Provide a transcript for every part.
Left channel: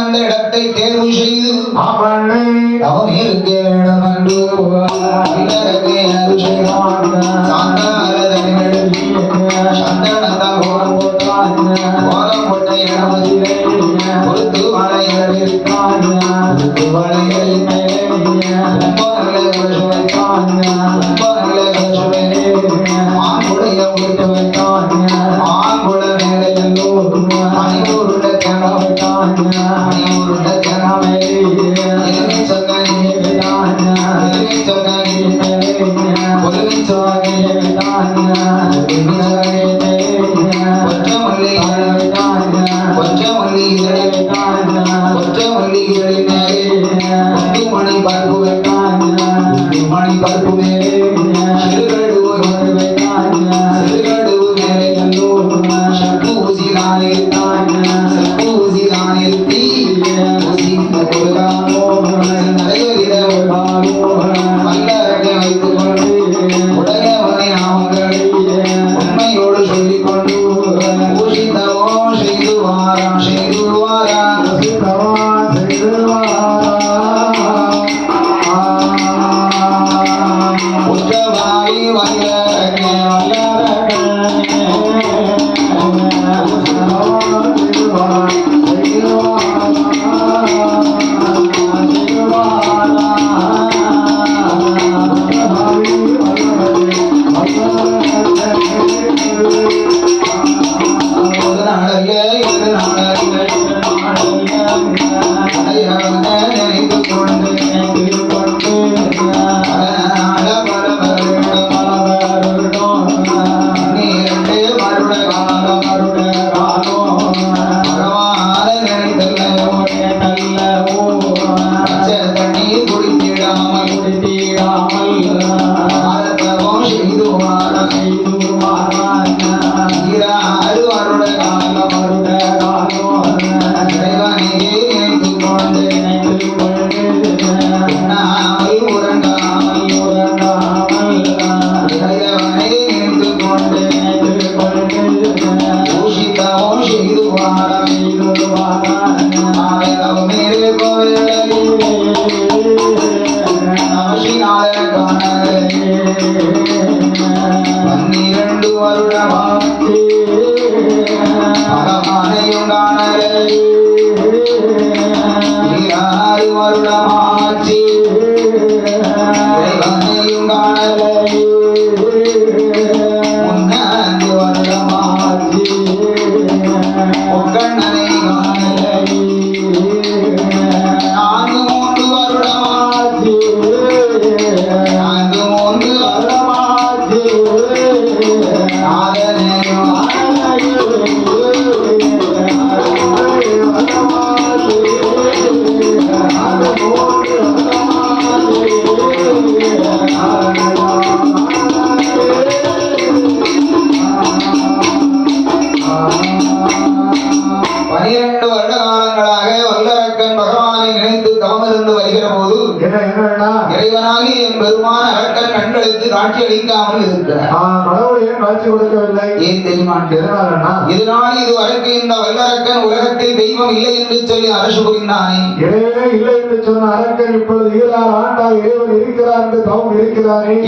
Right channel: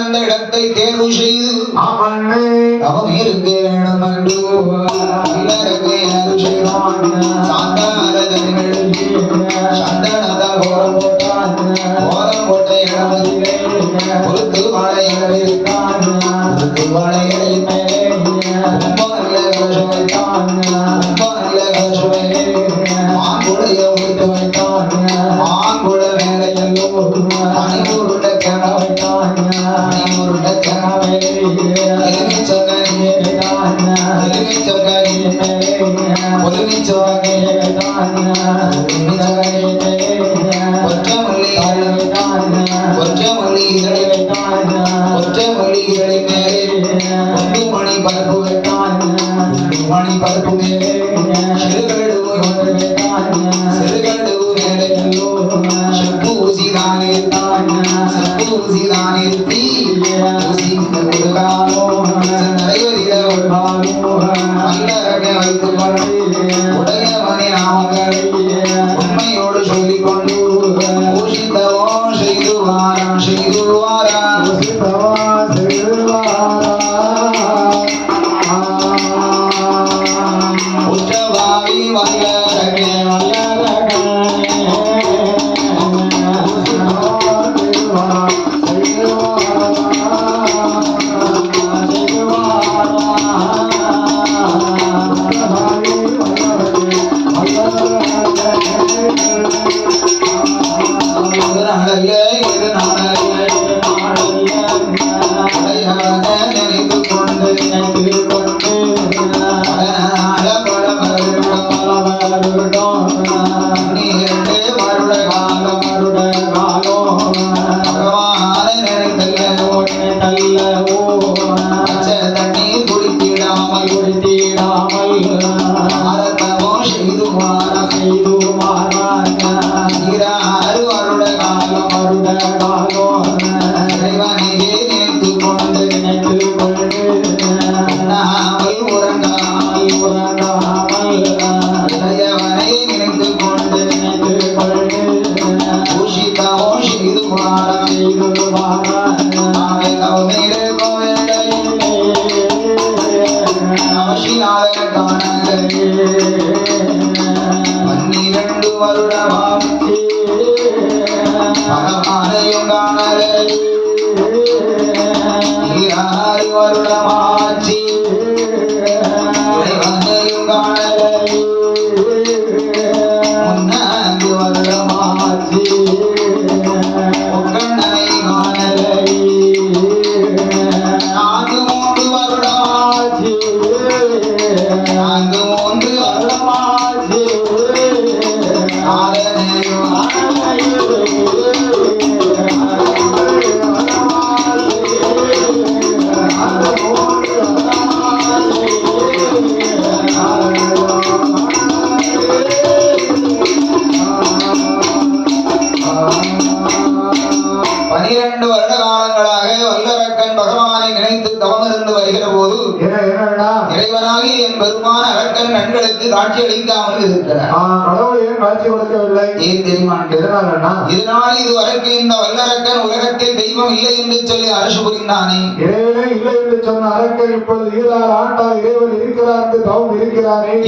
அந்த இடத்தை தேர்வு செய்து அவன் இருக்க வேண்டும் என்று இல்லறவே அருள் செய்தான். சாந்தாரதன் எழுதி சந்தனத்தை கோலம் போட்ட இடமதிலே பொறுத்து மலையிருக்கான் பொறுத்து மலையிருப்பே ரொம்ப நல்ல கசுவைத்தான் ரொம்ப நல்ல கசுவை மாங்குடைய உடுத்து வைத்தான் மாங்குட மேலே மணிக்கூருட தேனாவைத்தான் மணிக்கூருட தேனாவை எலுமி சொன்னே எலுமி சொன்னே பொலுமி சொன்னே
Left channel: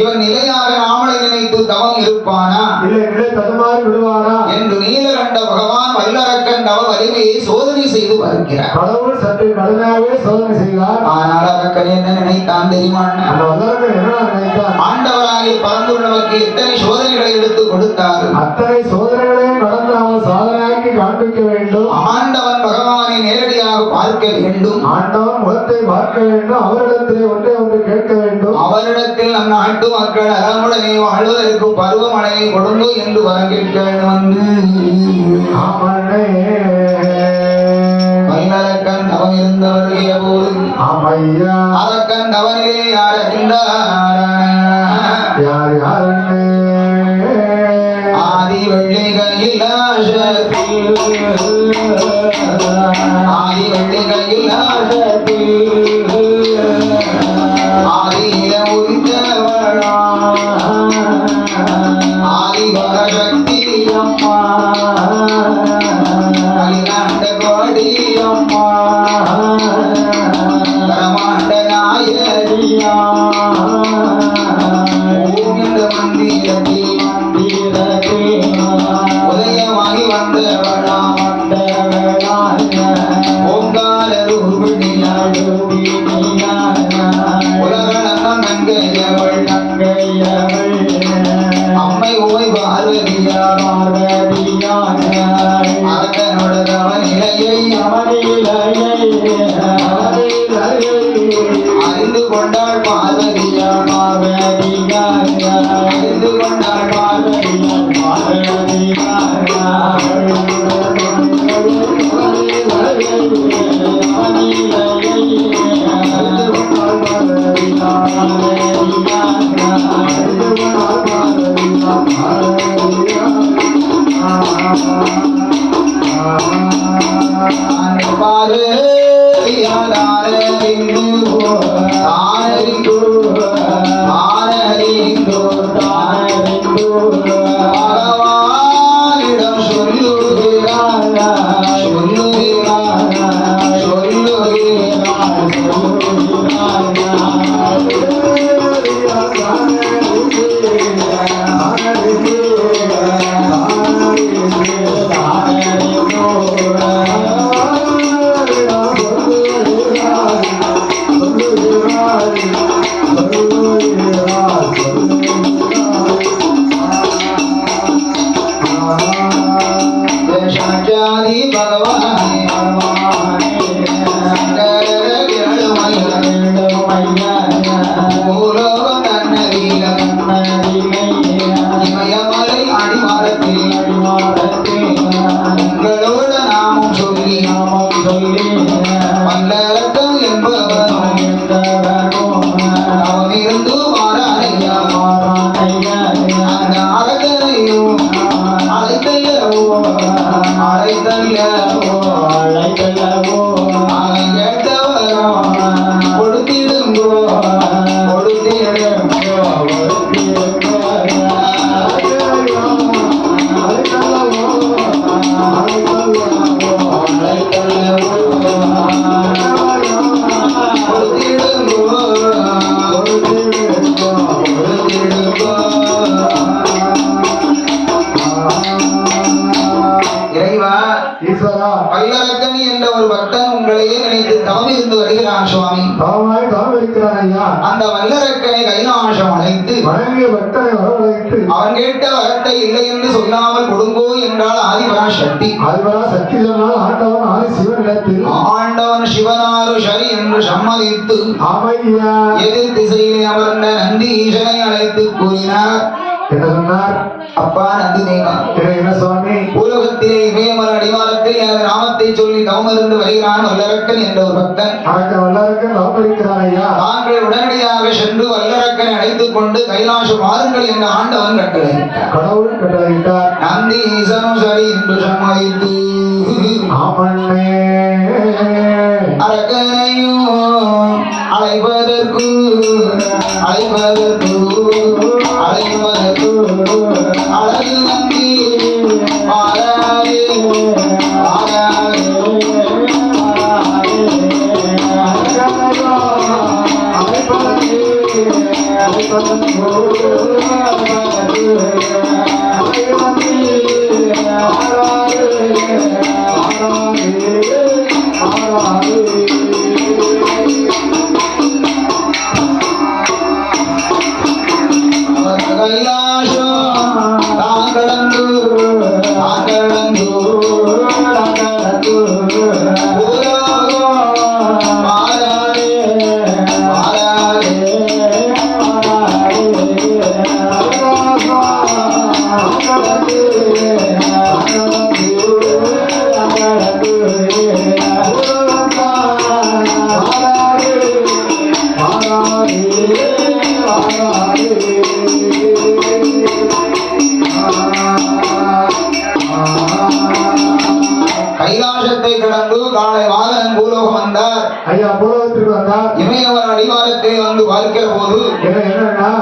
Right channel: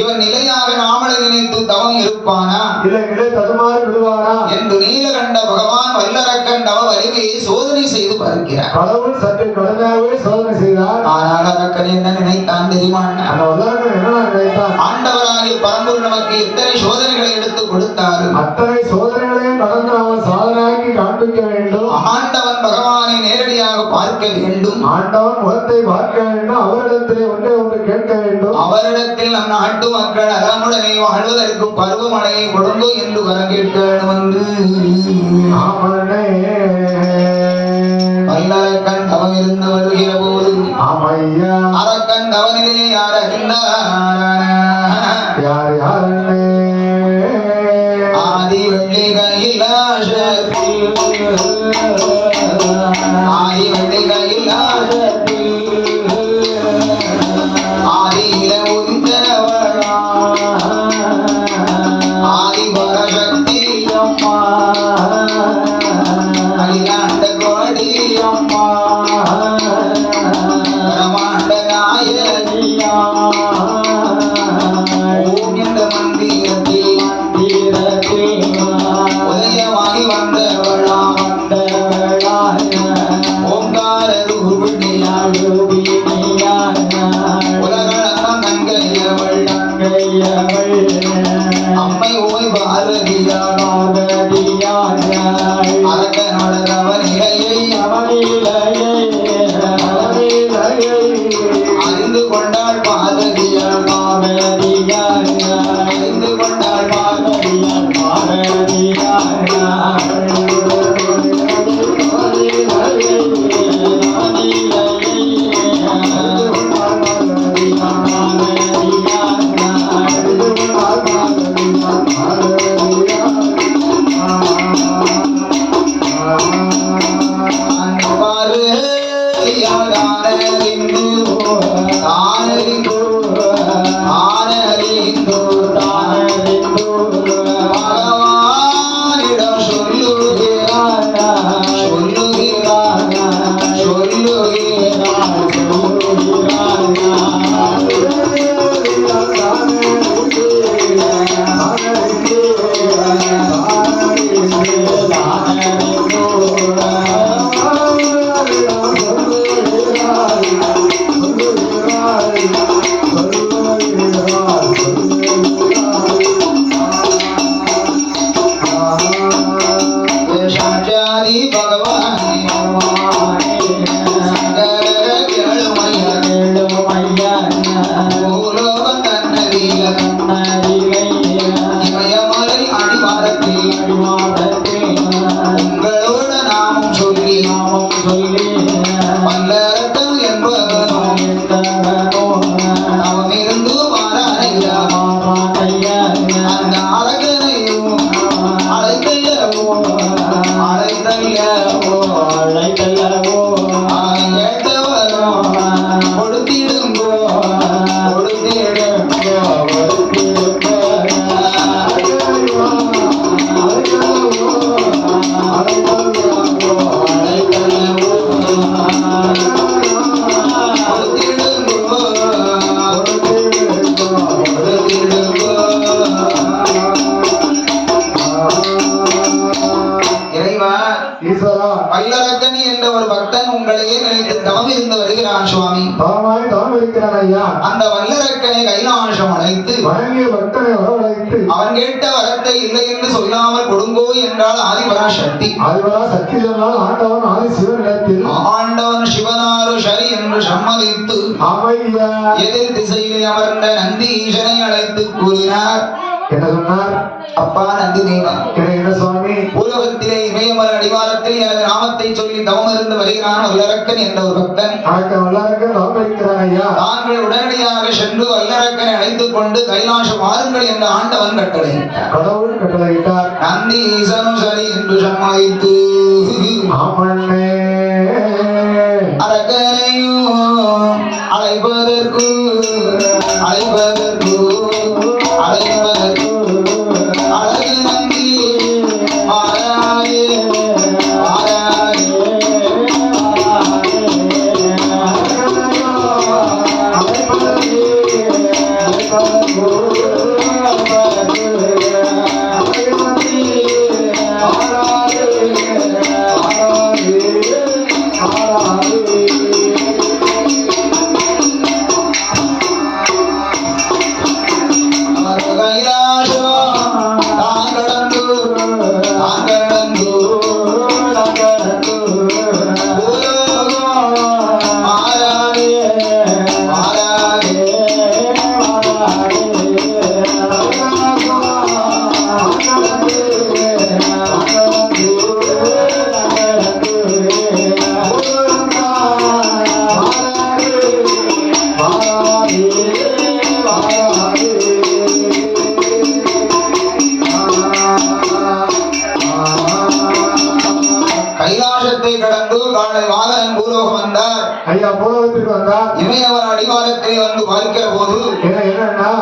இவன் நிலையாக நாமளை நினைத்து தவம் இருப்பானா என்று நீலகண்ட பகவான் வல்லரக்கன் தவ வலிமையை சோதனை செய்து பார்க்கிறார். கடவுள் சற்று கடுமையாகவே சோதனை செய்தார். ஆனால் அரக்கன் என்ன நினைத்தான் தெரியுமா? ஆண்டவராகிய பரம்பொருள் நமக்கு எத்தனை சோதனைகளை எடுத்து கொடுத்தார். அத்தனை சோதனைகளையும் கடந்து அவன் சாதனையாக்கி காண்பிக்க வேண்டும். ஆண்டவன் பகவானை நேரடியாக பார்க்க வேண்டும். ஆண்டவன் முகத்தை பார்க்க வேண்டும். அவரிடத்திலே ஒன்றை ஒன்று கேட்க வேண்டும். அவரிடத்தில் நம் நாட்டு மக்கள் நலமுடனே வாழ்வதற்கு பருவமழையை கொடுங்க என்று வர கேட்க வேண்டும். வல்லரக்கன் தவம் இருந்து வருகிற போது அரக்கன் தவனிலே யார் அறிந்தார்? யார் யாரே ஆதி வெள்ளிகையில் ஆதி வெள்ளிகையில் ஆதி உதித்தவளா ஆதி பரசக்தி அந்த வல்லரக்கனை கைலாசம் அழைத்து அவன் கேட்ட வரத்தை இல்லை என்று சொல்லாமல் கொடுங்கோ என்றால் ஆதிபராசக்தி. ஆண்டவன் சிவனாரு சரி என்று சம்மதித்து எதிர் திசையில் அமர்ந்த நந்தி ஈசனை அழைத்து கூறினார். என்ன சொன்னார்? அப்பா நந்திதேவா, என்ன சுவாமி, உலகத்திலே இமயமல அடிவாரத்தில் எனது நாமத்தை சொல்லி தவமிருந்து வருகிறான் வல்லரக்கன் என்ற ஒரு பக்தன். வல்லரக்கன் தவமிருக்கிறான் ஐயா. தாங்கள் உடனடியாக சென்று வல்லரக்கனை அழைத்துக் கொண்டு கைலாசம் வாருங்கள் என்ற ஆண்டவன் கட்டளையிட்டார். கடவுள் கட்டளையிட்டார். நந்தி ஈசனும் சரி என்று சம்மதித்து அரக்கனையும் அழைப்பதற்கு கைலாசத்தை கடந்து காலை வாதனன் பூலோகம் வந்தார். ஐயா பூலோகத்திற்கு வந்தார். இமயவர் அடிவாரத்தை வந்து பார்க்கிற போது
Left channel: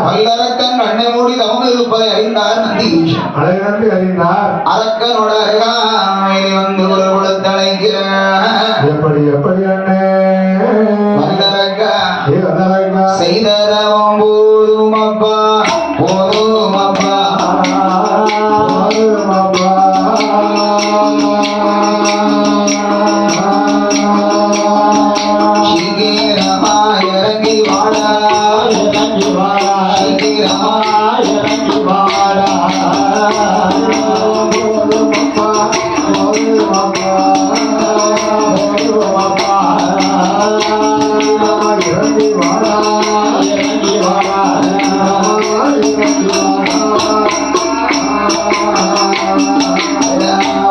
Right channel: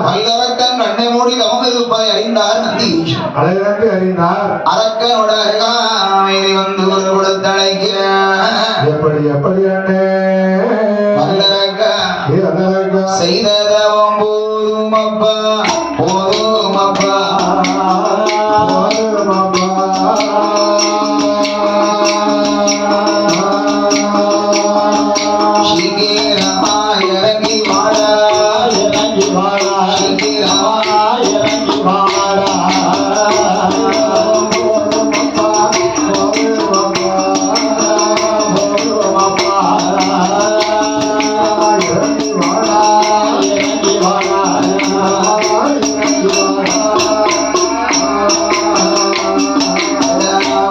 வல்லரக்கன் கண்ணை மூடி தவம் இருப்பதை அறிந்தார் நந்தி ஈசன். அறிந்தார். அரக்கனோட அருகாமையில் வந்து ஒரு கொடுத்தழைக்கிறார். எப்படி எப்படி அண்ணே வல்லரக்கா ஏ வல்லரக்கா செய்ததவம் போதும் அப்பா போதும் அப்பா போதும் அப்பா சீக்கிரமா இறங்கி வாடா இறங்கி வாடா சீக்கிரமா இறங்கி வாடா போதும் அப்பா போதும் அப்பா போதும் அப்பா இறங்கி வாடா இறங்கி வாடா இறங்கி வாடா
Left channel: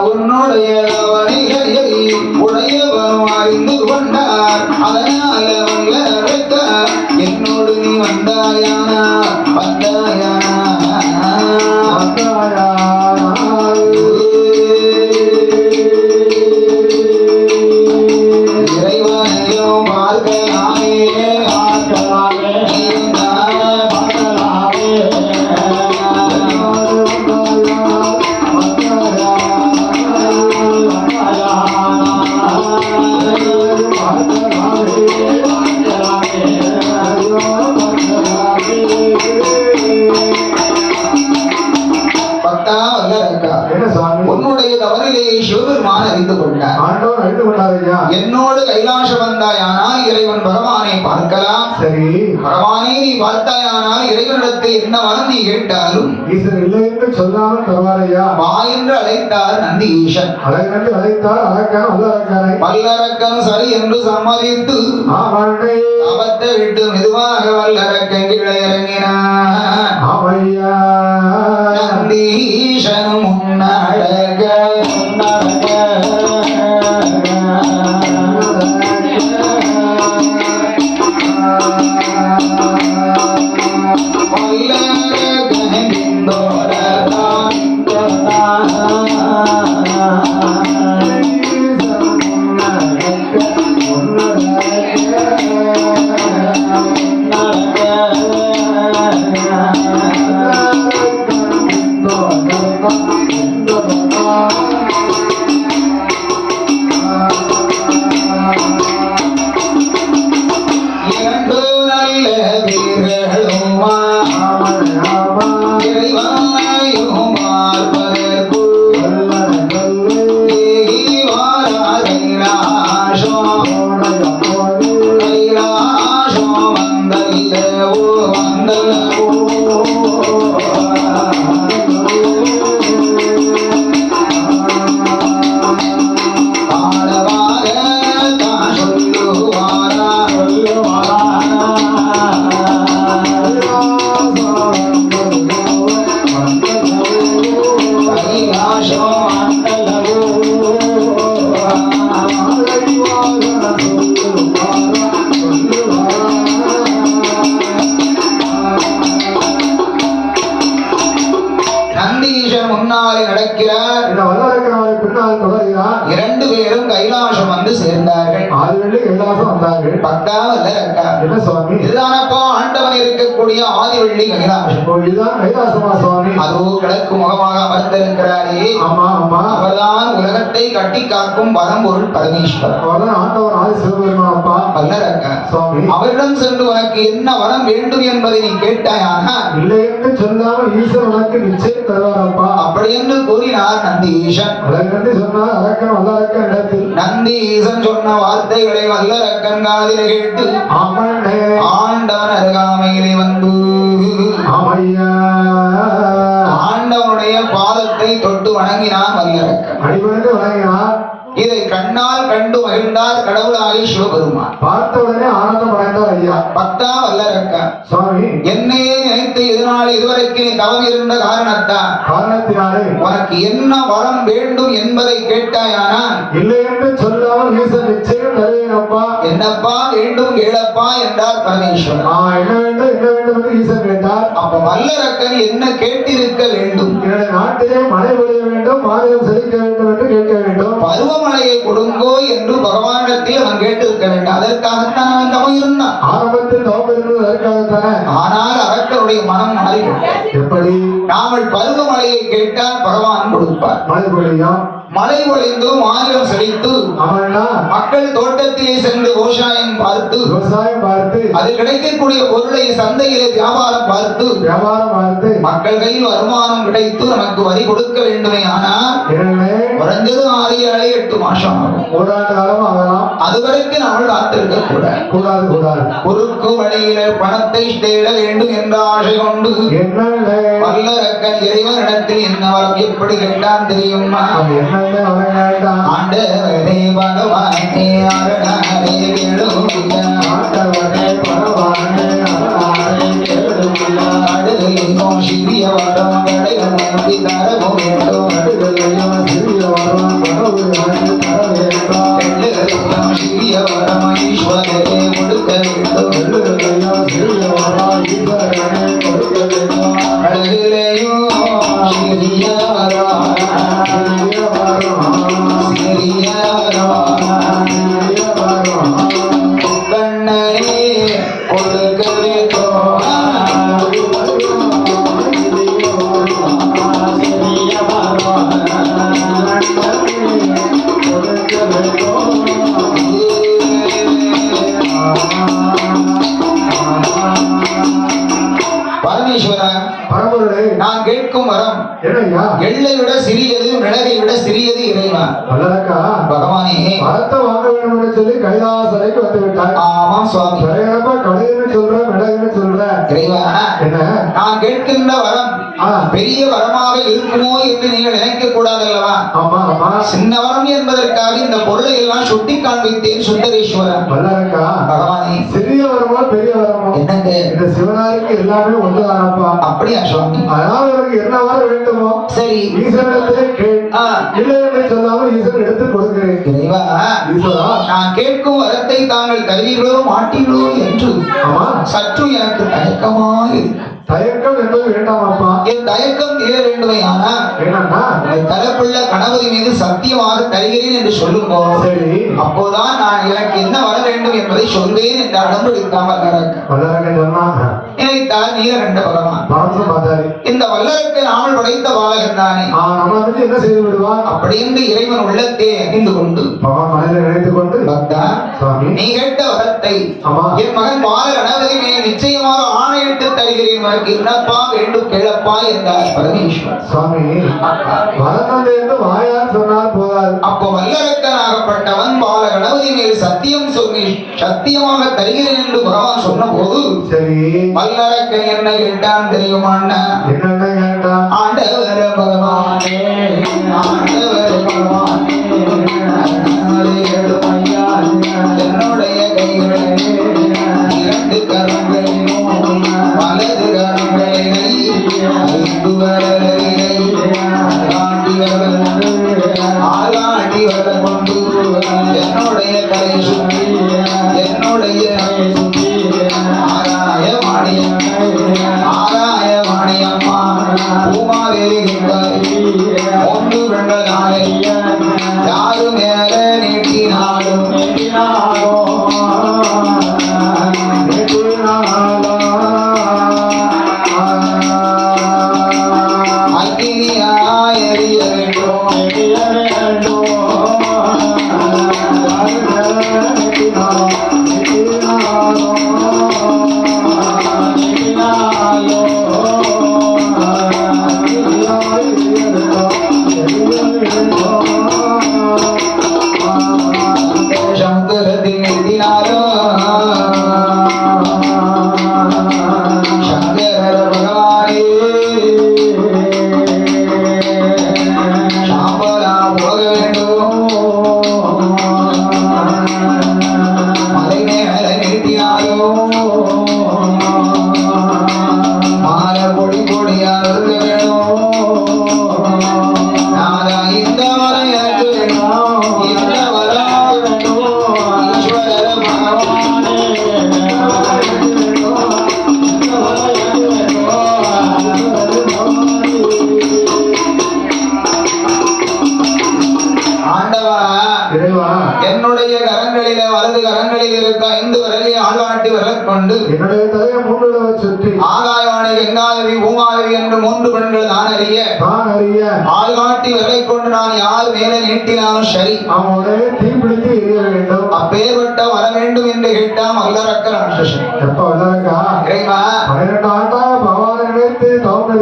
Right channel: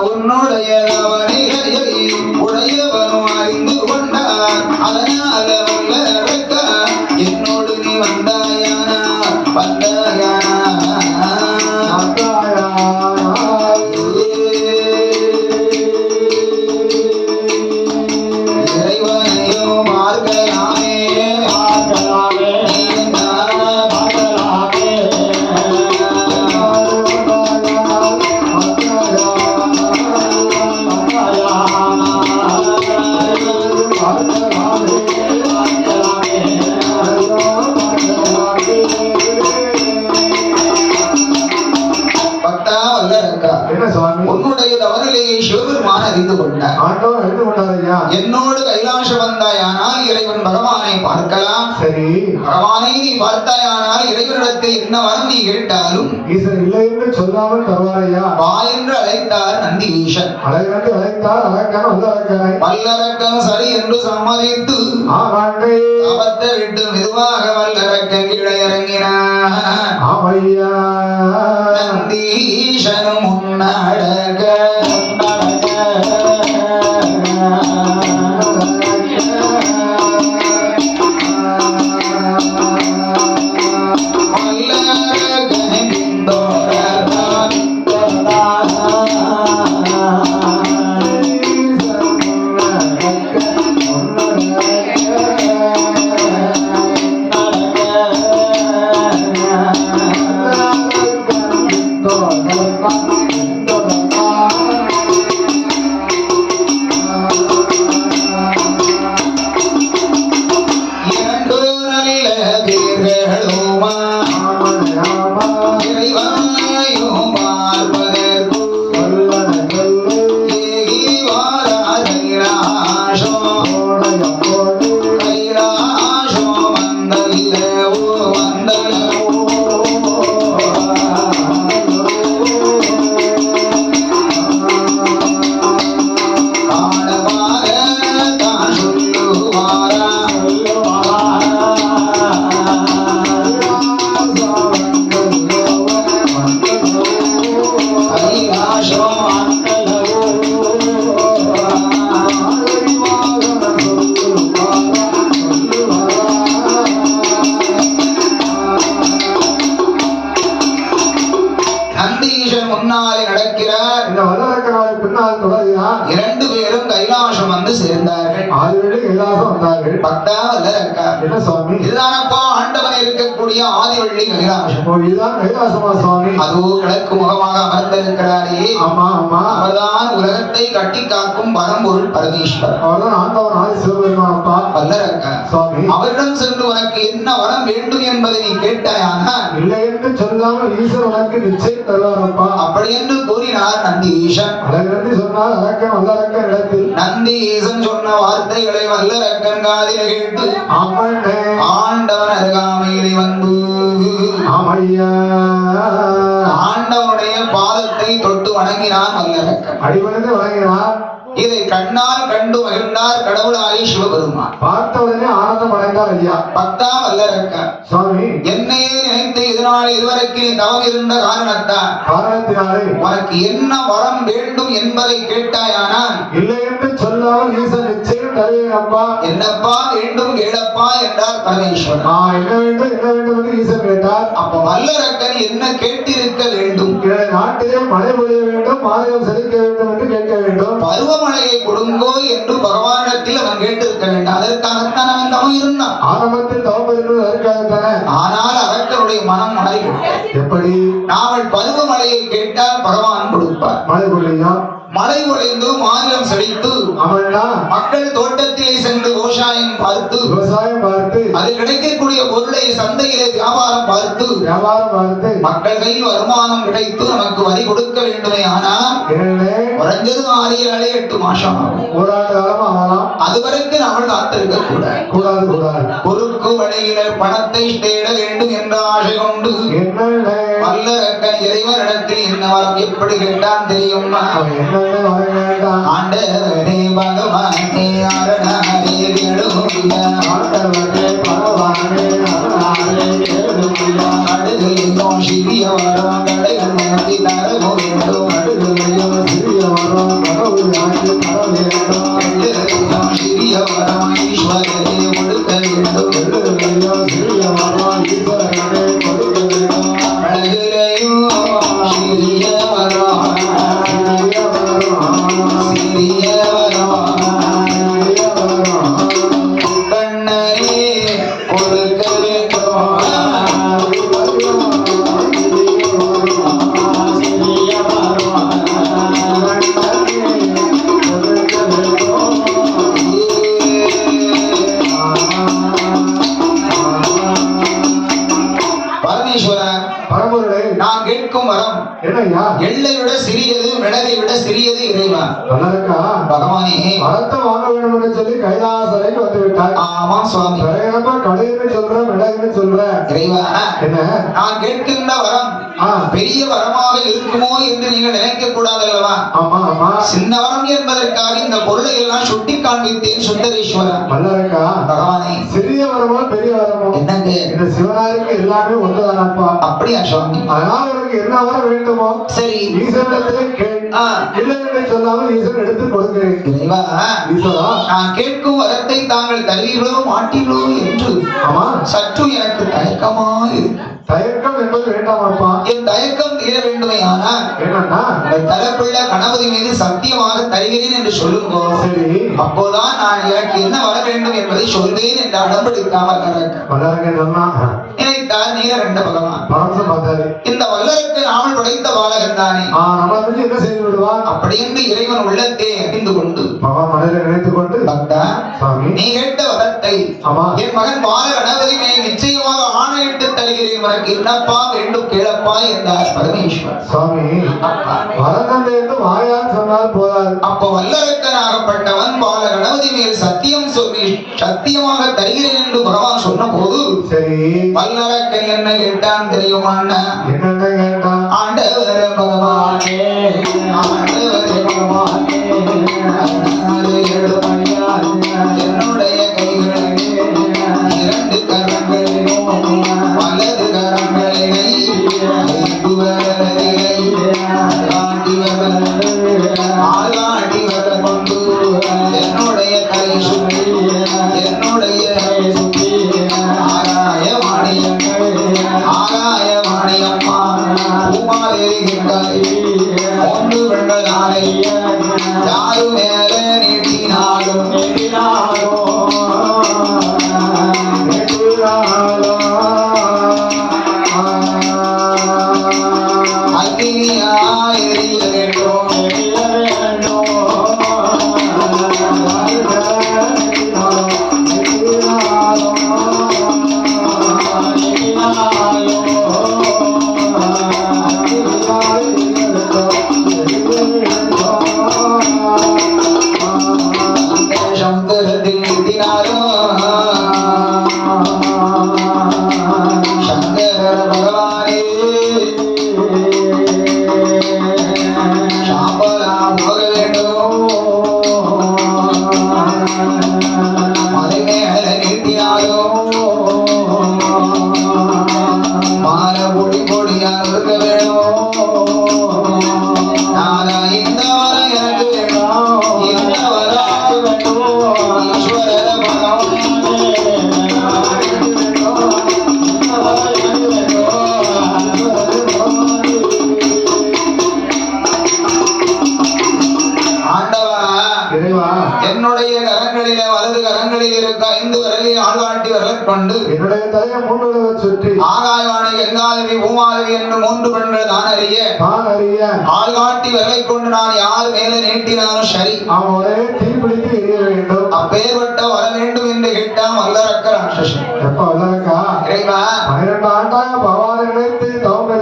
உன்னுடைய வரிகளை உடையவனும் அறிந்து கொண்டார் அதனால வல்லரக்கா என்னோடு நீ வந்தாயானா வந்தாயானா இறைவனையும் பார்க்கலாமே நீயும் நானும் பக்தா வல்லரக்கா என்ன சுவாமி உன்னுடைய தவறிலே சிவபெருமான் அறிந்து கொண்டார் ஆண்டவன் அறிந்து கொண்டார் ஐயா என்னோடு கைலாசம் வந்தாயானால் இறைவன் பகவானை பார்க்கலாம் சரி பகவானை நீ பார்த்தாயானால் இறைவனிடத்தில் என்ன வரம் நீ கேட்டாலும் ஈசன் இல்லை என்று சொல்லாமல் தருவார் ஐயா வா என்று அழைத்தார் நந்தி ஈசன் அழகண்டு அழைத்தார் அழகான வல்லரக்காரை வல்லரக்கன் சரி என்று சம்மதித்து ஆமாண்டே அவத்தை விட்டு மெதுவாக வல்லரக்கன் கீழே இறங்கினார் ஆமையா நந்தி ஈசனும் முன்னடக வல்லரக்கன் பின்தொடர்ந்தான். இரண்டு நல்ல வீரர்களுமா இறைவனையும் பார்ப்பதற்குள் ஏகி வாரார் கைலாசம் கைலாசம் வந்தல்லவோ வந்தல்லவோ காணவார தான் சொல்லுவாரா கைலாசம் நந்தீசன் முன்னாலே நடக்கிறார் இந்த வல்லரக்காரை பின்னால் தொடர்கிறார் இரண்டு பேரும் கைலாசம் வந்து சேர்ந்தார்கள் ஆதிவள்ளி கைலாசம் வந்தார்கள் பக்தா வல்லரக்கா என்ன சுவாமி இதுதானப்பா ஆண்டவன் இருக்கக்கூடிய ஆதிவள்ளி கைலாசம் இதுதான் கைலாசமா சுவாமி அதுவோ கிழக்கு முகமாக அமர்ந்திருக்கிறாரே ஆமா ஆமா அவர்தான் உலகத்தை கட்டி காக்கும் பரம்பொருள் பரமேஸ்வரன் அவர்தான் ஆண்டவன் ஆதி சிவபெருமான் அப்பா வல்லரக்கா சுவாமி அவரிடம் சென்று உனக்கு என்ன வரம் வேண்டும் என்பதை நீ கேட்டாயானால் இல்லை என்று சொல்லாமல் ஈசன் உனக்கு நிச்சயம் தருவாரப்பா அப்படி என்று கூறினார் நந்தி ஈசன் அழகண்டு சொன்னால் அழக்கம் வல்லரக்க இடத்தில் நந்தி ஈசன் சொன்ன வார்த்தைகளை வல்லரக்கன் காதில் கேட்டு ஆமாண்டே ஆண்டவன் அருகாமையிலே வந்து ஆமையா ஆண்டவனுடைய பாதத்தை தொட்டு வணங்கினான் வல்லரக்கன் அடிபணிந்து வழங்கினார் இதை கண்ணால் கண்டு மகிழ்ந்தார் கடவுளாகி சிவபெருமான் பார்த்த உடனே ஆனந்தம் அடைந்தார் ஐயா பக்தா வல்லரக்கன் சுவாமி என்னே நினைத்து இதனால் இதுவரைக்கு நீ தவம் இருந்த காரணத்தால் காரணத்தினாலே உனக்கு என்ன வரம் வேண்டும் என்பதை கேட்டாயானால் இல்லை என்று சொல்லாமல் ஈசன் நிச்சயம் தருவேன் அப்பா என்னப்பா வேண்டும் கேளப்பா என்றார் பரமேஸ்வரன் என்ன வேண்டும் என்று ஈசன் கேட்டார் அப்ப வல்லரக்கன் என்ன கேட்டிருக்க வேண்டும் என்னுடைய நாட்டிலே மழை பொழிய வேண்டும் மாநிலம் செழிக்க வேண்டும் என்று கேட்க வேண்டும் பருவமழையை கொடுங்கோ என்று பகவானிடத்தில் அவன் கேட்டிருக்க வேண்டும் அதற்காகத்தான் அவன் தவம் இருந்தான் ஆரம்பத்தில் தவம் இருந்தது அதற்காகத்தானே ஆனால் அரக்கனுடைய மனம் மாறிவிட்டது எப்படி நாமல் பருவமழையை கேட்டால் பகவான் கொடுப்பார் மழை பொழியும் மழை பொழிந்து மாநிலம் செழித்து ஆமாண்டா மக்கள் தோட்டத்திலே சென்று விவசாயம் பார்த்து விவசாயம் பார்த்து அதில் கிடைக்கக்கூடிய பொருளை சந்தையிலே வியாபாரம் பார்த்து மக்கள் கையில் வருமானம் கிடைத்து நமக்கு வரி கொடுக்க வேண்டுமே ஆனால் குறைஞ்சது 6-8 மாசம் அதுவரைக்கும் நம்ம காத்திருக்க கூடாது. குறுக்கு வழியில பணத்தை தேட வேண்டும் என்ற ஆசை கொண்டு வல்லரக்கன் இறைவனிடத்தில் என்ன வரம் எப்படி கேட்டான் தெரியுமா? ஆண்டவரே பகவானே அரணாரே கேளுமியா, அடுதலையோ சிறிய வரம் கடைகள் நம்பி தரவோ வேண்டும், சிறிய வரம் ஈஸ்வரே கொடுக்க வேண்டும், அழகிலையோ சிறிய வரம் சிறிய வரம் கண்ணரே கொடுக்க வேண்டும். பரமேஸ்வரன் நான் கேட்கும் வரம் எள்ளை விட சிறியது, மிளகை விட சிறியது இறைவா. பகவானே வரத்தை வாங்க வேண்டும் என்று சொல்லி கைலாசரைக்கு வந்து விட்டார். ஆமா சுவாமி. கடைன்னு சொல்ற மிளகுன்னு சொல்ற இறைவா, என்ன நான் கேட்கின்ற வரம் பெரிய வரமாக இருக்குமோ என்று நீங்கள் நினைக்க கூடாது அல்லவா? சின்ன வரம் என்பதற்காக இந்த பொருளை எல்லாம் சுட்டி காண்பித்தேன் சுந்தரேஸ்வரன். பகவானே சிறிய வரமோ பெரிய வரமோ என்னங்க இந்த சிவனாருக்கு எல்லாமே ஒன்றுதானப்பா. அப்படியா சுவாமி? அதனால் உனக்கு என்ன வரம் வேண்டுமோ சரி ஈசனிடத்திலே கேள். இல்லை என்று சொல்லாமல் ஈசன் எடுத்து கொடுக்கிறேன். இறைவா, நான் கேட்கும் வரத்தை தாங்கள் தருவீர்களோ மாட்டீர்களோ என்று சற்று எனக்கு தயக்கமா இருக்கு. தயக்கம் என்பது வேண்டாமப்பா. என் தயக்கம் தீர வேண்டுமே. ஆனா தரப்புள்ள கணபதி மீது சத்தியமாக தருகிறேன் என்று சொல்லுங்க. சரி, அப்போதான் நான் எனக்கு என்ன வர வேண்டும் என்பதை சொல்வேன் என்று அடம்பிடிக்காமல் நினைத்தார் நீலகண்ட பகவான். இந்த வல்லருக்கு நாள் படைத்த பாலகன் தானே, என்ன செய்து விடுவான் அப்படி என்று இறைவன் உள்ளத்தை அறிந்து கொண்டு நினைத்துக் கொண்டு பக்தா, நீ கேட்ட வரத்தை என் மகன் பால கணபதி மேல் நிச்சயமாக ஆணையிட்டு தருகிறேன், உனக்கு என்னப்பா வேண்டும் கேளப்பா என்றார் பரமேஸ்வரர். சுவாமி வரநந்தை என்று வாயால் சொன்னால் போதாது. அப்ப வல்லரக்கனாகப்பட்டவன் பால கணபதி மேல் சத்தியம் சொல்லி சத்தியமாக தருகிறேன் என்று பகவான் சொன்ன போது சரி வல்லரக்கன் என்ன கேட்டான் தெரியுமா? என்ன கேட்டான்? ஆண்டவர பகவானே, ஆண்டவரே பகவானே, என்னுடைய கைகளிலே 2 கரங்களிலும் வலது கரங்களிலே 5 விரலிலே ஆளாட்டி வர கொண்டு என்னுடைய கை சுற்றி என்னுடைய ஆராய மாணியம்மா பூமாதேரிகின்றாய் ஒன்று வெண்டதானை யாரு மேல நீட்டினாலும் அக்னியாய் எரிய வேண்டும். சமுத்திரத்தில் வலது கரங்களில் இருக்க 5 விரலில் ஆள்காட்டி விரல் கொண்டு என்னுடைய தலையை 3 தடவை சுற்றி ஆகாயவாணி கங்காதேவி பூமாதேவி என்று 3 பெண்கள் தான் அறிய ஆள்காட்டி விரலை கொண்டு நான் யார் மேலே நீட்டினாலும் சரி அவனே தீப்பிடித்து எரிய வேண்டும். அப்பேற்பட்ட வர வேண்டும் என்று கேட்டான் வல்லரக்க ராட்சசன். எப்ப வல்லரக்கா இறைவா 12 ஆண்டாக பகவானை நினைத்து தவம்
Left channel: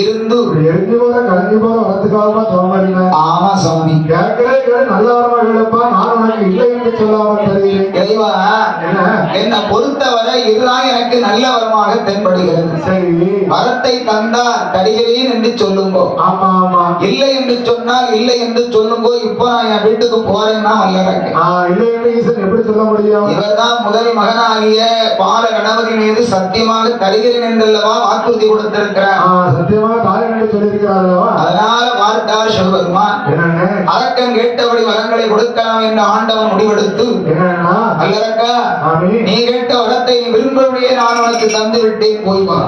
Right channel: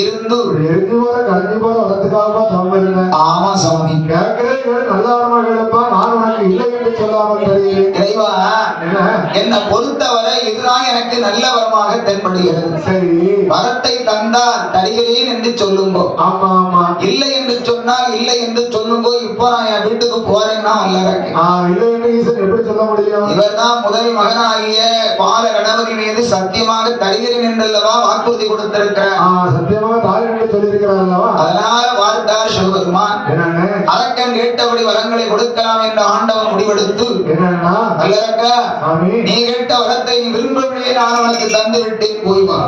இருந்து எரிஞ்சு போற கரைஞ்சு போற வரத்துக்காக தவம் இருந்தேன். ஆமா சுவாமி கேட்கிறேன் நல்ல வரமா கேட்பா நான் உனக்கு இல்லை என்று சொல்லாமல் தெரிகிறேன். இறைவா என்னை பொறுத்தவரை இதுதான் எனக்கு நல்ல வரமாக தென்படுகிறது. சரி வரத்தை தந்தா தருகிறேன் என்று சொல்லுங்கோ. ஆமா ஆமா இல்லை என்று சொன்னால் இல்லை என்று சொல்லுங்கோ. இப்போ நான் என் வீட்டுக்கு போறேன்னா வல்லரக்கு இல்லை என்று ஈசன் எப்படி சொல்ல முடியும்? இவர்தான் முதல் மகனாகிய பால கணபதி மீது சத்தியமாக தருகிறேன் என்றல்லவா வாக்குறுதி கொடுத்திருக்கிறார். சத்தியமாக தாரேன் என்று சொல்லியிருக்கிறார் அல்லவா? அதனால பார்த்தார் சிவபெருமான் அரக்கன் கேட்டபடி வரங்களை கொடுக்கலாம் என்று ஆண்டவன் முடிவெடுத்து வல்லரக்கா நீ கேட்ட வரத்தை நீ விரும்பவே நான் உனக்கு தந்து விட்டேன் போய் வா.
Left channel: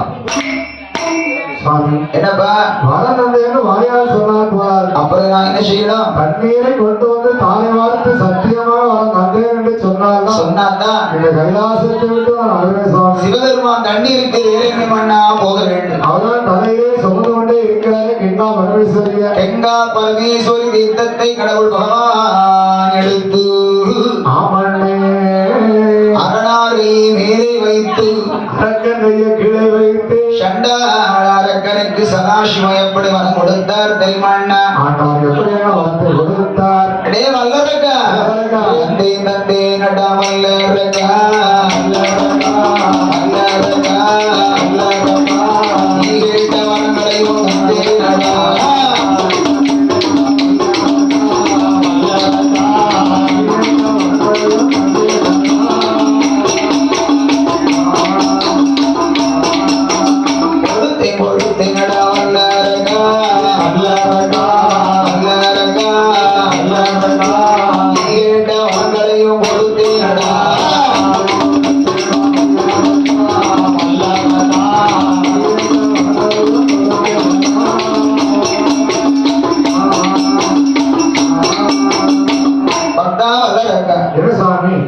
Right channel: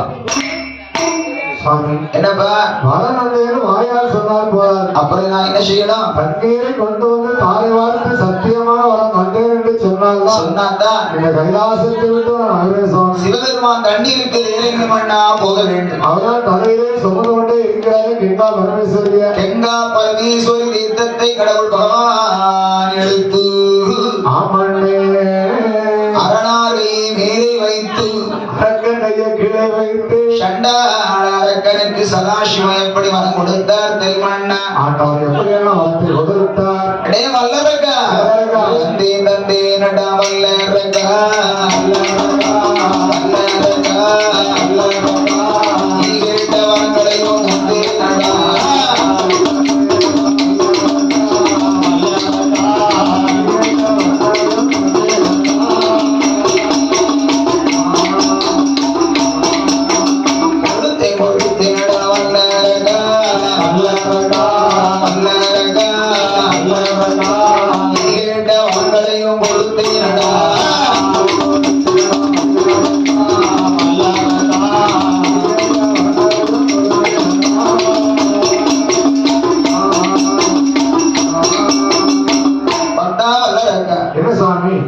என்னப்பா வரம் நந்தையன்னு வாயால் சொன்னார் போறார். அப்புறம் நான் என்ன செய்யணும்? தண்ணீரை கொண்டு வந்து தாரை வார்த்து சத்தியமா வரம் தந்தேன் என்று சொன்னாதான் இந்த கைலாசத்தை விட்டு நான் அழுவேன் சுவாமி. சிவபெருமான் தண்ணீருக்கு ஏழைமை மண்ணா போக வேண்டும். அவரால் தலையிலே சுமந்து கொண்டே இருக்கிறாரு கெங்கா பரமேஸ்வரிய. கெங்கா பரமேஸ்வரி தீர்த்தத்தை கடவுள் பகவான் எடுத்து அரணாரை மேலே வைத்து அரக்கனைய கீழே வைத்து சண்டாள அரக்கனுக்கு சதாசிவம் எப்படி வரம் கொடுத்தார் தெரியுமாண்ணா? ஆண்டவன் எப்படியான வரத்தை கொடுத்தார்? அடே வல்லரக்கா தந்தே தந்தே நடா வல்லரக்கா வல்லரக்கா வல்லரக்கா நீ கேட்ட வரங்களையும் தந்தே நடா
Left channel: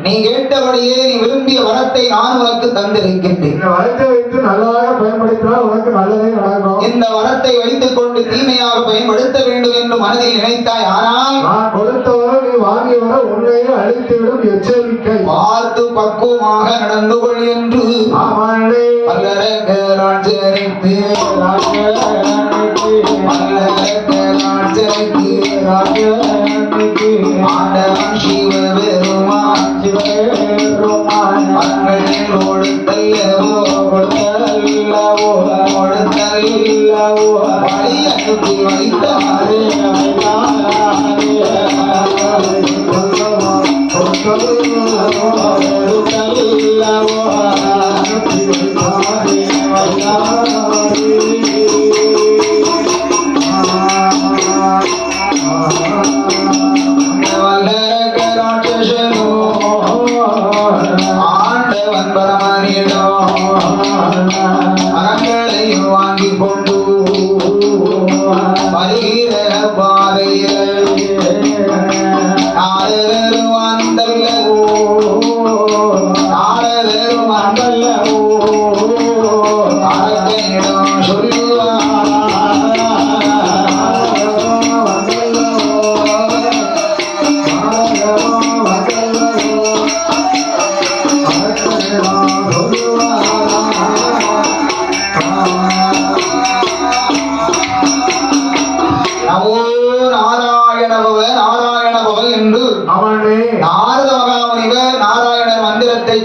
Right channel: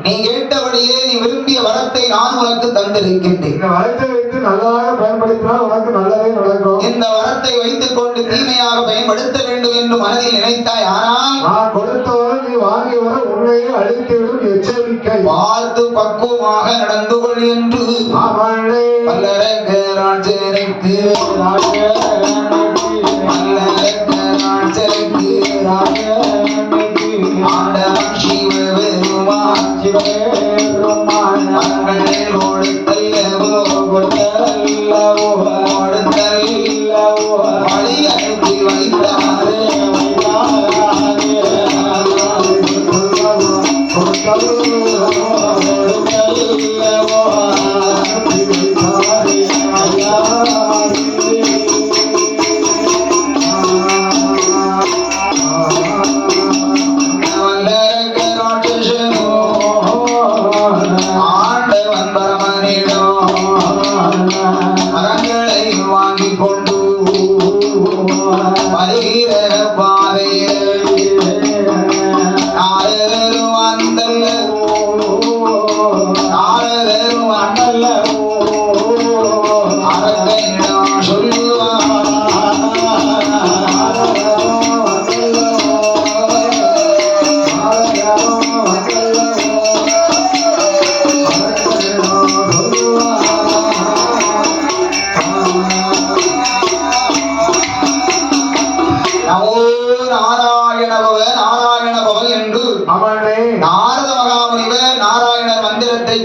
நீ கேட்டபடியே நீ விரும்பிய வரத்தை நான் உனக்கு தந்திருக்கின்றேன். இந்த வரத்தை வைத்து நல்லதாக பயன்படுத்தினால் உனக்கு நல்லதே நடக்கும். இந்த வரத்தை வைத்துக் கொண்டு தீமையாக பயன்படுத்த வேண்டும் என்று மனதில் நினைத்தாய். ஆனால் நான் கொடுத்தவரை நீ வாங்கி வர உன்னையே அழித்துவிடும் எச்சரிக்கை. பார்த்து பக்குவமாக நடந்து கொள் என்று வல்லரக்க ராஜனுக்கு ஆண்டவன் சிவபெருமான் கொடுத்தல்லவோ வழி அனுப்பி வைத்தாரே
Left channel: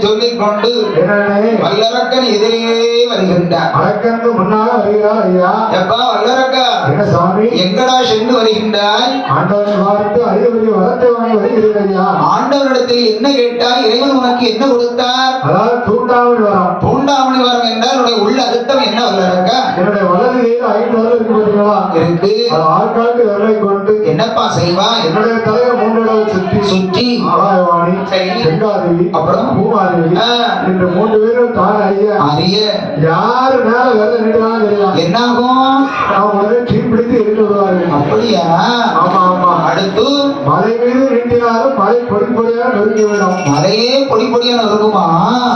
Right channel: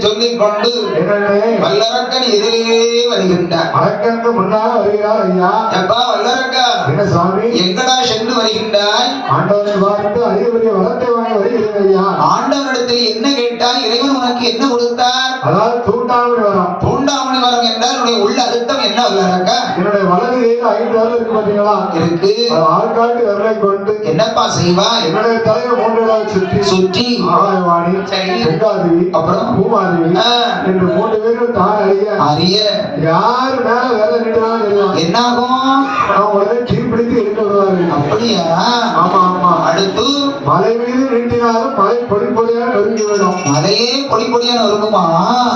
சொல்லிக் கொண்டு வல்லரக்கன் எதிரே வருகின்றார். அரக்கனுக்கு முன்னால் வருகிறார். ஐயா எப்பா வல்லரக்கா என்ன சுவாமி எங்கடா சென்று வருகின்றாய்? ஆண்டவனை பார்த்து அறிவுரிய வரத்தை வாங்கி வருகிறேன் ஐயா. ஆண்டவனிடத்தில் என்ன கேட்டாய்? இறைவன் உனக்கு என்ன கொடுத்தார்? அதாவது தூண்டாமணி வரம். தூண்டாமணி வரம் என்றால் உன்னுடைய உள்ள அர்த்தம் என்ன வல்லரக்கா? என்னுடைய வலது கையில் 5 விரல் இருக்கு பாத்தீங்களா? இருக்கு. ஆள்காட்டு விரலை கொண்டு என்னப்பா செய்வா? என்னுடைய தலையை 3 தடவை சுற்றி ஆகாயவாணி கங்காதேவி அப்புறம் பூமாதேவி என்று 3 பேரும் தான் அறிய யாரு மேல விரல் நீட்டினாலும் தெரியும். என்னாகும்? உடனே தீப்பிடித்து இருக்கிறார்கள். அப்படியா? ஆமா ஆமா. அடுத்து மலை மீது நீட்டினாலும் மலை பொடி பொடியாக நொறுங்கிவிடும். மலையே பொடி பொடியான இருக்குமா?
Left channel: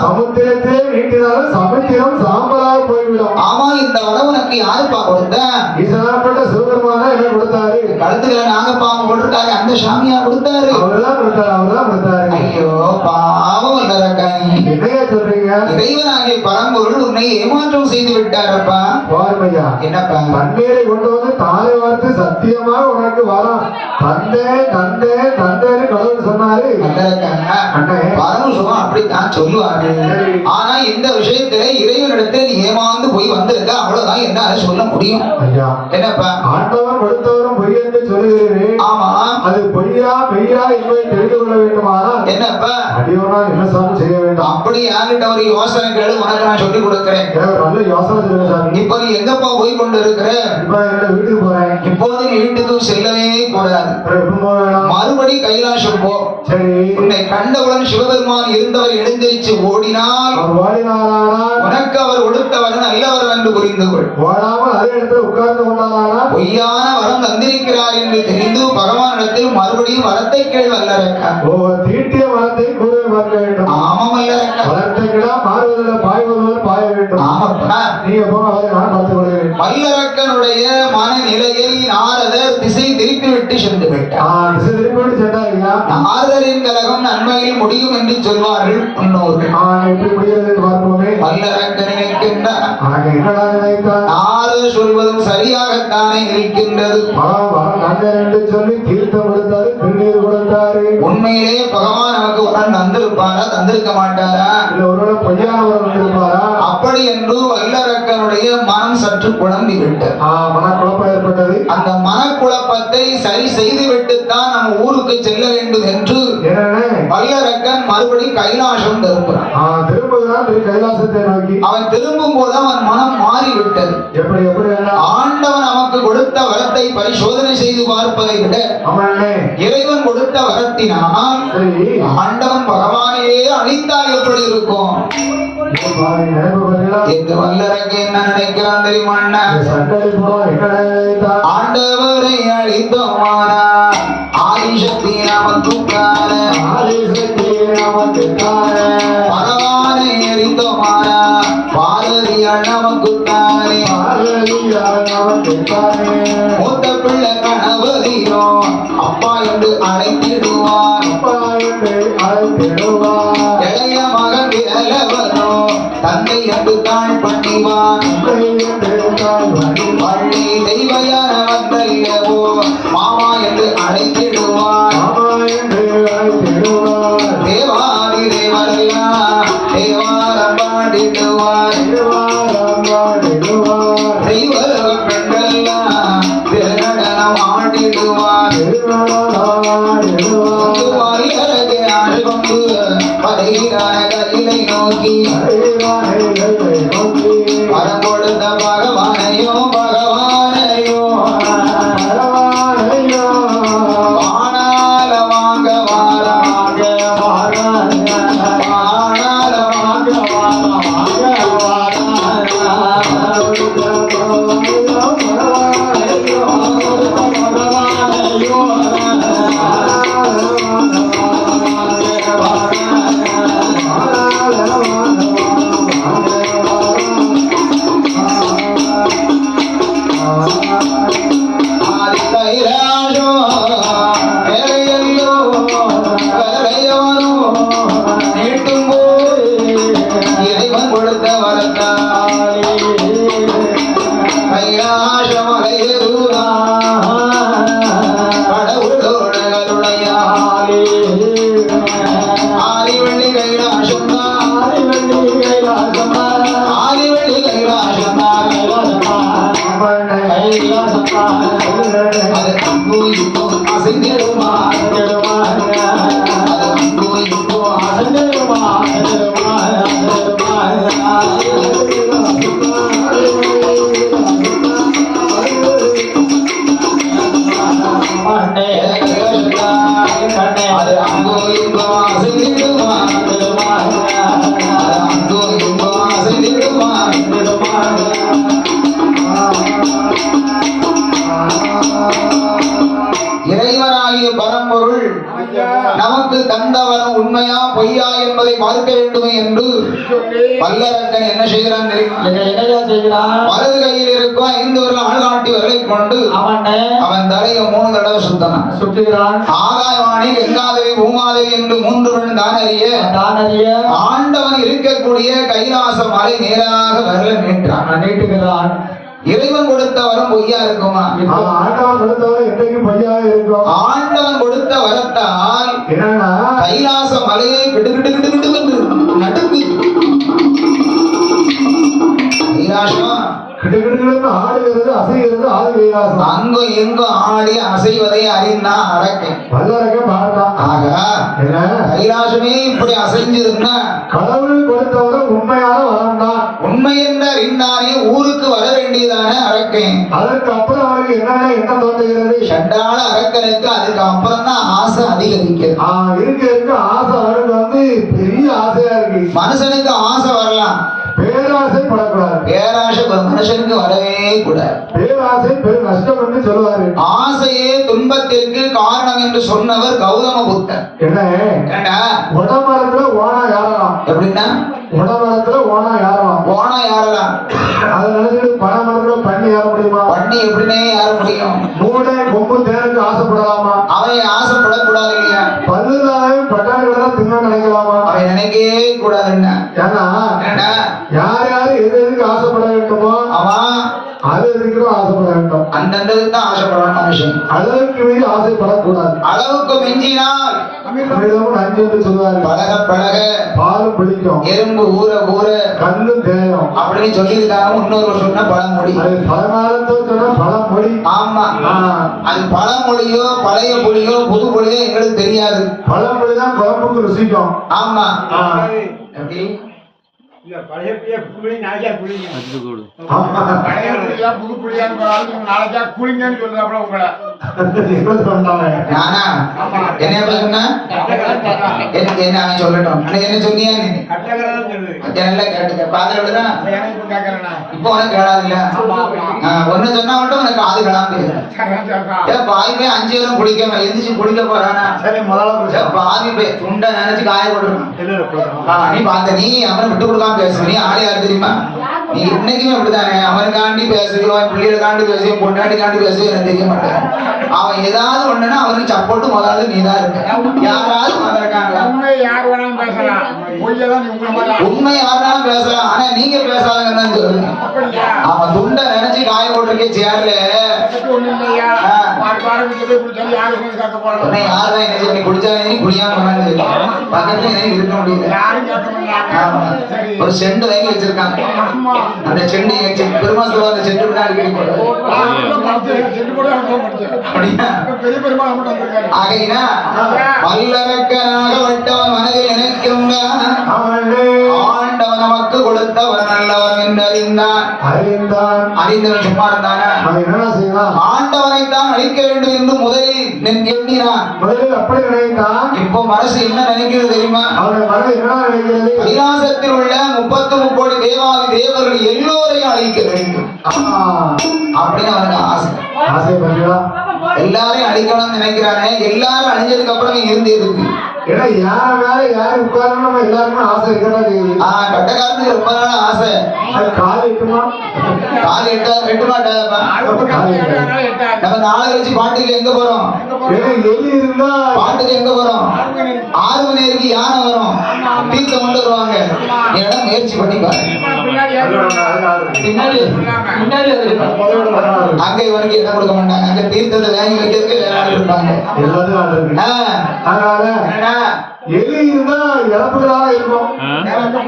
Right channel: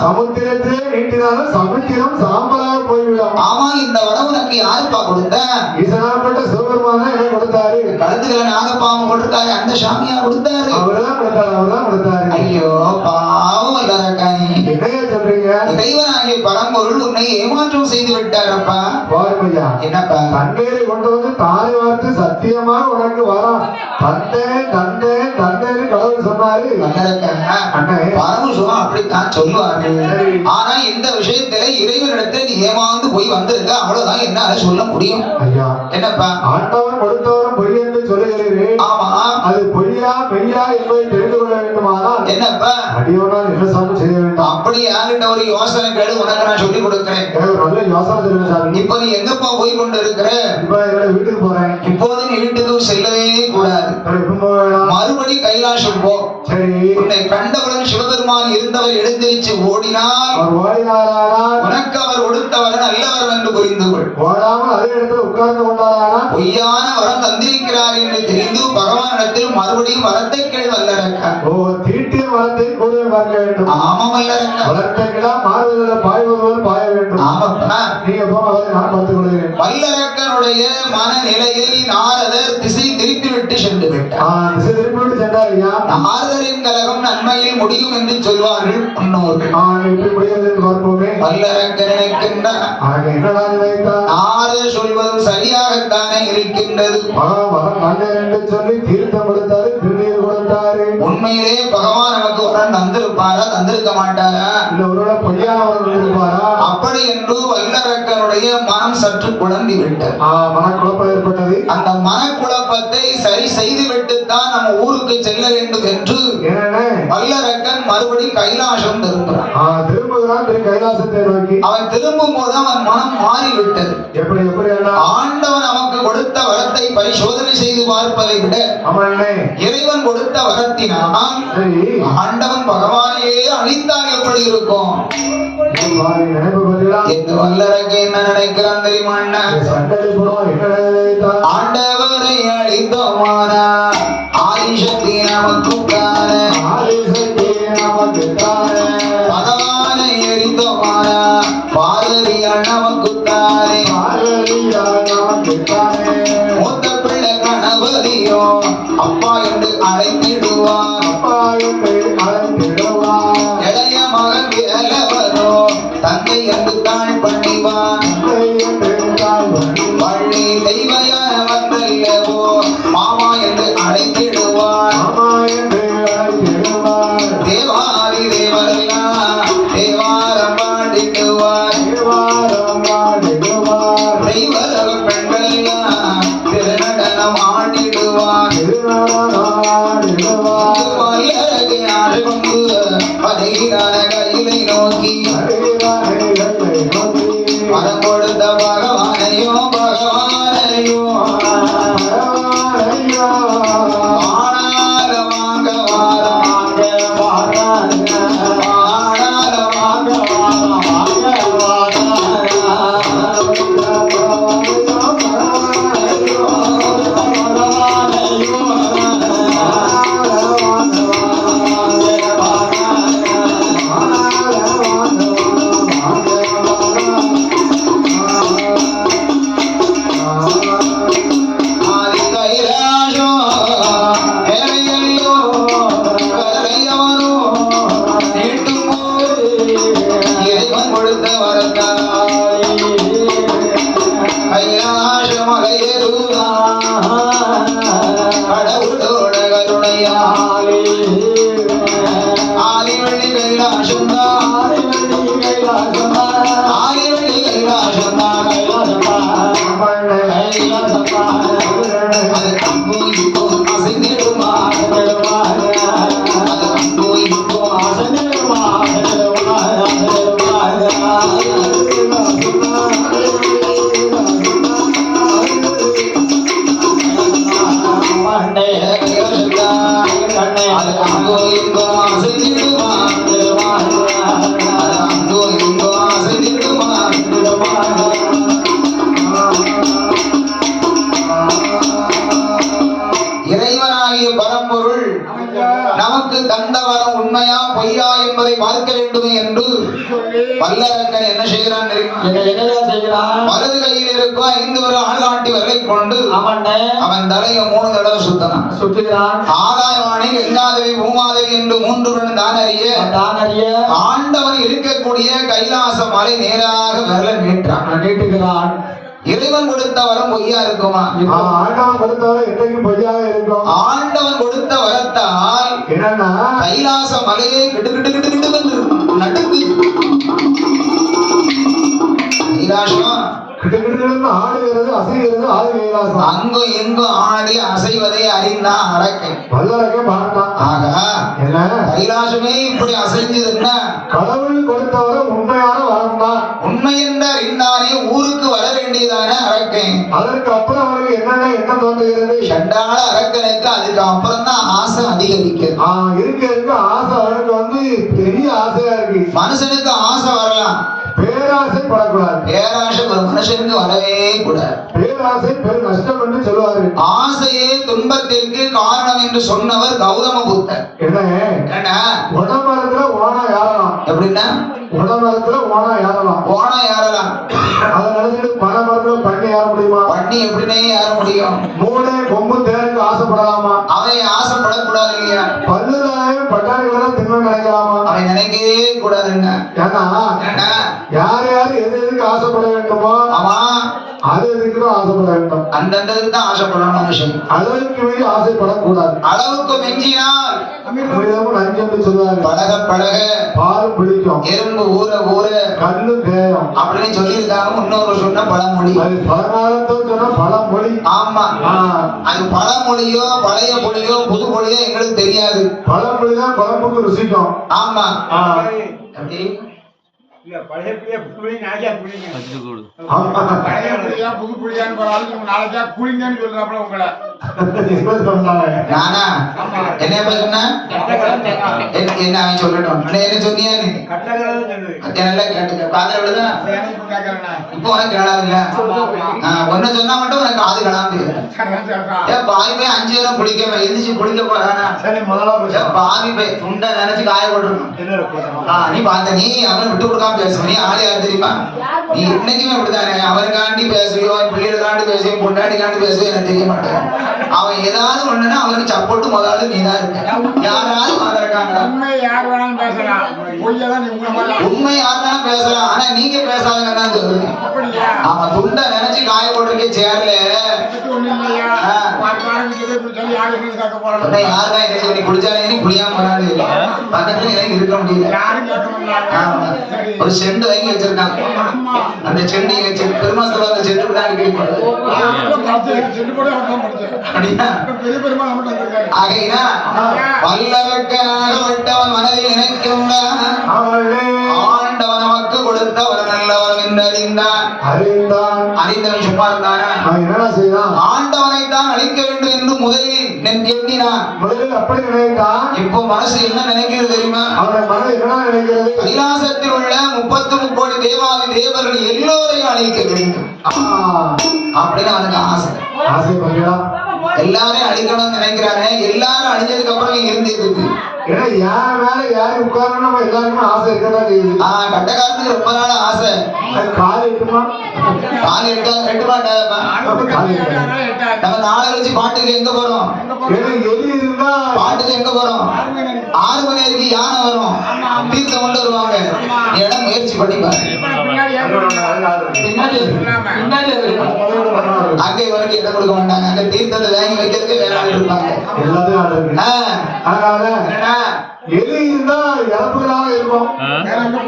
சமுத்திரத்திலே நீட்டினாலும் சமுத்திரம் சாம்பலாக போய்விடும். ஆமா, இந்த வரம் உனக்கு யாருப்பா கொடுத்த? ஈசனாப்பட்ட சிவபெருமான என்ன கொடுத்தாரு? கழுத்துக்களை நாகப்பாம்பு போட்டிருக்காரு, அந்த சாமியா கொடுத்தாரு? அவர்தான் கொடுத்தாரு, அவர்தான் கொடுத்தாரு. ஐயோ பாவம் இல்லதக்கா, நீ என்னையா சொல்றீங்க? இறைவனாகிய பரம்பொருள் உன்னை ஏமாற்றம் செய்து விட்டாரப்பா. பாருமையா, என்னப்பா? தண்ணீரை கொண்டு வந்து தாரை வார்த்து சத்தியமாக உனக்கு வரம் தந்தே தந்தே தந்தேன்னு கடவுள் சொன்னாரு. பரமசிவம் அப்படித்தான் சொல்லுவாரு. ஆனா இந்த விஷயத்துல இறைவனிடத்தில் நீ ஏமாந்து போய் வந்திருக்க, அவ்வளவுதான் என்னால சொல்ல முடியும். ஐயா, என்னப்பா? ஆண்டவன் கொடுத்தவரும் பொய் என்று சொல்லுகிறீர்கள். ஆமா, அது பொய்யா மெய்யா என்பதை தெரிந்து கொள்ள வேண்டுமானா என்னப்பா அடியோனால் என்ன சாமி செய்ய வேண்டும்? அப்படி யாருகிட்ட ஒரு யோசனை கேளு, உனக்கு நான் சொல்லி கொடுக்கிறேன். நல்ல யோசனை சொல்லுங்க சாமி. இப்ப நீ எங்கப்பா போய் கொண்டு இருக்கிற? இப்ப என்னோட வீட்டுக்கு போறேன். இப்போது நீ வீட்டுக்கு செல்லவே கூடாது. எப்ப போவேணும்? மறுபடி கைலாசம் போ. சரி. உன்னை கண்டவுடன் சிவபெருமான் இருந்தவர் எழுந்திருச்சு ஓடினால் அவர் ஓடினாரானால் உனக்கு அவர் கொடுத்தவர் நல்லவர் என்று புரிந்து கொள். ஓடாமல் அதே இடத்துல உட்கார்ந்து கொண்டாரானால் பொய்யான வரம் தந்திருக்கிறார் என்று தெரிந்து பகவானிடத்தில் மறுபடியும் வரத்தை கேள் வல்லரக்கா. ஓ, தீட்டிய வரத்தை கூற வேண்டும். ஆமாம் வல்லரக்கா. வளர்த்த கிடா மாறுவதில் பாய்வதும் பாய வேண்டும். ஆமாப்பா. நீங்க போங்க, அவரை நான் பார்த்துக் கொள்கிறேன். வல்லரக்கனுடைய மனநிலையை நாரதர் திசை திருப்பிவிட்டு சென்று விட்டார். திசை திருப்பிவிட்டு சென்றாரியா? நாரதரின் கலகம் நன்மையில் முடியும் என்று சொல்வார்கள் முன்னோர்கள். எப்படி முடிகிறது என்று பார்ப்போமே. வல்லரக்கன் நினைக்கின்றார், என்னடா நினைத்தார்? நாரதர் சொல்வதும் சரியாகத்தானே இருக்கின்றது. வரம் தந்தேன் என்று சொல்லி தீர்த்தம் கொடுத்தாரு, திருநீர் கொடுத்தாரு. உண்மையிலே பகவான் நமக்கு வரம் தந்திருப்பாரா, தந்திருக்க மாட்டாரா? இல்ல ஒருவேளை பொய்யான வரம் தந்திருப்பாரா? அப்படி என்று வல்லரக்கனுடைய மனம் சற்று குழம்பி விட்டது. மனக்குழப்பம் ஏற்பட்டது. அந்த மனக்குழப்பத்தை சரி செய்து விட்டுத்தான் நம்ம ஊருக்கு செல்ல வேண்டும் என்று வல்லரக்கன் மறுபடி கைலாசம் திரும்புகிறான். கைலாசத்தை நோக்கி அவன் திரும்பும் போது அவன் மனம் மாறிவிட்டது. எப்படி எப்படி? ஆண்டவன் நமக்கு கொடுத்த வரத்தை பரிசோதனை செய்து பார்ப்பதை விட இறைவன் கொடுத்த வரத்தினால் ஆண்டவன் பகவானையே அழித்தால் எப்படி இருக்கும் என்று வல்லரக்க என்ன நினைக்கிறான் தெரியுமா? ஆண்டவரை அழித்தோமானா ஆதிசக்தி நமக்கு பகவானை எரித்தோமானா பார்வதியால் நமக்கு மூத்த பிள்ளை கணவதியோ அப்பா என்று அழைத்திடுவார். இளைய மகன் இளவனோ தந்தை என்று தாழ் பண்ணிவான். பள்ளி தெய்வயான வந்தல்லவோ மாமா என்று அழைத்திடுவான். தேவாதி தேவரெல்லாம் தேவாரம் பாடிடுவார். தெய்வலக பெண்களெல்லாம் திருநடனம் ஆடிடுவார். வல்லரகை ஆண்டு கொண்டு பதைகிறான கையிலை நோக்கி வரம் கொடுத்த பகவானையும் பகவானையும் வானால வாங்க வாரமாக வானால வாங்க என்பதை பார்க்க வேண்டுமே என்று வல்லரக்கன் என்ன செய்கிறான் தெரியுமா? வலது கையில் இருக்கும் 5 ஒரு ஆள்காட்டி விரலை கொண்டு அவன் தலையை 3 தடவை சுற்றுகிறான். ஆகாயவாணி, கங்காதேவி, பூமாதேவி என்று 3 பெண் தான் அறிய ஆண்டவன் இருக்கக்கூடிய கைலாச மலை நேராக விரலை நீட்டுகிறான். இறைவன் கொடுத்த வரம் பொய்யா இருக்குமா? ஆண்டவன் கொடுத்த வரம் என்றைக்கும் பொய்யாக இருக்கும். ஆண்டவன் கொடுத்த வரத்தால் என்னன்னா கைலாச மலையை விட்டு நடுங்கு. கைலாசம் ஆடுகிறது, அசைகிறது, ஆடு கைலாசம். அங்கும் இங்கும் ஆடி அசைவதை அறிந்தா அரக்கை வல்லரக்கே பார்த்தான். ஆக கைலாசமே இப்படி அசைஞ்சதுன்னா கடவுள் கொடுத்தவரை உண்மையான வரம் தான். உண்மை என்று அறிந்தானே ஊருக்கு வர வேண்டியதான அரக்கை. அதற்கு அப்புறம் அவனுக்கு என்னென்ன எண்ணம் தோன்றுகிறது? சண்டாள அரக்கனுக்கு அதுக்கு அப்புறம் தான் ஆசை அதிகரிக்க இருக்க ஆசை அவனுக்கு பெரிய ஆசையா இருக்கு. மனுஷனுக்கு ஆசை வரலாம், பேராசை படக்கூடாது. பேராசை ஒரு மனுஷனுக்கு வரவே கூடாது. பேராசை பெரும் நஷ்டம் என்று சொல்லுவாரு. ஆசையே துன்பத்திற்கு காரணம் என்று சொன்னவர் கௌதம புத்தர். என்ன உடமரத்துல ஓனா யாரலாம்? எப்படின்னா உடமரத்துல ஓனா யாரலாம்? ஓனா யாரலாம்? அதை நினைச்சிட்டு பனைமரத்துல பண்ணி ஏற முடியுமா? பண்ணி எப்படின்னே ஏற முடியும்? 3 கொம்பு தேருக்கு ஆசைப்படலாமா? அவன் ஆசைப்படக்கூடாது இல்லையா? பல்லுதாயம் பட்டாணிகளை தின்னு நினைக்கலாமா? அவன் நினைக்கவே கூடாதுன்னா. ஏன்னா யார் யாரு எதுக்கு ஆசைப்பட வேண்டுமோ அவன் அது எதுக்கும் ஆசைப்பட வேண்டும். அந்தந்த தான் ஆசைப்படணும் மனுஷன். அளவுக்கு மீறி ஆசைப்படக்கூடாது. அளவுக்கு மிஞ்சினால் நஞ்சு என்று சொல்லுவாரு. பழக பழக பாலும் பிடிக்கும், எறும்பு ஊற ஊற கல்லு தேயம் அப்படின்னு சொல்லியிருக்காங்க. இன்னொரு சொன்ன பழமொழி. அது பழங்காலத்தை சொன்ன பழமொழி. ஆமா, அது பழமொழியோ பழைய மொழியோ புது மொழியோ எங்களுக்கு தெரியாது. பழமொழி தான் குழம்புக்கு ருசிக்கும். ஆமா, எப்படி பழைய புளி நாளைக்கா குளிங்க, பழைய புளியா புது புளியான்னு போறாலும் நாளைக்கா குளிங்கன்னு சொல்றாப்புல உங்களை. நானா என்ன சொன்ன? எனக்கு என்ன அவன் சொல்லட்டும். என்ன சொன்னியா? நல்லா கேட்டுக்க. காதல் இப்போ உனக்கு கேளாதுல்ல. ஒன்னு சொன்னா மட்டும் உனக்கு காது கேளாது. பாவி 5 நேரம் குளிக்க எந்திரிச்சு குளிக்க போறானா? பாவி போய் துண்டை நினைச்சு காய போட்டுருக்கான். நீ பார்த்த நீ அவனை விட்டு கொடுக்காம பேசு. நீ ஆளு யாரு தெரியுமா? நீ இன்னைக்குமே அப்படித்தானே. அவனுக்காண்டி பேசுவியோ, அவன் பிள்ளைகளுக்காண்டி பேசுவியோ, பொண்டாட்டிக்காண்டி பேசுவியோ எனக்கு தெரிய மாட்டேன். அவன் ஏதாவது ஒண்ணுன்னா அவனுக்கு சப்போர்ட் முதலாவது நீ தான் இருக்க. யாராவது இருக்காங்களா? உண்மை யார் வேணாலும் பேசலாம், பொய்யதான் நீ உண்மை யாருனாலும் பேசலாம். ஆனா நீங்க பேசாதங்கன்னு தான் சொல்லுங்க. அவன் துண்டை நினைச்சு காய போட்டிருக்கே சேர்ல ஒண்ணு இல்லையா? யாருதான் என்ன சொல்லி குடிச்சாலே குடியாம பண்ணாது. பக்கத்துல எனக்கு இருக்க முடியல. ஒரு செண்டு வாங்கி வச்சிருக்காங்க. அந்த செண்டு எங்க பெருமாள் அந்த செண்டு கூட அடிக்கடி ஆகையினா வல்லரக்கனாக வட்டவன் மனதில் நினைக்கின்ற ஆண்டவன் நமக்கு கொடுத்த ஒரு நல்லவன் என்று அறிந்தவன் சும்மா இருந்தான ஆண்டவனை தான் அழிக்க வேண்டும் என்று முதலில் எண்ணினான். அப்படி நினைத்தான். இப்போ மனசு என்ன நினைக்கிறது தெரியுமா? கைலாசத்தில் உள்ள 33 கோடி தேவாதி தேவர்கள் எல்லோரையும் அழிக்க வேண்டும் அப்படின்னு அவனுக்கு ஆசை. எல்லாரையும் அழிக்கணும்னு நினைக்கிறானே. எல்லாரும் அழிஞ்சதுக்கு அப்புறம் இருந்து இருக்கு. ஏன்னா யார் மேல யாரு உட்காரணும் எல்லாருமே ஆசை இருக்கதான் செய்யுது. கட்டக்காரத்துக்கு ரொம்ப நாள் ஆசை. கால் எட்டுமா? கால் எட்டு மாட்டாதப்பா. நம்ம நாளை கழிச்சு பாட்டுக்கு எங்க போறோம்? எலி இருந்தா பாட்டுக்கு எங்க போறோம்? 6 மணி வரைக்கும் யானை வரும், தீர்த்த கொண்டு வருவாங்க. இடம் முயற்சி பண்ணி பாரு. அங்க இவனுக்கு இடம் கொடுக்க மாட்டாங்க. அங்க தீர்த்தத்தை வாங்கி வைக்கிறதுக்கு வேலை இருப்பாங்க. அதனால எலி இருந்தா இறப்புகளாக இருக்கும். வேற எங்க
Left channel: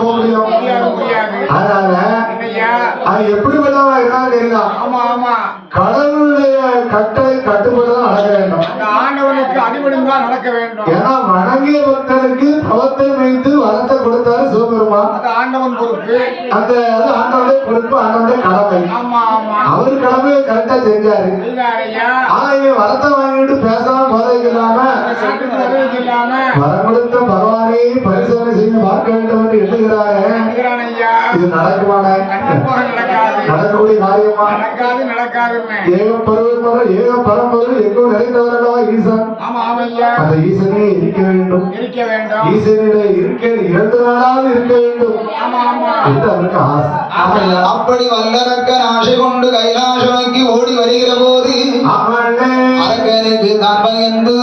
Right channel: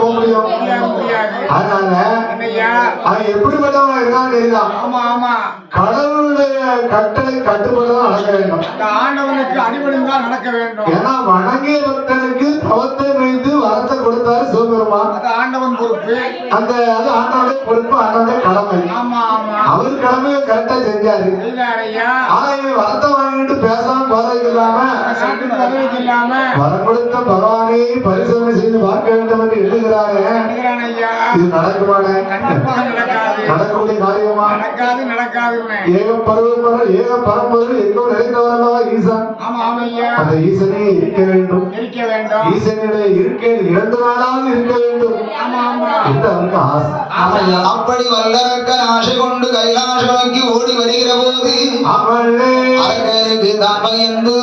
போக முடியும்? அதனால அவன் எப்படிப்பட்டவன் இருக்கான்னு தெரியுதான். கடவுளுடைய கட்டளை கட்டுப்பட்டுதான் நடக்க வேண்டும். ஆண்டவனுக்கு அடிபணிந்தான் நடக்க வேண்டும். ஏன்னா வணங்கிய பக்தனுக்கு தவத்தை வைத்து வரத்தை கொடுத்தாரு சிவபெருமான். அது ஆண்டவன் பொறுப்பு. அந்த அது ஆண்டவனுடைய பொறுப்பு, ஆண்டவனுடைய கடமை. அவர் கடமையை கரெக்டா செஞ்சாரு. ஆனா இவன் வரத்தை வாங்கிட்டு பேசாம போறதுக்கு இல்லாம வரம் கொடுத்த பகவானை பரிசோதனை செய்து பார்க்க வேண்டும் என்று எண்ணுகிறாரு. இது நடக்குமானே? கண்டிப்பாக நடக்காது. நடக்கக்கூடிய காரியமா? நடக்காதுன்னு. ஏகம் பரம்பொருள் எங்கோ நிறைந்தவரல்லவா ஈசன். ஆமா ஆமையா. அந்த ஈசனே இருக்க வேண்டும். ஈசனிலே இருக்க 2 நாளாவது இருக்க வேண்டும். ஆமா ஆமா. என்று அவருக்கு ஆசை. அப்படி வல்லரக்கன் ஆசை கொண்டு கைலாச நோக்கி ஓடி வருகிற போது அரக்கனுக்கு தான் பயந்து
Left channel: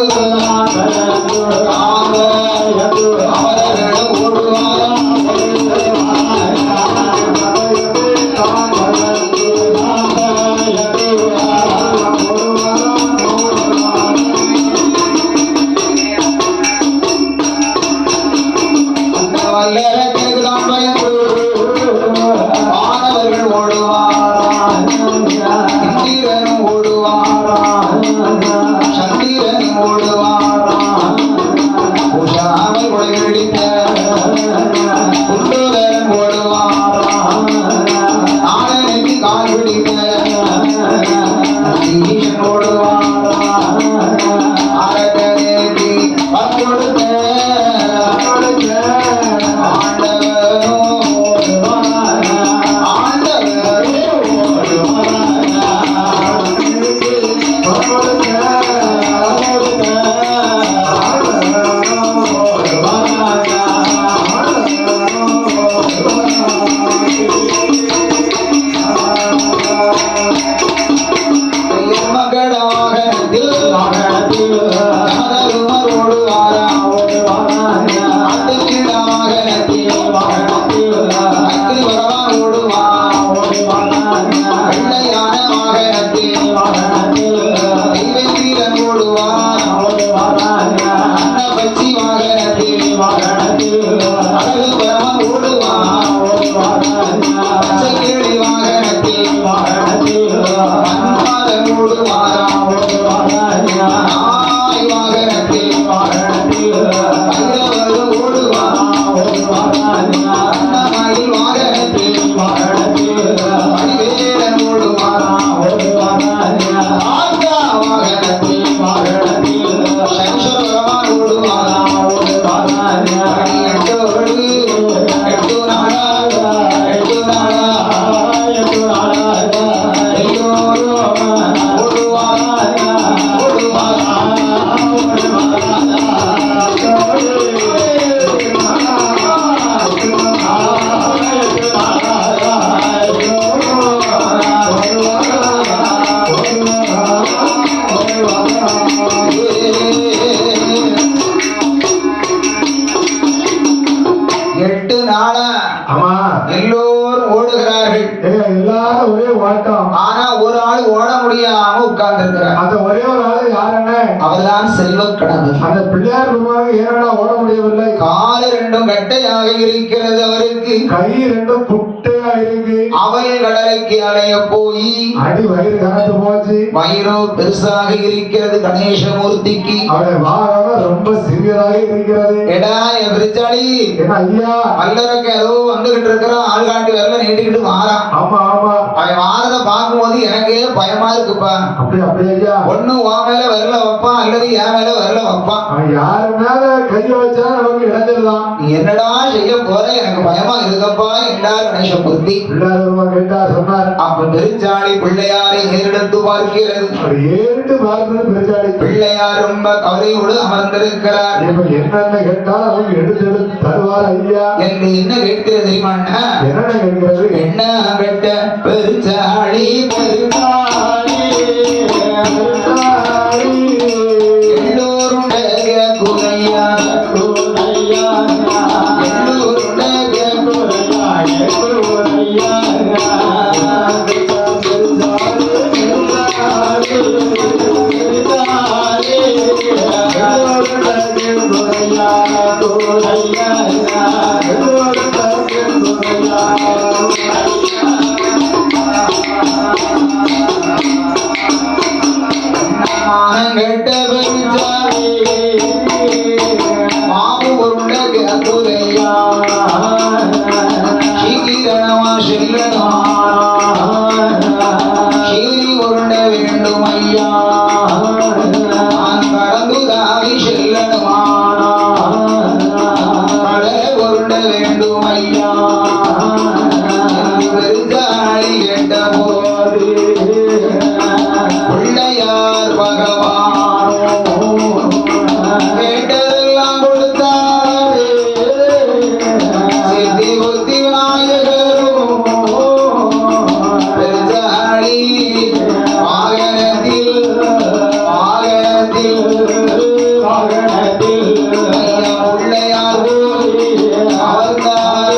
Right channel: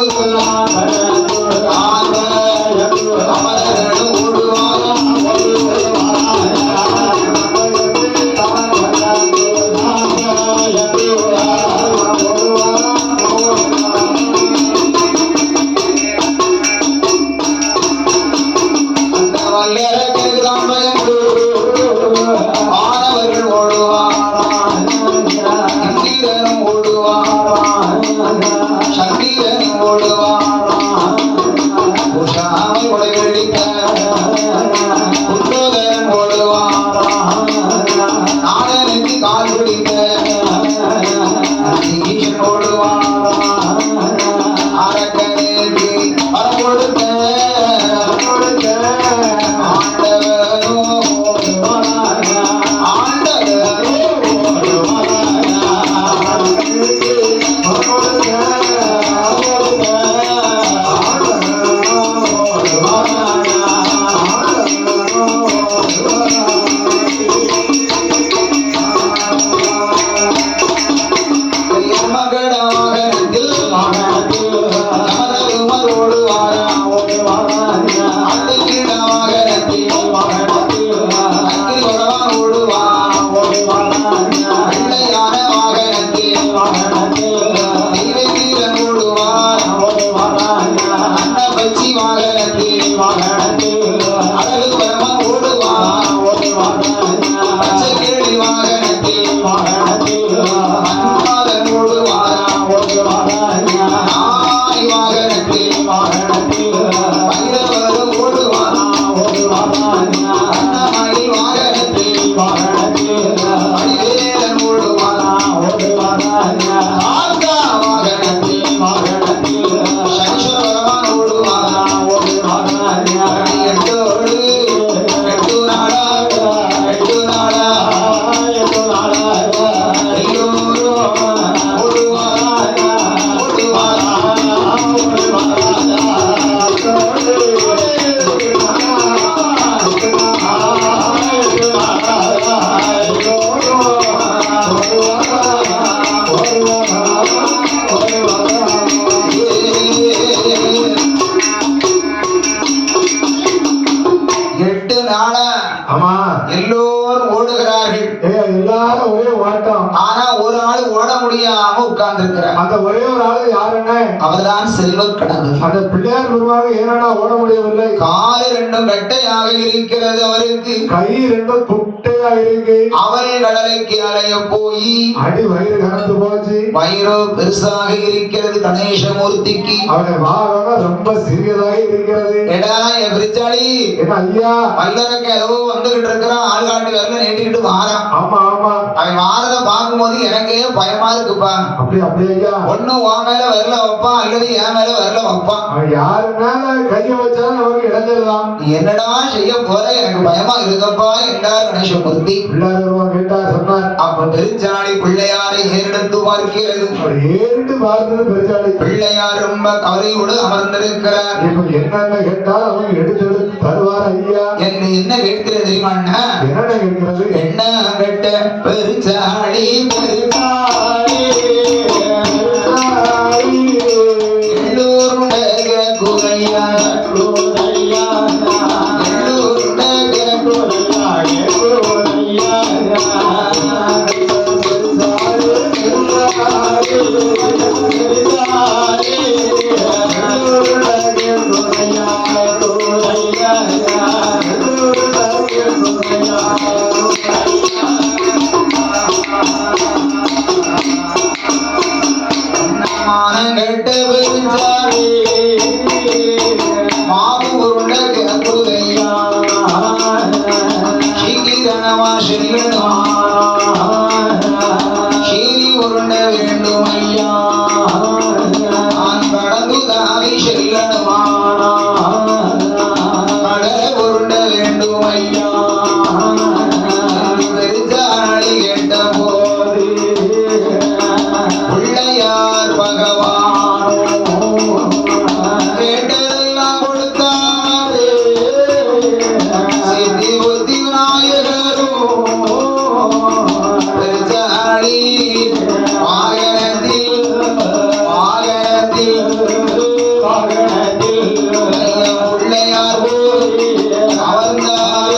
வயிறோ பெருசாக இருக்கிறது. கணேசமூர்த்திக்கு ரொம்ப சிறியதாக இருக்கிறது. வல்லரக்க ஏதோ வந்துகிட்டு இருக்கிறான். ஆள்காட்டி வரல நீட்டிக்கிட்டு வாரான். அவன் வாரத பார்க்கும்போது எனக்கே பயமா இருக்குப்பா. ஒண்ணு உன் மேல வரல வைப்பான் அல்லது என் மேல வரல வைப்பான். யாரு மேல கைய வச்சா நமக்கு இடைஞ்சிடலாம். என்னடா செய்ய போற எனக்கு பயமா இருக்கப்பா என்றார் கணேசமூர்த்தி. கேட்டார் சொன்னார். அப்ப பெருஞ்சாளி பிள்ளையாரை ஏறெடுத்து பார்க்கிறது. ஏறிட்டு பார்த்தது பெருஞ்சாளி. பிள்ளையார் ரொம்ப கவலையோடு அமர்ந்திருக்கிறார். என்னென்ன கேட்டால் அவங்க எடுத்து தருவார் ஐயா. என்ன கேட்கிறது தெரியுமா? என்ன கேட்கிறது? என்ன கேட்ட பெருஞ்சாளி பெருமாளி எல்லோருடைய குறையா பிள்ளையார் அவர்தான்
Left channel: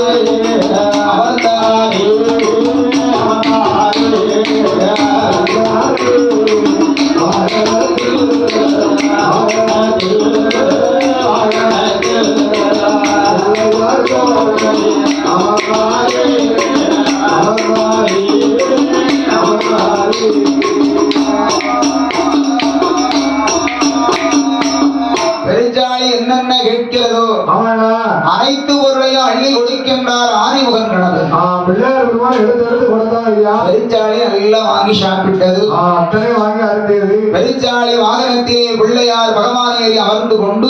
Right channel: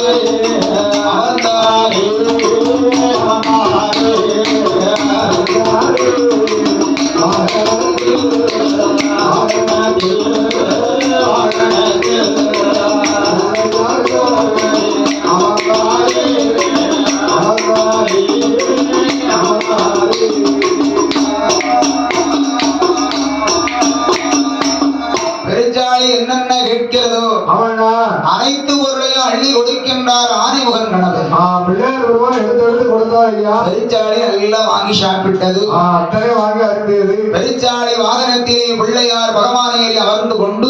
அவர்தான் பெருச்சாளி என்னென்ன கேட்கிறதோ அனைத்து பொருளையும் அள்ளி கொடுக்கின்றார் ஆதிமுகன் கணவன். பிள்ளையார் பெருமான் எடுத்து எடுத்து கொடுத்தா ஐயா. பெருச்சாளி எல்லாம் வாங்கி சாப்பிட்டது. அத்தனை வாங்கி அருந்தியது. பெருச்சாளி வாகனத்திலே பிள்ளையார் பகவானேறி அமர்ந்து கொண்டு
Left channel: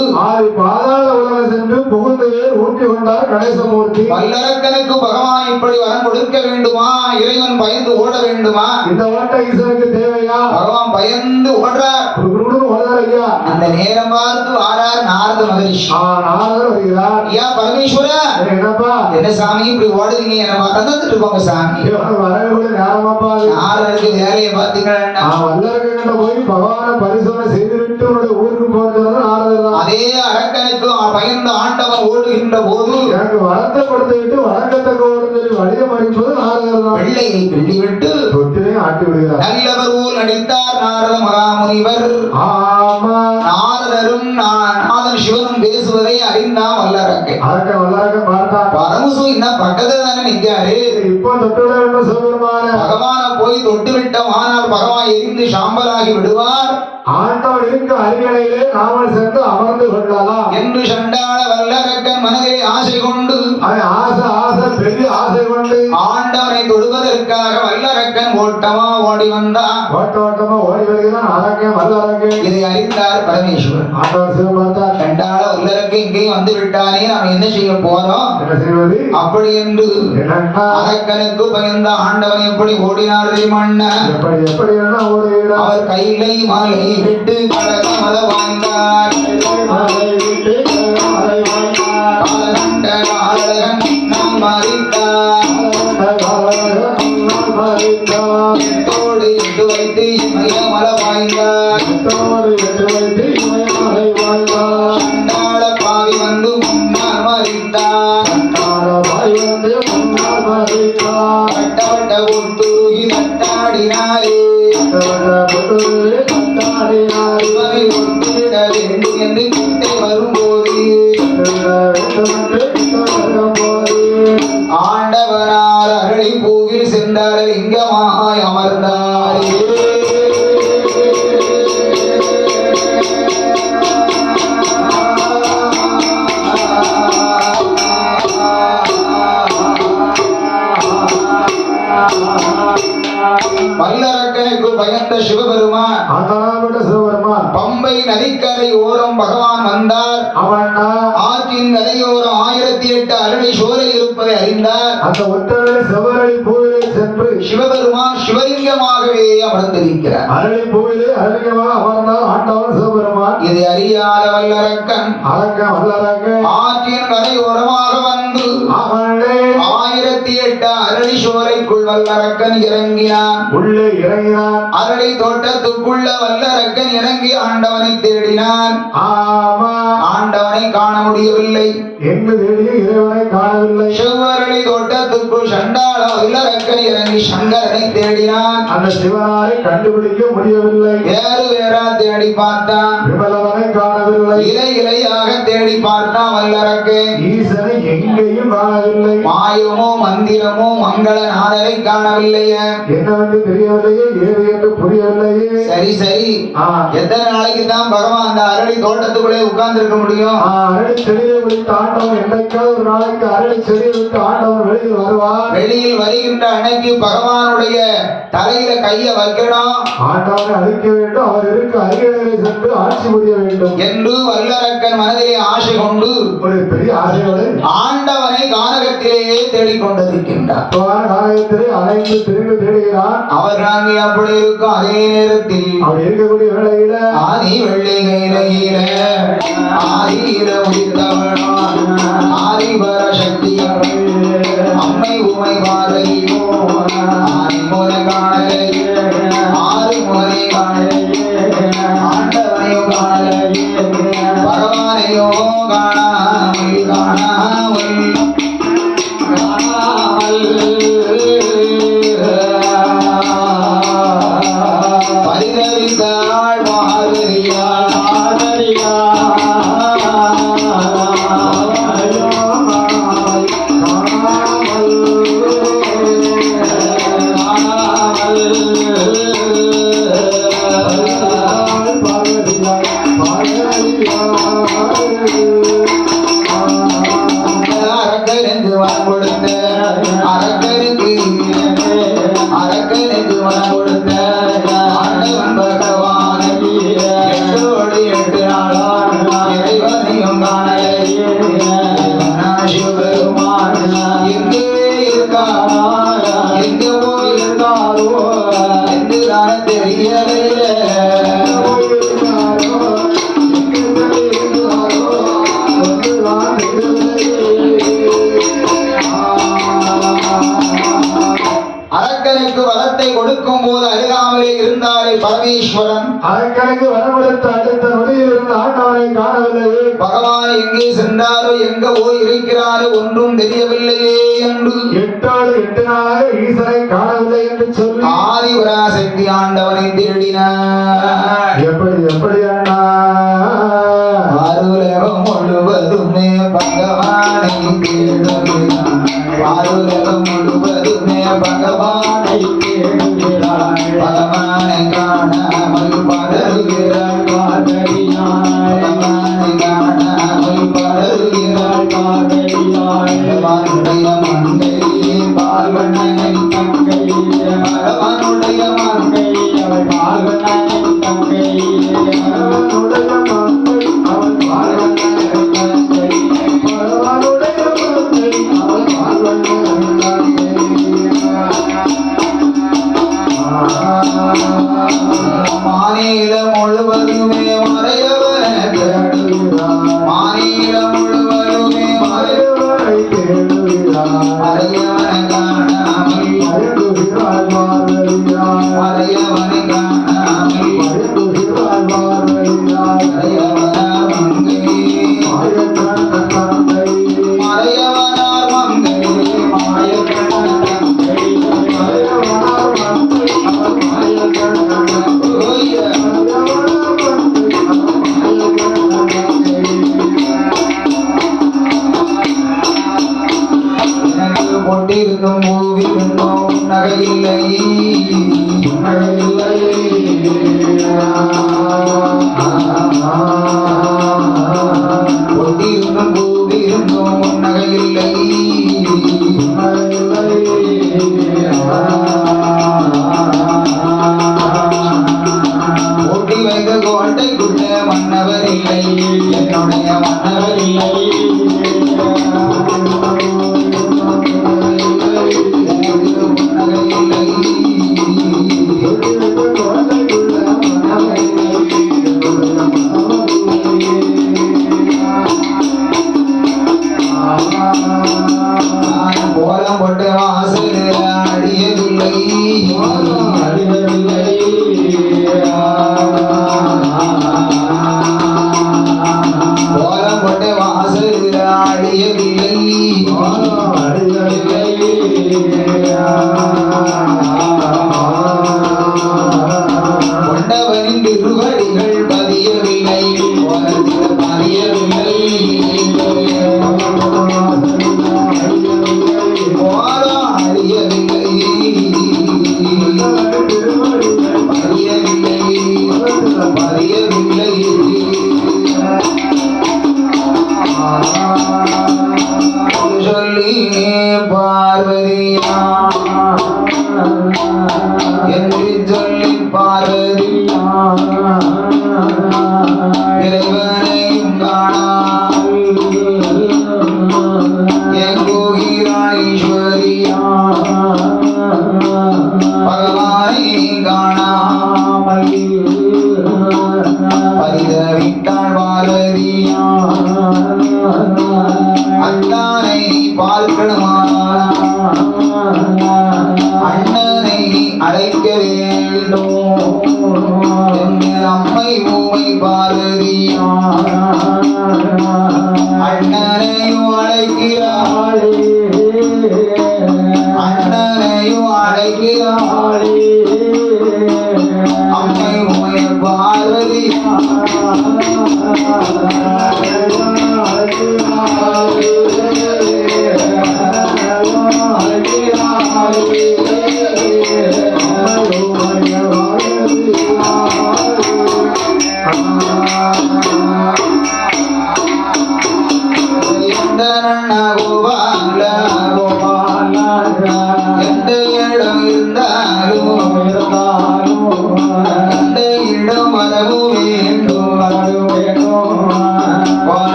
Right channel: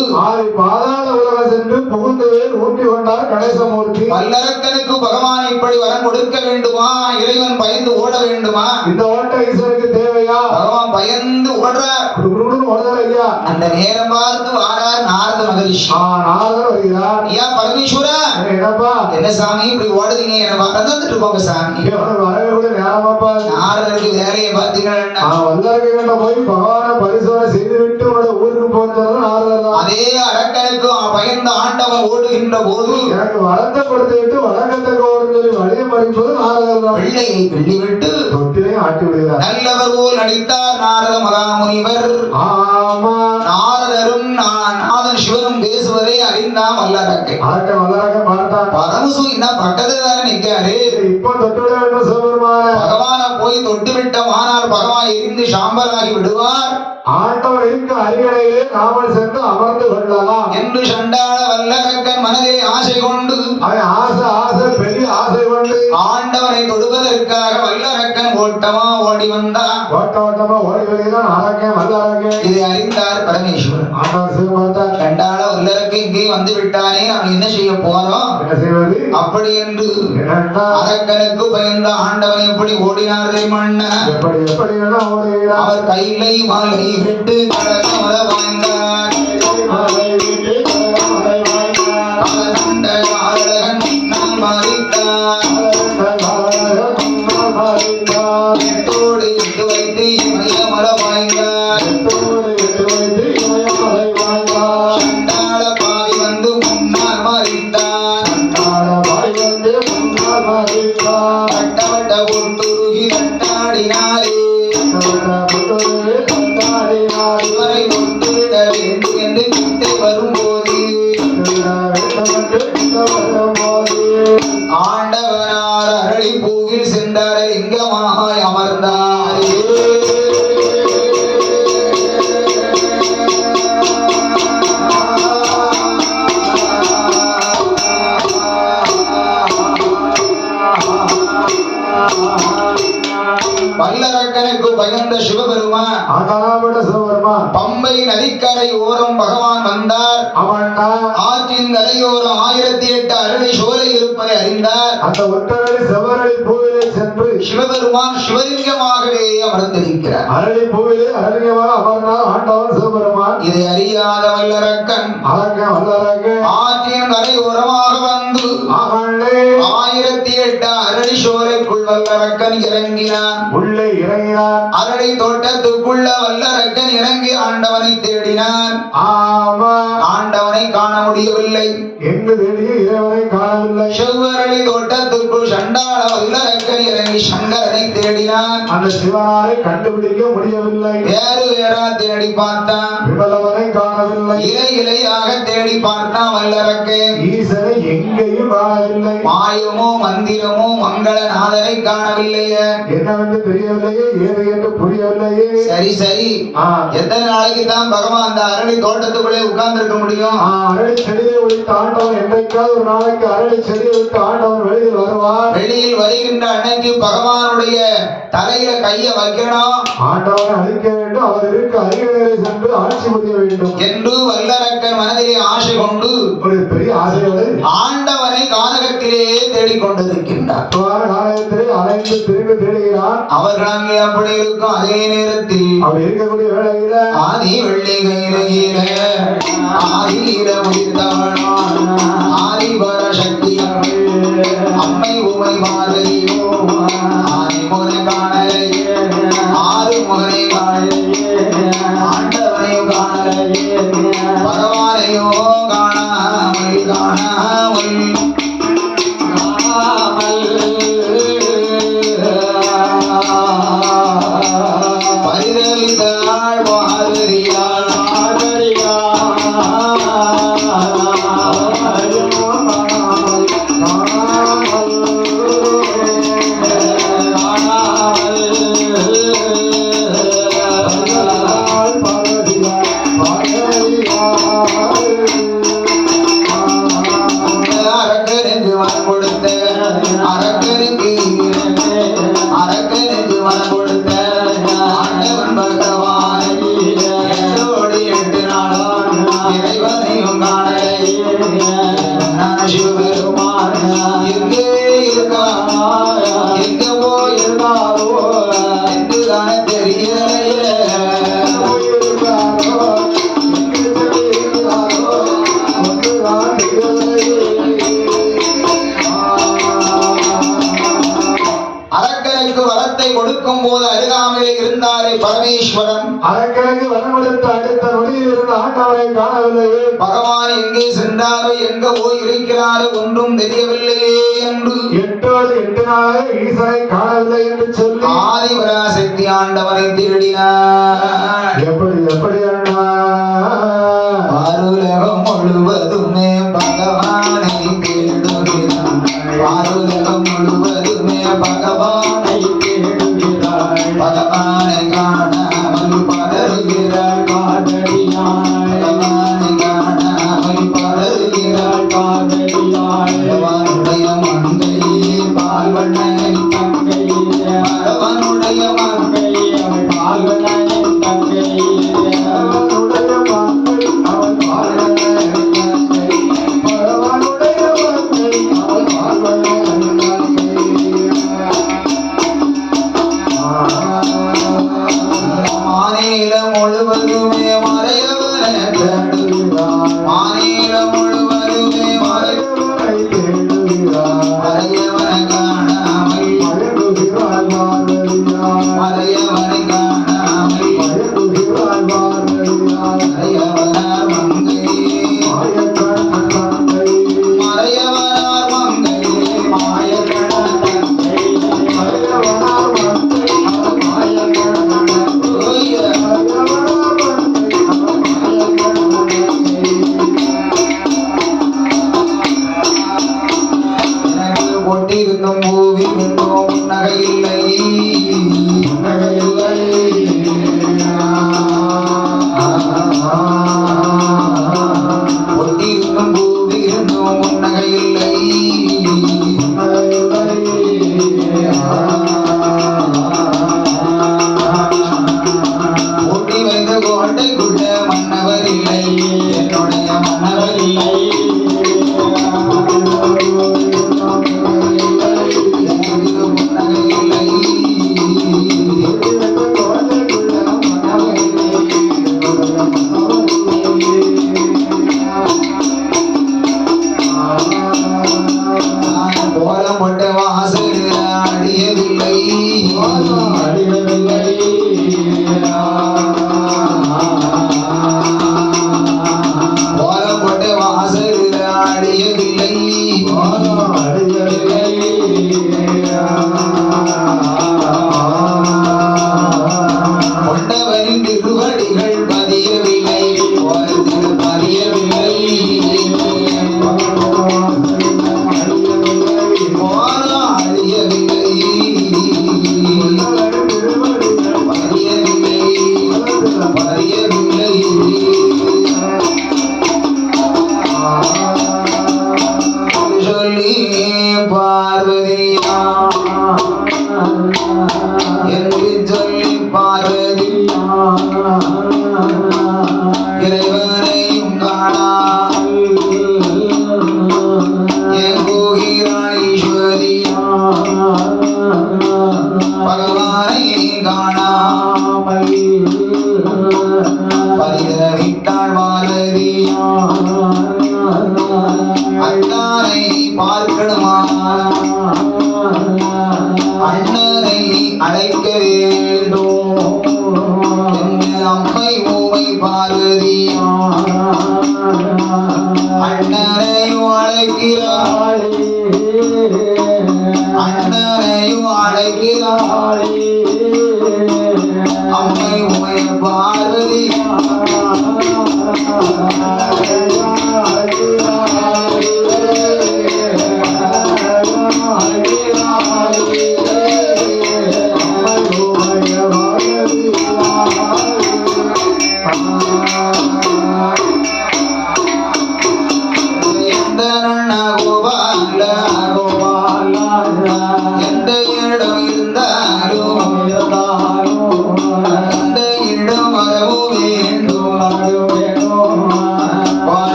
பாதாள உலகம் சென்று புகுந்து ஊட்டி கொண்டார் கணேசமூர்த்தி. வல்லரக்கனுக்கு பகவான் இப்படி வரம் கொடுக்க வேண்டுமா? இறைவன் பயந்து ஓட வேண்டுமா? இந்த ஓட்ட ஈஸ்வருக்கு தேவையா? பகவான் பயந்து ஓடுறார். ஐயா அந்த நேரம் பார்த்து வாரார் நாரத மகரிஷி. நாரதர் வருகிறார். ஐயா பரமேஸ்வரா, என்னப்பா என்ன சாமி இப்படி ஓடுறீங்க? எனக்கு வந்துட்டு போங்க சாமி. வரவே நேரமாப்பா. நாரதருக்கு வேலையை பார்த்தீங்கன்னா வல்லரக்கிட்ட போய் பகவான பரிசோதனை செய்துவிட்டு ஊருக்கு போறது நாரதர் தான். அதே அரக்கனுக்கு பயந்த ஆண்டவன் ஓடுகின்ற போது எனக்கு வரத்தை கொடுத்து விட்டு வழக்கத்தை சொல்லி வழியை மறிப்பது நாரதர் தான். வெள்ளையை கிள்ளி விட்டு தொட்டிலே ஆட்டி விடுகிறார். நல்லவர் போல் நடித்தார் நாரத மகாமுனிவர். நாரதரும் நாதன் சிவனும் பேசுவதை அறிந்தான் வல்லரக்கை. வல்லரக்க பார்த்தான். பரமசு இன்னும் பக்கத்துல தானே நிற்காரு. இப்போ தொட்டுவிட சொல்லுவாரு. பகவான போய் தொட்டு விட்டோம், ஆனால் பகவான் எரிந்து சாம்பலாகி விடுவார். ஆண்டவர் இருக்க அருகிலேயே நாமல் சென்று அமர்ந்து கொள்ளலாம் என்று சண்டாள வல்லரக்கன் மனதிலே ஆசை கொண்டு ஆசை பெரிய ஆசை கொண்டு ஆண்டவனை தொடுவதற்காக வல்லரக்கன் ஓட்டமா ஓடி வந்தான். ஓட்டமா ஓடி வருகிறான். அரக்கன் வல்லரக்கன். இதை அறிந்தார் பரமேஸ்வரன். ஆண்டவர் சிவபார்த்தார். கண்டாள வல்லரக்கு இங்கே வந்து விட்டானே, நாம் என்ன செய்ய போறோம்? என்ன செய்வது? அப்படி என்று அரக்கனுக்கு பயந்த ஆண்டவன் எப்படி ஓடினார் தெரியுமா? எப்படி அவர் கையிலை மாலை விட்டு கடகமல வாய்ந்தார். நாம் மறித்தார். எட்டோடு எட்டு வைத்து இமயமல வாய்ந்தார். சண்டாள பாவி வந்து முன்னால் மறித்தார். வட்ட ஒட்டுருகி தட்டாடினாரே. இவரை ஒட்டுவிட வேண்டும் என்று கிட்டே வரும்போது ஆண்டவனார் அருளி பூவில் சென்றார். லிங்கமாய் அமர்ந்தார். வல்லரக்கனுக்கு பயந்த சிவபெருமான் பம்பை நதிக்கரை ஓரம் பகவான் வந்தார். ஆற்றின் கரையோரம் 1008 அரளி சோலை இருப்பதை அறிந்தார். அந்த ஒற்றரை செவரளி பூவிலே சென்று சிவபெருமான் சிவலிங்கமாகவே அமர்ந்திருக்கிறார். அரளி பூவிலே அரளியமாக அமர்ந்தார் ஆண்டவன் சிவபெருமான். இதை அறியாத வல்லரக்கன் ஆற்றின் கரையோரமாக வந்து 1008 அரளி சோலைக்குள் வல்லரக்கன் இறங்கினான். உள்ளே இறங்கினான். அரளி தோட்டத்துக்குள்ள வல்லரக்கன் இறங்கி ஆண்டவனை தேடினான். ஆண்டவனை காண முடியவில்லை. எங்கு தேடிய இறைவனை காணவில்லை. செவ்வரளி தோட்டத்துக்குள் சண்டாள வல்லரக்கன் இறங்கி சங்கரனை தேடினான். அந்த சிவனாரை கண்டுபிடிக்க முடியவில்லை. வேறு வேறா தேடி பார்த்தான். விமலவனை காணவில்லை. இலை இலையாக தேடி பார்த்தான் வல்லரக்கன். ஈசனை எங்கேயும் காணவில்லை. மாயமோ மந்திரமோ மங்களநாதனை காணவில்லையே. என்னவென்று தெரியவில்லையே. ஏது என்று புரியவில்லையே. சரி சரி, எத்தனை நாளைக்கு தான் பகவான் அந்த அரளி தோட்டத்துக்குள்ளே உட்கார்ந்து இருக்க முடியும்? அரளி செடியை விட்டு ஆண்டவன் என்றைக்காவது ஒரு நாளைக்கு அரளி செடியை விட்டு ஆண்டவன் வெளியில் வருவார். வெளியில் வருகின்ற அன்னைக்கு பகவானுடைய தலையில கைய வைக்கணும். ஆண்டவனை அழிக்க வேண்டும். அவர் இருக்க அருகிலே சென்று ஆட்சி புரிய வேண்டும் என்று வல்லரக்கன் மனதிலே ஆசை கொண்டு ஒரு பெரிய ஆசையோடு ஆண்டவனை கானகத்திலே தேடிக்கொண்டிருக்கின்றார். கானகத்திலே அலைந்து திரும்பி தேடுகிறார். அவர் நாங்கள் அப்படி இருக்கும் அதே நேரத்தில் அவர் இருக்கக்கூடிய வேளையில ஆதி வெள்ளி கையில ஆதியில உதித்தவனோ ஆதிபர சக்தி அம்மை உமை பார்வையோ ஆதிமுறை காணலை ஆறு முகனை காணலை ஆண்டவனையோ காணலை பகவானையோ காணாமல் காணாமல் பரிதவித்தாள் மாதரியாள் அரக்கனுக்கு வரம் கொடுத்த அரக்கனுக்கு வரம் கொடுத்த ஆண்டவன் பகவானை எட்டோடி 8 நாளாம் இறைவனையும் காணலை சிவபெருமான் எங்கே இருக்கா எங்க போயிருந்தாரோ என்று தானே தெரியலையே அரக்கனுக்கு வரத்தை கொடுக்கும் போது அருகாமையிலே இருந்தாரே பரமேஸ்வரன் அரக்கனுக்கு வரவழைத்த அடுத்த நொடியில் இருந்த ஆண்டவரை காணவில்லையே. பகவான் எங்கே சென்றாரோ எங்க போய் இருக்கிறாரோ ஒன்றும் தெரியவில்லையே என்று 8 நாளாக ஈசனை காணவில்லை என்று சொல்லி ஆதிபராசக்தி ஆண்டவனை திருடினார். எப்படி அண்ணா ஆருலகம் முழுவதுமே பகவானை தேடுகிறார். ஆருலகம் முழுவதுமே பகவானை தேடுகிறார். பகவானை காணாமல் பதறுகிறார் காதலியாய். பகவானை காணாமல் பதறுகிறார் காதலியாய். பகவானுடைய மங்கை பார்வனை தங்கை. பகவானுடைய மங்கை அவள் பார்வனை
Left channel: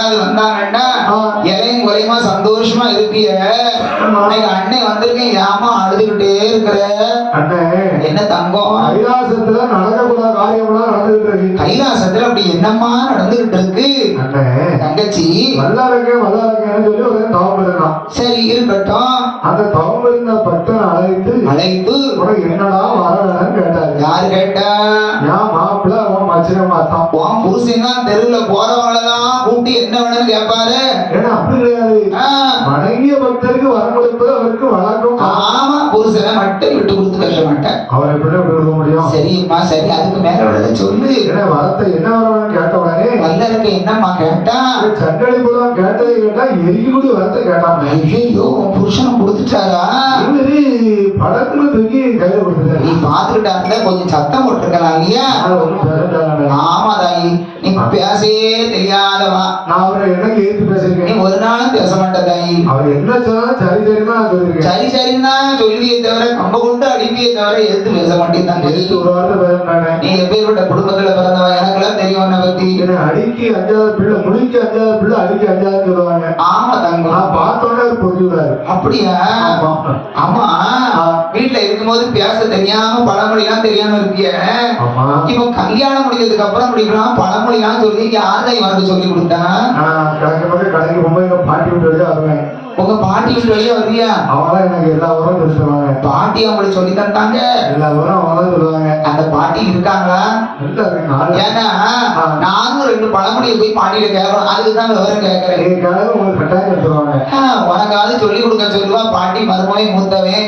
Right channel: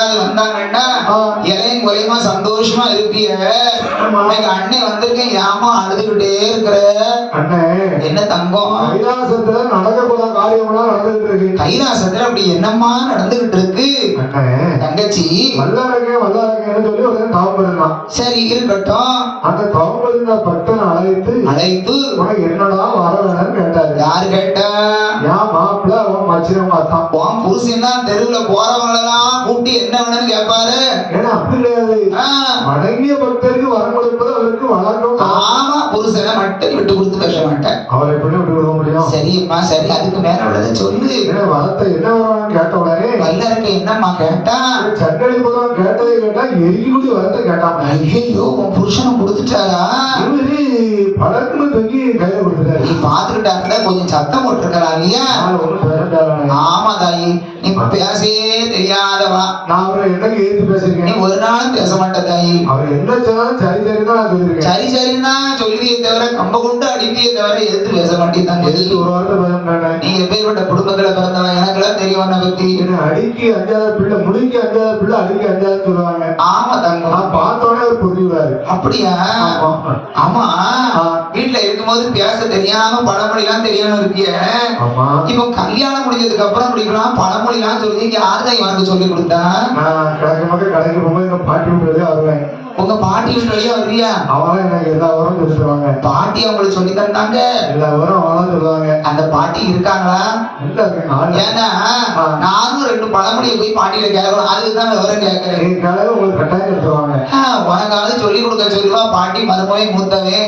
யாராவது வந்தாங்கன்னா இலையும் குறையுமா சந்தோஷமா இருப்பிய. எங்க அண்ணன் வந்திருக்கேன், ஏமா அழுதுகிட்டே இருக்கிற? என்ன தங்கம்? கைலாசத்துல நடக்கக்கூடாத காரியம்லாம் நடந்துகிட்டு இருக்கு. கைலாசத்துல அப்படி என்னம்மா நடந்துகிட்டு இருக்கு? தங்கச்சி வல்லாரக்கேன்னு சொல்லி ஒரு தவம் இருந்தான். சரி இருக்கட்டும். அந்த தவம் இருந்த பக்தன் அழைத்து என்னடா வர வேணும்னு கேட்டாரு. யாரு கேட்டா? என் மாப்பிள்ள அவன் மச்சிரம் பார்த்தான். உன் புருஷன் தான் தெருவுல போறவங்களெல்லாம் கூட்டி என்ன வேணும்னு கேட்பாரு. ஏன்னா அப்படி கிடையாது, வணங்கிய பக்தருக்கு வரம் கொடுப்பது அவருக்கு வழக்கம். ஆமா, புருஷனை மட்டும் விட்டு கொடுத்து பேச மாட்டேன். அவரை எப்படி விட்டு கொடுக்க முடியும்? சரிம்மா சரி, அதுக்கு மேல விட சொல்லு. வரத்தை என்ன வரணும்னு கேட்டோம்னாரு. வல்லருக்கு என்னம்மா கேட்டா? சங்கடி புறம் கேட்டதை கேட்டா எரிக்கூடி வரத்தை கேட்டாங்க. ஐயோ, உன் புருஷனை கொடுத்துட்டாரா? படத்துல தூக்கி கையில கொடுத்துட்டாரு. நீ பாத்துக்கிட்டா இருந்தா கொஞ்சம் சத்தம் போட்டிருக்கலாம் இல்லையா? ஆமா தாயி, நீ பேசவே தெரியாதவா. நான் அவரை என்னைக்கு ஏற்று பேசிருக்கேன்? நீ ஒரு நாளும் பேச மாட்ட தாயி. அவர் என்ன சொன்னாலும் சரி சரிதான் நான் சொல்லிருக்கேன். சரி சரின்னா சொல்லுவியே தவிர கம்ப கொண்டு அடிப்பியே தவிர எதிர்த்து பேச மாட்டேன். ஒரு வார்த்தை பேசுறானே. நீ எப்பேற்பட்ட குடும்பத்துல பிறந்தவன் எனக்குலாம் தெரியும் உன்னை பத்தி. அடிக்கி 5வது பிள்ளை, முடிக்கு 5வது பிள்ளை, அடிக்கி 5வது சொல்லுவாங்க. ஆமா தங்கம், நான் பார்த்தோன்னே அவர் புரிஞ்சுக்கிறாரு. அப்படியா? ஆமா, வீட்டுல இருக்கும்போது பேச தெரியாம பழமொழி எல்லாம் தெரியாம இருக்கிய. இப்ப கல்யாணம் முடிஞ்சதுக்கு அப்புறம் முடிக்கலாம் பழமொழி எல்லாம் சொல்லி யாருதான் இவனுக்கு சொல்லி கொடுத்தா? கடைக்கு போகும்போது எங்க பாட்டி விட்டு வெளியே வருவேன். உங்க பாட்டி விட்டு வெளியே வருவியா? அவங்களாம் எனக்கு எல்லா உரம் சொல்லுவாங்க. பாட்டி அவங்களுக்கு சொல்லி தந்தாங்க. எல்லா உரம் அவங்களாம் சொல்லுவாங்க. அந்த பாட்டி இருக்காங்களா? ஏன்னா நானும் 2 பழமொழியை போய் பாட்டியில கேட்கணும், அதுக்குதான் விவரம் கேட்கிறேன். உங்களுக்கு கட்டாயம் எடுத்துருவாங்க. உனக்காவது சொல்லி கொடுக்க சொல்லுவா பாட்டி. மருமவை மூத்தவே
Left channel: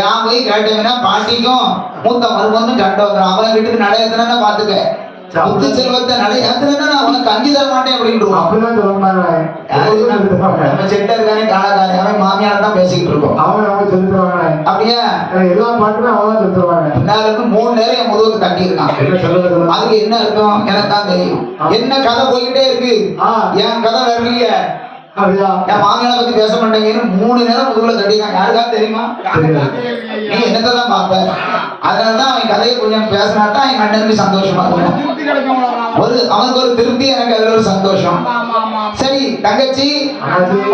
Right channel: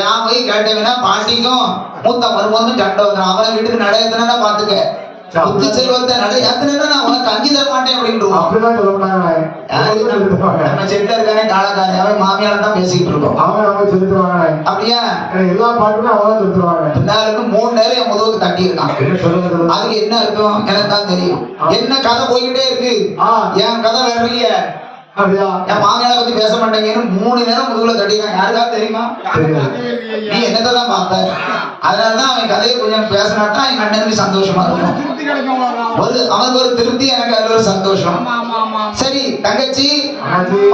ஏன் போய் கேட்டவனா பாட்டிக்கும் மூத்த மருமகனும் சண்டை வந்துடும். அவனை வீட்டுக்கு நடையத்துனா பாத்துக்க, புத்து செல்வத்தை நடையாத்துனா நான் உனக்கு அஞ்சு தர மாட்டேன் அப்படின்றான். நம்ம செட்ட இருக்கானே காலக்காரி, அவன் மாமியால தான் பேசிக்கிட்டு இருக்கோம். அவங்க நம்ம செலுத்துவாங்க. அப்படியா? எல்லா பாட்டுமே அவதான் செலுத்துவாங்க. எல்லாருக்கும் 3 நேரம் என் முதுகுக்கு தட்டி இருக்கான். அதுக்கு என்ன இருக்கும் எனக்கு தான் தெரியும். என்ன கதை போய்கிட்டே இருக்கு, என் கதை வரலைய. என் மாமியால பத்தி பேச மாட்டேங்கன்னு 3 நேரம் முதுகுல தட்டிருக்கான். யாருக்காவது தெரியுமா? நீ என்னதான் பாப்ப? அதனாலதான் அவன் கதையை கொஞ்சம் பேசினாட்டா என் அண்ணனுக்கு சந்தோஷமா இருக்கும். அவனுக்கு ஒரு திருப்தி, எனக்கு அதுல ஒரு சந்தோஷம். சரி தங்கச்சி,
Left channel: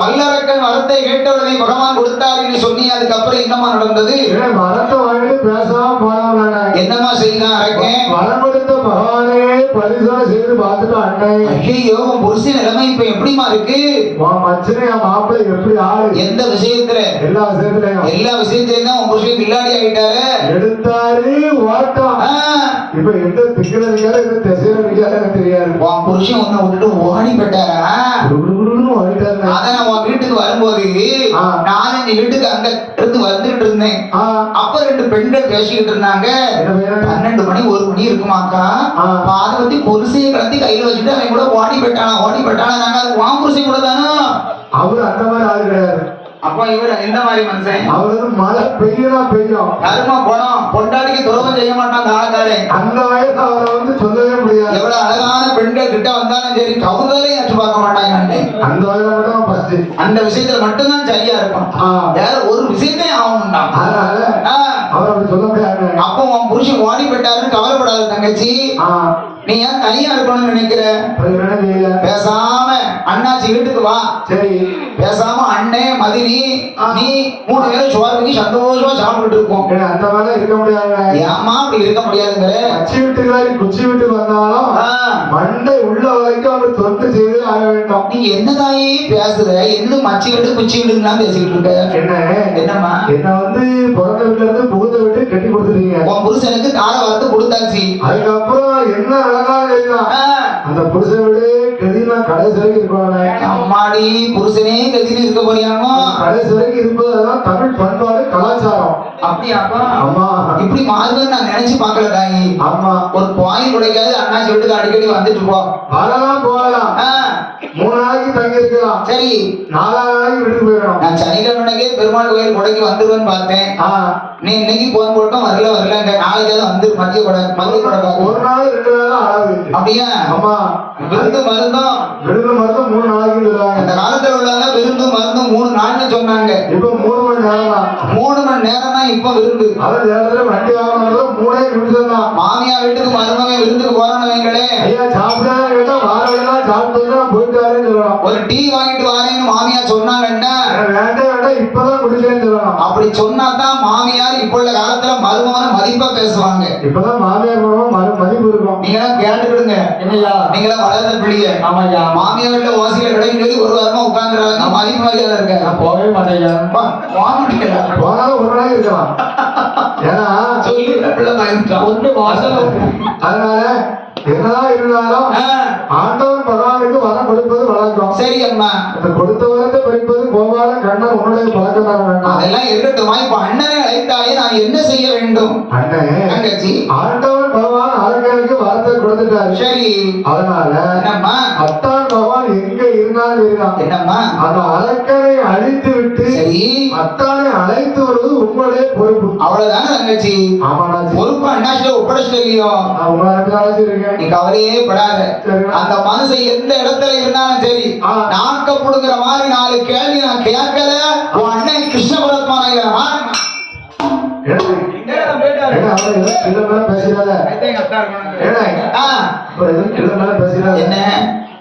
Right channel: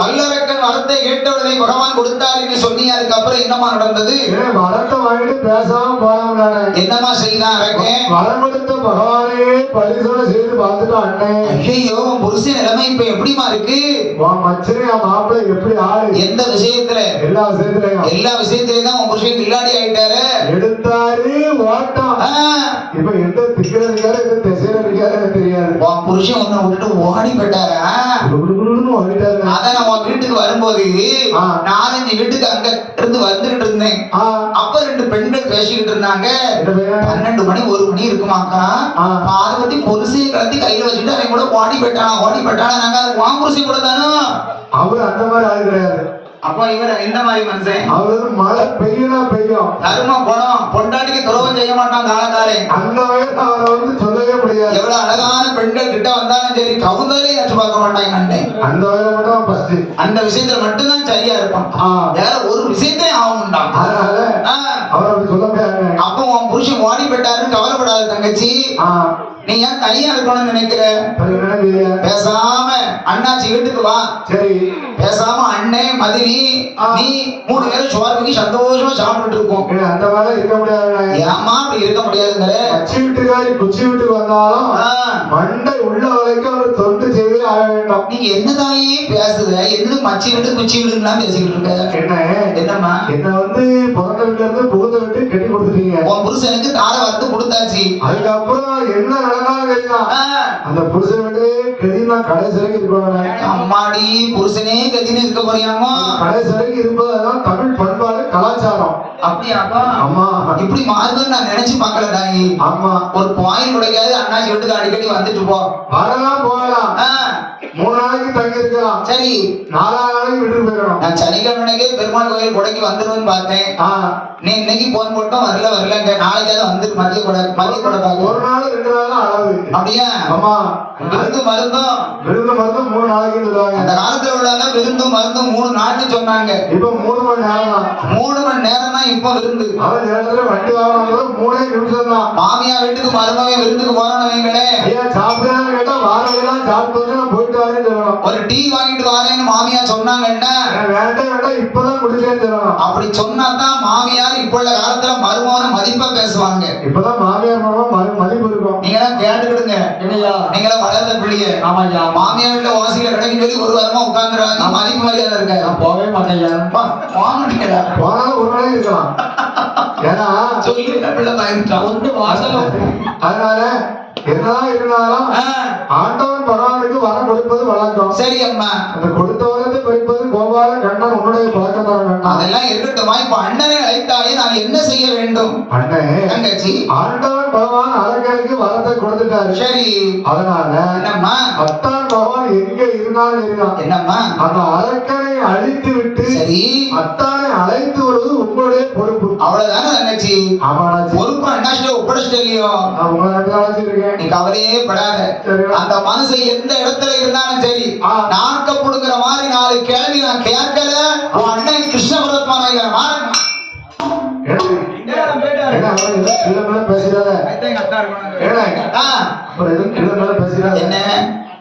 வல்லரக்கன் வரத்தை கேட்ட உடனே பகவான் கொடுத்தாருன்னு சொன்னீங்க. அதுக்கப்புறம் என்னமா நடந்தது? வரத்தை வாங்கிட்டு பேசாம போறாங்க. என்னமா செய்தான் அரக்கன்? வரம் கொடுத்த பகவானே பரிசோதனை செய்து பார்த்துட்டு அண்ணன், ஐயோ புருஷன் நிலைமை இப்ப எப்படிமா இருக்கு? மாப்பிள்ளை எப்படி ஆளு? எந்த விஷயத்துல? எல்லா விஷயத்திலையும். எல்லா விஷயத்திலையும் தான் உன் புருஷன் கில்லாடி ஆயிட்டாரு. எடுத்தாரு ஓட்டம். இப்ப எந்த திக்கில இருக்காரு, எந்த திசையில இருக்காரு எனக்கு தெரியாது. உன் புருஷன் உன்னை விட்டுட்டு ஓடி போயிட்டாரா? ஓடிட்டாரு. அத நான் உன் வீட்டுக்கு வரும்போது 4-5 வீட்டுக்கு அங்க இருந்து வந்துகிட்டு இருந்தேன். அப்ப 2 பெண்கள் பேசிக்கிட்டு இருந்தாங்க. 12 மணி 1 மணி இருக்குமாக்கா. அதை பத்தி புருஷையை கலத்தி கையில வச்சுட்டு அவன் கூட ஓடி போயிட்டானா. நாங்க அது உன் புருஷன் கூட தானோ. அவரு அந்த மாதிரி ஆளு கிடையாது. அப்ப இவர் எந்த மாதிரி மனுஷன்? அவரு மழை பெய்யும் தரும குணம், பொண்டாட்டிக்கு துரோகம் செய்ய மாட்டான் காலக்காரன். அந்த வயசு அவரை வந்து சொல்லவே முடியாது. எவ்வளவு அழகான பெண்கள் கிட்ட வந்தாலும் சரி கவுந்தரையும் அச்சு பார்க்க மாட்டாங்க. அந்த வயசுல மட்டும் ஃபர்ஸ்ட் அந்த விஷயத்துல மட்டும்தான் சரியா இருக்கும். வேற ஒரு விஷயத்தையும் ஆகணும்டா. அவர் அப்படி சொல்ல முடியாது. அப்போ உன் புருஷன் ஓடி போயிட்டாருன்னு கவலைப்படாத தங்கச்சி. நீ ஏன் தனியா இருக்கணும்னு நினைக்கிற? பேசாம அண்ணாச்சி வீட்டுக்கு வா. சரி. பேசாம அண்ணே மதினி நீ 3 பேரும் சோறு வாங்கி சந்தோஷமா சாப்பிட்டு இருக்கோம். அந்த மாதிரி இருக்க முடியாது. ஏமா அப்படி இருக்க முடியாதுங்கிற? அச்சி வீட்டுக்காரி குச்சி வீட்டுக்கு வந்தாலும் மண்டை உள்ள வரைக்கும் அவர் தொண்டு செய்து ஆக வேண்டும். நீங்க என்னதாயே பேசுற? என்ன மச்சி வீடு குச்சி வீடுன்னா பேசிக்கிட்டு இருக்க? என்னம்மா என்ன வந்து பிறந்த வீட்டுல இருந்து புகுந்த வீட்டு கட்டி கொடுத்துட்டீங்க. உன் புருஷனுக்கு கார வறுத்து கொடுத்தாச்சு. அதுக்கப்புறம் என்ன அந்த புருஷன் விட கதினா கடைசி வரைக்கும் இருப்பாங்க. அம்மாடி புருஷனே கதினு இருக்க போறியாமா? கடைசி வரைக்கும் இருப்பதுதான் தமிழ் பண்பாடு கலாச்சாரம். அப்படியாப்பா? ஆமா. இப்படி மாறுதுன்னு நான் நினைச்சு பார்க்கல தாயி. ஆமா. ஒரு பாயில் உடைக்காது அண்ணாச்சி வீட்டுக்கு அடிக்கடி வந்துட்டு போ. வரலாம் போகலாம். 3 நாளைக்கு தங்கி இருக்கலாம். சரி. 4ஆவது நாளைக்கு விட்டு போயிடணும். நான் சனிக்கிழமைக்கே பெருமாள் கோயில் கொடைக்கு வந்துருவேன்னு பார்த்தேன். நீ இன்னைக்கு போன் போட்டோம் வரலங்க. நாளைக்கு வந்து மதிய கூட பார்க்க. ஒரு நாள் 2 நாள் அளவு. அப்படியா? ஆமா. விருந்து மருந்தும் 3 நாளைக்கு சொல்லுவாங்க. அந்த காலத்துல உள்ளவங்க விருந்து மருந்தும் 3 நாள்னு சொன்னாங்க. இப்ப 3 மணி நேரம் தான். 3 மணி நேரம் தான் இப்ப விருந்து. அதான் நேரத்துல வண்டி வாகனம் 3 நிமிஷம் தான். மாமியா வீட்டுக்கு மருமகன் விருந்துக்கு போறவங்களே ஐயா சாப்பிடாம கேட்டா வாரம் எல்லாம் சாப்பிட்டு போயிட்டாருன்னு சொல்லலாம். ஒரு டீ வாங்கிட்டு வாரேன்னு மாமியார் சொன்னாங்கன்னா வேண்டாம் வேண்டாம் இப்பதான் குடிச்சேன்னு சொல்லணும். அப்படி சொன்னாதான் மாமியார் இப்ப உள்ள காலத்துல மருமகன மதிப்பா பேசுவாங்க. இப்பதான் மாமியார் மதிப்பு இருக்கும். நீங்க எல்லாம் கேட்டுக்கிடுங்க. நீங்க எல்லாம் வளர்ந்த பிள்ளைய. ஆமாய்யா. மாமியார்கிட்ட ஓசியில கிடைக்கும் சொல்லி ஒரு வாரமா உட்கார்ந்துறாங்க. நம்ம அதிக மரியாதை இருக்க. நான் போகவே மாட்டேங்க. போனாலும் ஒரு நாள் இருக்கலாம். ஏன்னா சொல்லி பிள்ளை பயந்துட்டான். ஒன்று வாசல். அதனால என்னதான் இருந்தாலும் ஆண்டவன் பகவானுக்கு வரம் கொடுப்பது வழக்கம். சரி அம்மா. அந்த கொடுத்த வரத்தை பறிப்பது கோபால கண்ணன் உன்னுடைய பழக்கம் தர வேண்டாம். அதெல்லாம் இருக்கட்டுமா. இப்ப அண்ணனை அழைத்தாயே நான் என்ன செய்ய வேண்டும்? அண்ணே தங்கச்சி ஆண்டவன் பகவான் அரக்கனுக்கு வரத்தை கொடுத்துட்டாரு. சரி. அதனால என்னம்மா அத்தான் பகவான் எங்க இருந்தாலும் இருக்கான். என்னம்மா அந்த அரக்கனை அழித்து விட்டு சரி அத்தானை அழைத்து வருவது உங்களுடைய பொறுப்பு. அவ்வளவுதானே தங்கச்சி. ஆமாடாச்சு. பொறுப்பு அண்ணாச்சிட்ட ஒப்படைச்சிட்டு இல்லையோ. நீ கவலையே படாத. அந்த மனுஷன் எந்த இடத்துல இருந்தாலும் சரி நாக்க புடுங்குற மாதிரி 4 கேள்வி நான் கேட்கல. உன் அண்ணன் கிருஷ்ண பரத்மா என்ன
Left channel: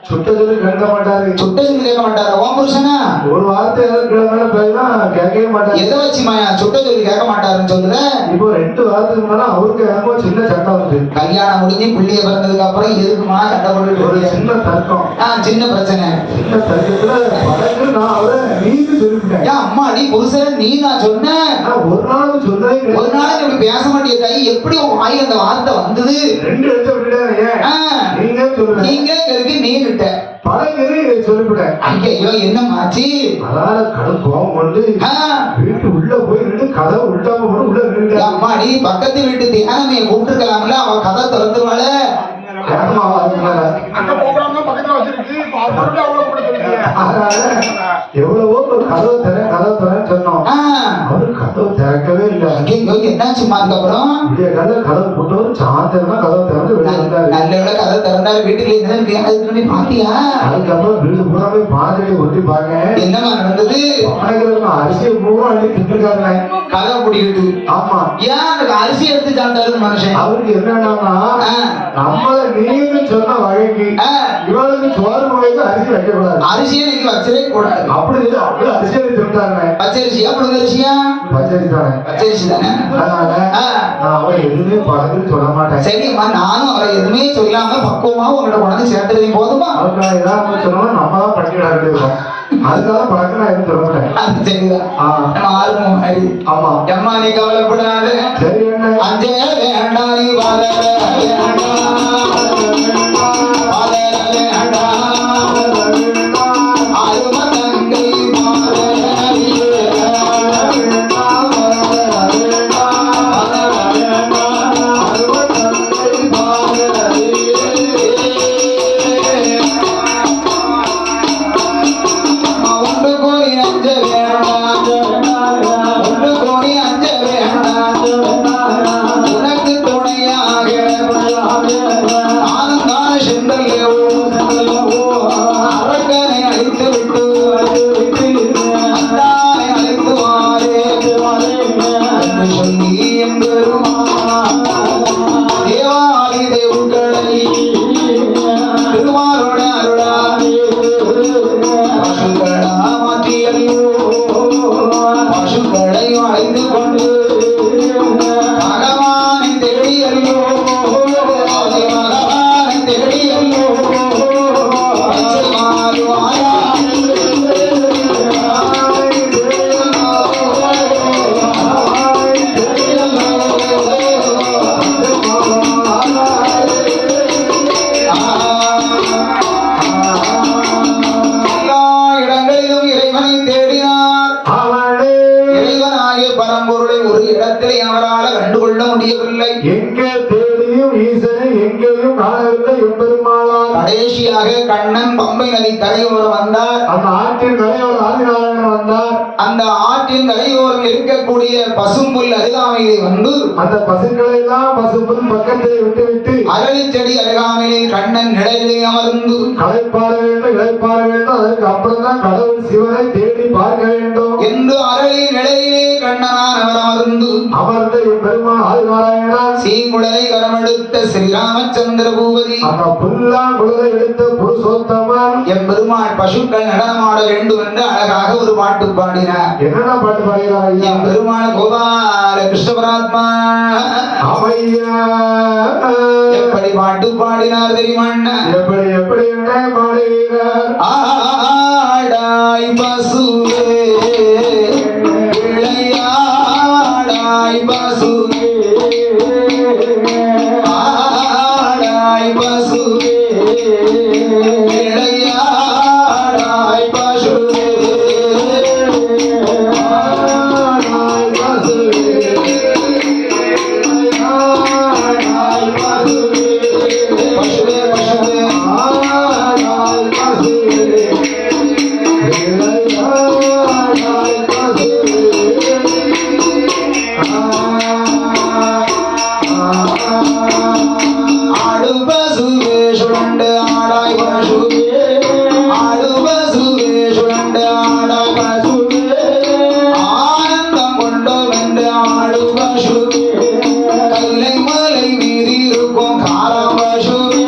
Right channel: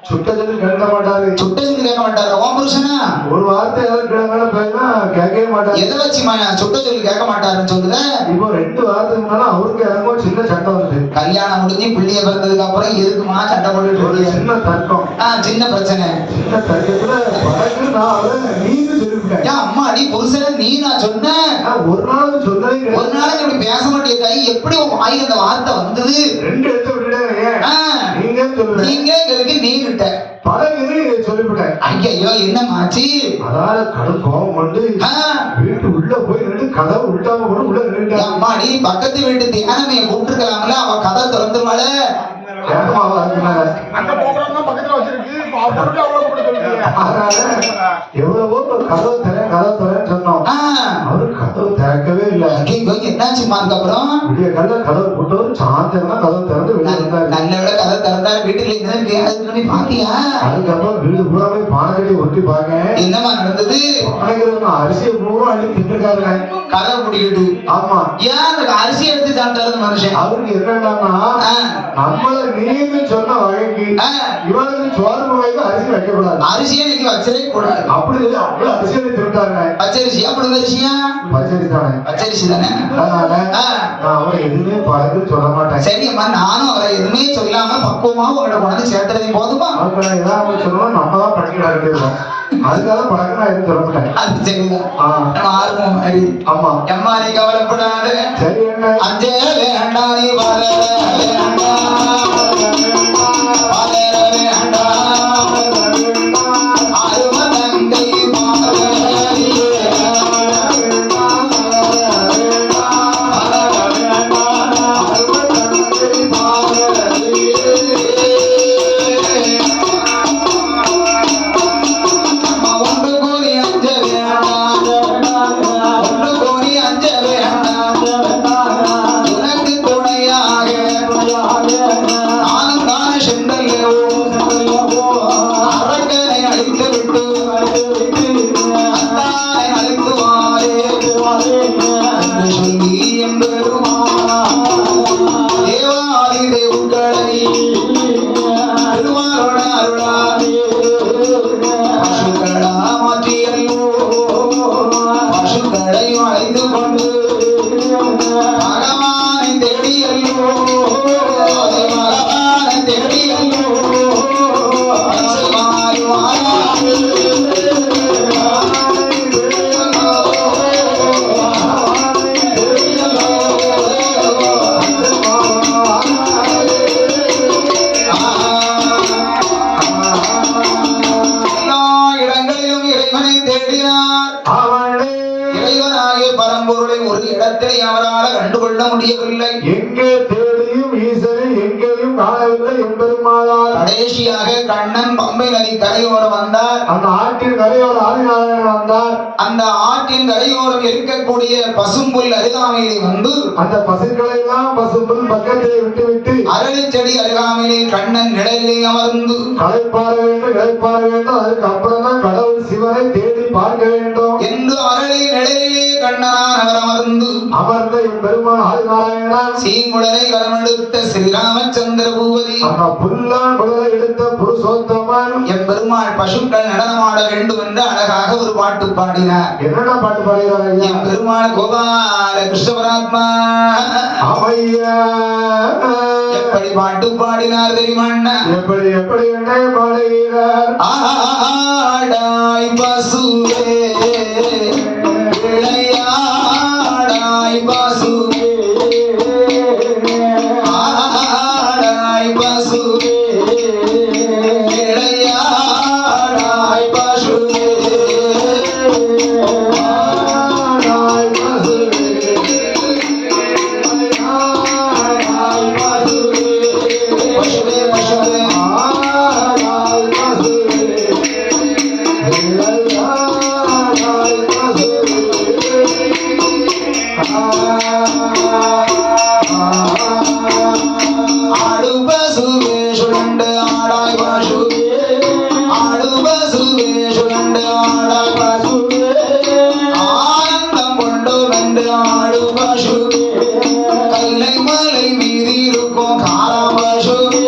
சுட்ட சொல்லி கேட்க மாட்டாரு. சுட்ட சொல்லி கேட்க மாட்டாரா? உன் புருஷனா ஒரு வார்த்தை ஏதாவது கிழமை போயினா கேட்கவே மாட்டாரு. எதை வச்சு சுட்ட சொல்லி கேட்க மாட்டாருன்னு சொல்லுத? இப்போ 2 வாரத்துக்கு முன்னால அவருக்கு எனக்கும் சின்ன சண்டை வந்து கல்யாணம் முடிஞ்சு பிள்ளைய பிறந்ததுக்கு அப்புறம் எதுக்குமா சண்டை போட்டு சின்ன தர்க்கம். சின்ன பிரச்சனை. சின்ன தர்க்கத்துல வழக்கு நான் அவரை நீங்க சொல்லிவிட்டேன். ஏன் அம்மா அடி புருஷன நீ நான் சொன்னேன். ஒரு நாளும் சொன்னதே கிடையாது. ஒரு நாளைக்கு இப்படி பேச மாட்டேன் தாய். எப்படி வாய் அந்த வார்த்தை வந்தது? 2 எடுத்து விட்டுட்டாங்க. நீங்க சொல்லுங்க. நீங்க எதுக்கு நீ கிட்ட பழகிறே சொல்லிவிட்டேன். ஐயோ என்ன மாச்சி? அதால கடும் கோபம் கொண்டு வீட்டு உள்ள போய் நின்று கதை உள்டாம போட்டு உள்ள நின்று அம்மாடி பக்கத்து வீட்டு தியானமையை கூப்பிட்டுருக்கலாம்ல. அவ கதை திறந்துருவாள. எவ்வளவோ கதவு தரேன்னு சொன்னோம். அவரு கதவு திறக்கவே இல்லை. என்னாச்சுமா? அதுக்கப்புறம் கதவு போட்டவரு சாயந்தரம் கதவு திறந்து வெளியே வந்தாரு. நல்ல வேளை கதவு திறந்தாரு. வீட்டுல இருந்து பாத்தியா? அதுக்கப்புறம் வீடு பூரா போய் பானைக்கட்டி ஒட்டி பாங்க. என்னமா நடந்தது? அரிசியை பூரா அள்ளி திட்டுருக்காரு. கதவை பிடிக்கிட்டு. ஆமா. ஏன் அந்த அரிசி எடுத்து சாப்பிட்டாரு மனுஷன்? அவருக்கு என்னன்னா நம்மள நீங்க சொன்ன வகைக்கு இவளுக்கு சோறு வகைக்கு அரிசி வைக்கக்கூடாது. அரிசியை நீங்க வச்சதே கூடாது. அப்படி இல்லை. அப்படி அரிசியை திட்டாங்க. பச்சரிசியா புழுங்கரிசியா? பச்சரிசி தானே. பச்சரிசி தானே. அவன் எதுவுமே பழகுன்னு சொல்ல மாட்டேன். சரியம்மா. நானும் அவரை எதுவுமே சொல்லாம பக்குவமா உங்கள்கிட்ட கொண்டு சேர்த்துறதையும் போதுமா? ஏதாவது சொன்னோம் நம்ம தான் படிக்கிறாங்க. அதுக்காக பழக்கம் நான் எதுவும் சொல்ல மாட்டேன். அது சரிதான். ஆர்வம் மாதிரி. ஆமா. எம்மா நீ கவலைப்படாது. சரி என்ன அஞ்சே வேண்டாம். நீ வாழ கடைசியாக கண்ணன் பம்பை நதி கரையோரம் வந்தார். அந்த ஆற்றின் கரையோரம் ஆதிநாராயணன் வந்தார். அந்த ஆற்றின் கரையோரம் இருக்கக்கூடிய பசும்புல் அருகாமையிலே வந்து அந்த பசுக்களை எல்லாம் பசும்புல் பக்கத்தை விட்டுவிட்டு அரளி செடி அருகாமையிலே கண்ணன் நிழலிலே அமர்ந்து களைப்பாற வேண்டும். அதற்கு அப்புறம் தான் கடவுள் சிவனை தேடி பார்க்க வேண்டும் என்று அரளி நிழலிலே கண்ணனான் அவர் அமர்ந்து அமர்ந்த பெருமான் ஆதிநாராயணா சீங்குடலை கரமெடுத்த ஸ்ரீராமச்சந்திர பூபதி அந்த புல்லான் குழலை எடுத்த புருஷோத்தமன் என் பெருமாள் பசுக்கள் நடனமாட வேண்டும் என்று அழகாக ஒரு பாட்டு பாடினார். என்னடா பாட்டு பாடுகிறார் ஐயா? என் பெருமாள் கோபால கிருஷ்ண பரமாத்மா அவையா எப்படி பாட்டு பாடினார் தெரியுமா? எப்படி எப்படி என்ன பாடுகிறார்? ஆடாய் பசுவே விளையாடாய் பசுவே ஆடாய் பசுவே விளையாடாய் பசுவே ஆடாய் பசுவே விளையாடாய் பசுவே பசுவே பசுவே ஆடாய் பசுவே விளையாடாய் பசுவே ஆடு பசுவே சுழண்டு ஆடாய் பசுவே ஆடு பசுவே சுழண்டு ஆடாய் பசுவே ஆனந்தம் கொண்டோம் என்று ஆடு பசுவே கைலை மலை மீறி இருக்கும் காரம் பசுவே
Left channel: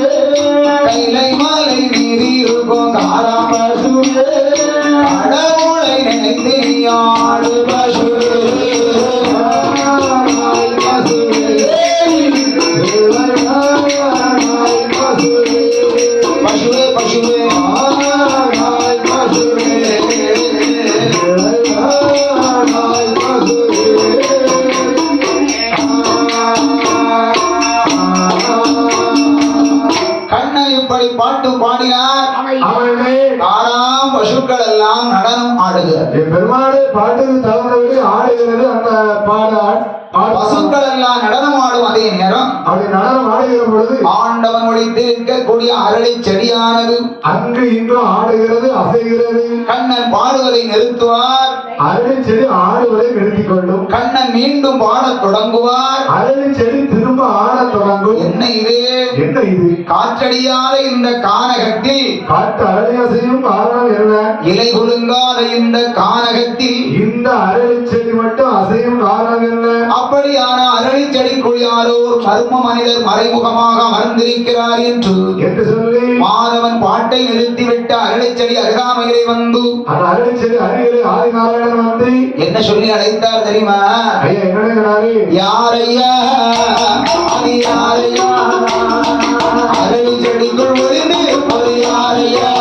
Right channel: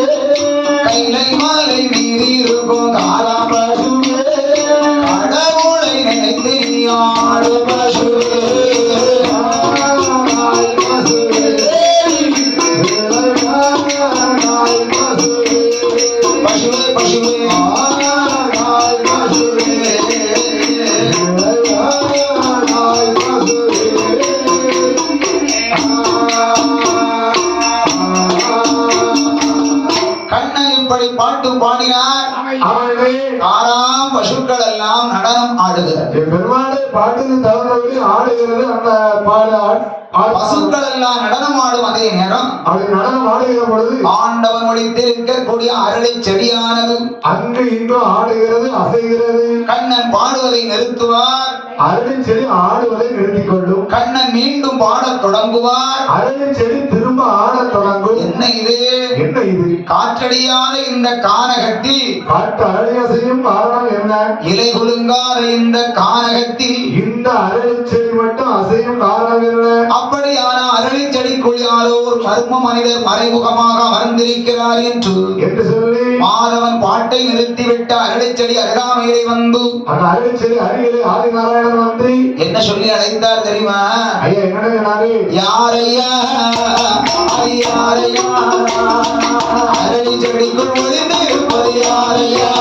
கைலை மலை மீறி இருக்கும் காரம் பசுவே கடவுளை நினைத்து நீ ஆடு பசுவே ஆடாய் பசுவே விளையாடாய் பசுவே பசுவே பசுவே ஆடாய் பசுவே விளையாடாய் பசுவே கண்ணை இப்படி பாட்டு பாடினார். அவனே ஆறாம் பசுக்கள் எல்லாம் நடனம் ஆடுகிறது. என் பெருமாளை பாட்டுக்கு தகுந்தபடி ஆடுகிறது. அந்த பசுக்கள் எல்லாம் நடனம் ஆடும் அதே நேரம் அப்படி நடனம் ஆடுகிற பொழுது ஆண்டவன் ஒளித்து இருக்கக்கூடிய அரளை செடியானது அங்கு இங்கும் ஆடுகிறது, அசைகிறது. கண்ணன் பாடுவதை நிறுத்துவார். அரளி செடி ஆடுவதை நிறுத்திக் கொள்ளும். கண்ணன் மீண்டும் பாடத் தொடங்குவார். அரளி செடி திரும்ப ஆடத் தொடங்கும். என்ன இது? என்ன இது? காற்றடியாத இந்த கானகத்தில் காட்டு அரளி அசையும் காரணம் என்ன? இலை குலுங்காத இந்த கானகத்தில் இந்த அரளி செடி மட்டும் அசையும் காரணம் என்ன? அப்படியான அரளி செடிக்குள் யாரோ ஒரு மர்ம மனிதர் மறைமுகமாக அமர்ந்திருக்கிறார் என்று சொல்லி மாதவன் பாட்டை நிறுத்திவிட்டு அரளி செடி அருகாமையிலே வந்து அந்த அரளி செடி அருகிலே ஆதிநாராயணன் வந்து என்ன சொல்லி அழைத்தார் தெரியுமா? ஐயா என்னன்னு யாரையா அது யாரையா அரளி செடிக்குள் ஒளிந்து இருப்பது யாரையா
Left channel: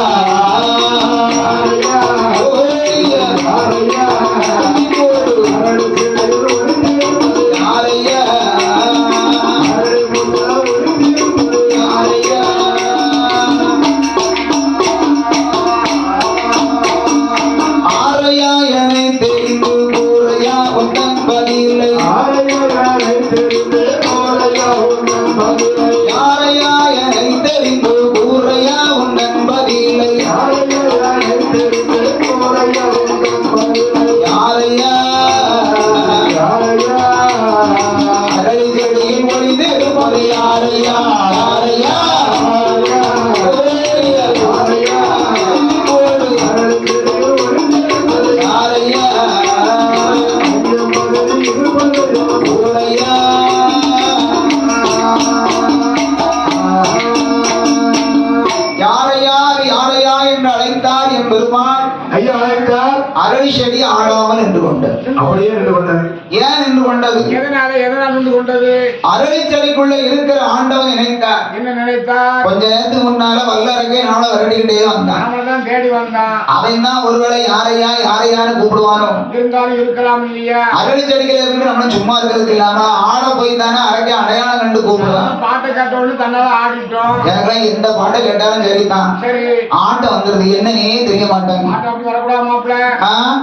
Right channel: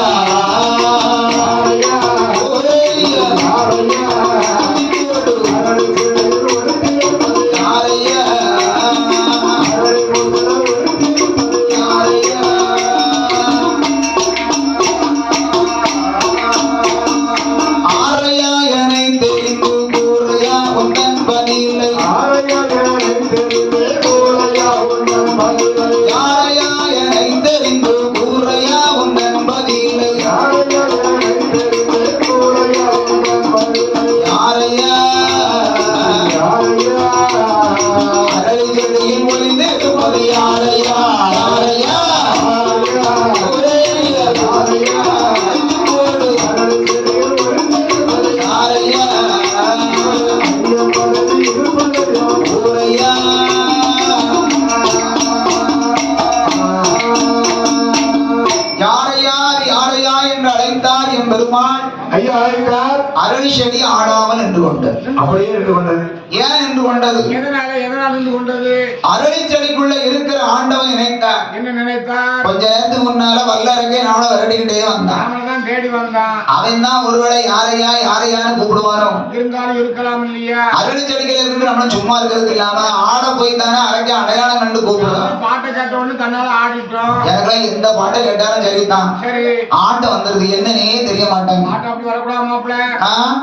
அரளி செடி ஆடாமல் நின்று கொண்டது. அப்படியே நின்று கொண்டது. ஏன் நின்று கொண்டது? எதனால் நின்று கொண்டது? அரளி செடிக்குள்ள இருக்கிற ஆண்டவன் நினைத்தார். என்ன நினைத்தார்? கொஞ்ச நேரத்துக்கு முன்னால வல்லரக்கே நாள விரட்டிக்கிட்டே வந்தான். நாமதான் தேடி வந்தான். அவன் தான் ஒருவேளை யாரையா யாரையான்னு கூப்பிடுவானோ. இருந்தாலும் இருக்கலாம் இல்லையா? அரளி செடிகள் இருந்து நம்ம சும்மா இருக்கிறது இல்லாம ஆட போய் தானே அரக்கே அடையாளம் கண்டு கூப்பிடுவான். பாட்டை கேட்டோன்னு தன்னால ஆடிட்டோம். எனக்குலாம் எந்த பாட்டை கேட்டாலும் சரிதான். சரி ஆட்டம் வந்துருது என்னன்னே தெரிய மாட்டாங்க. ஆட்டம் அப்படி வரக்கூடாது மாப்பிள்ள.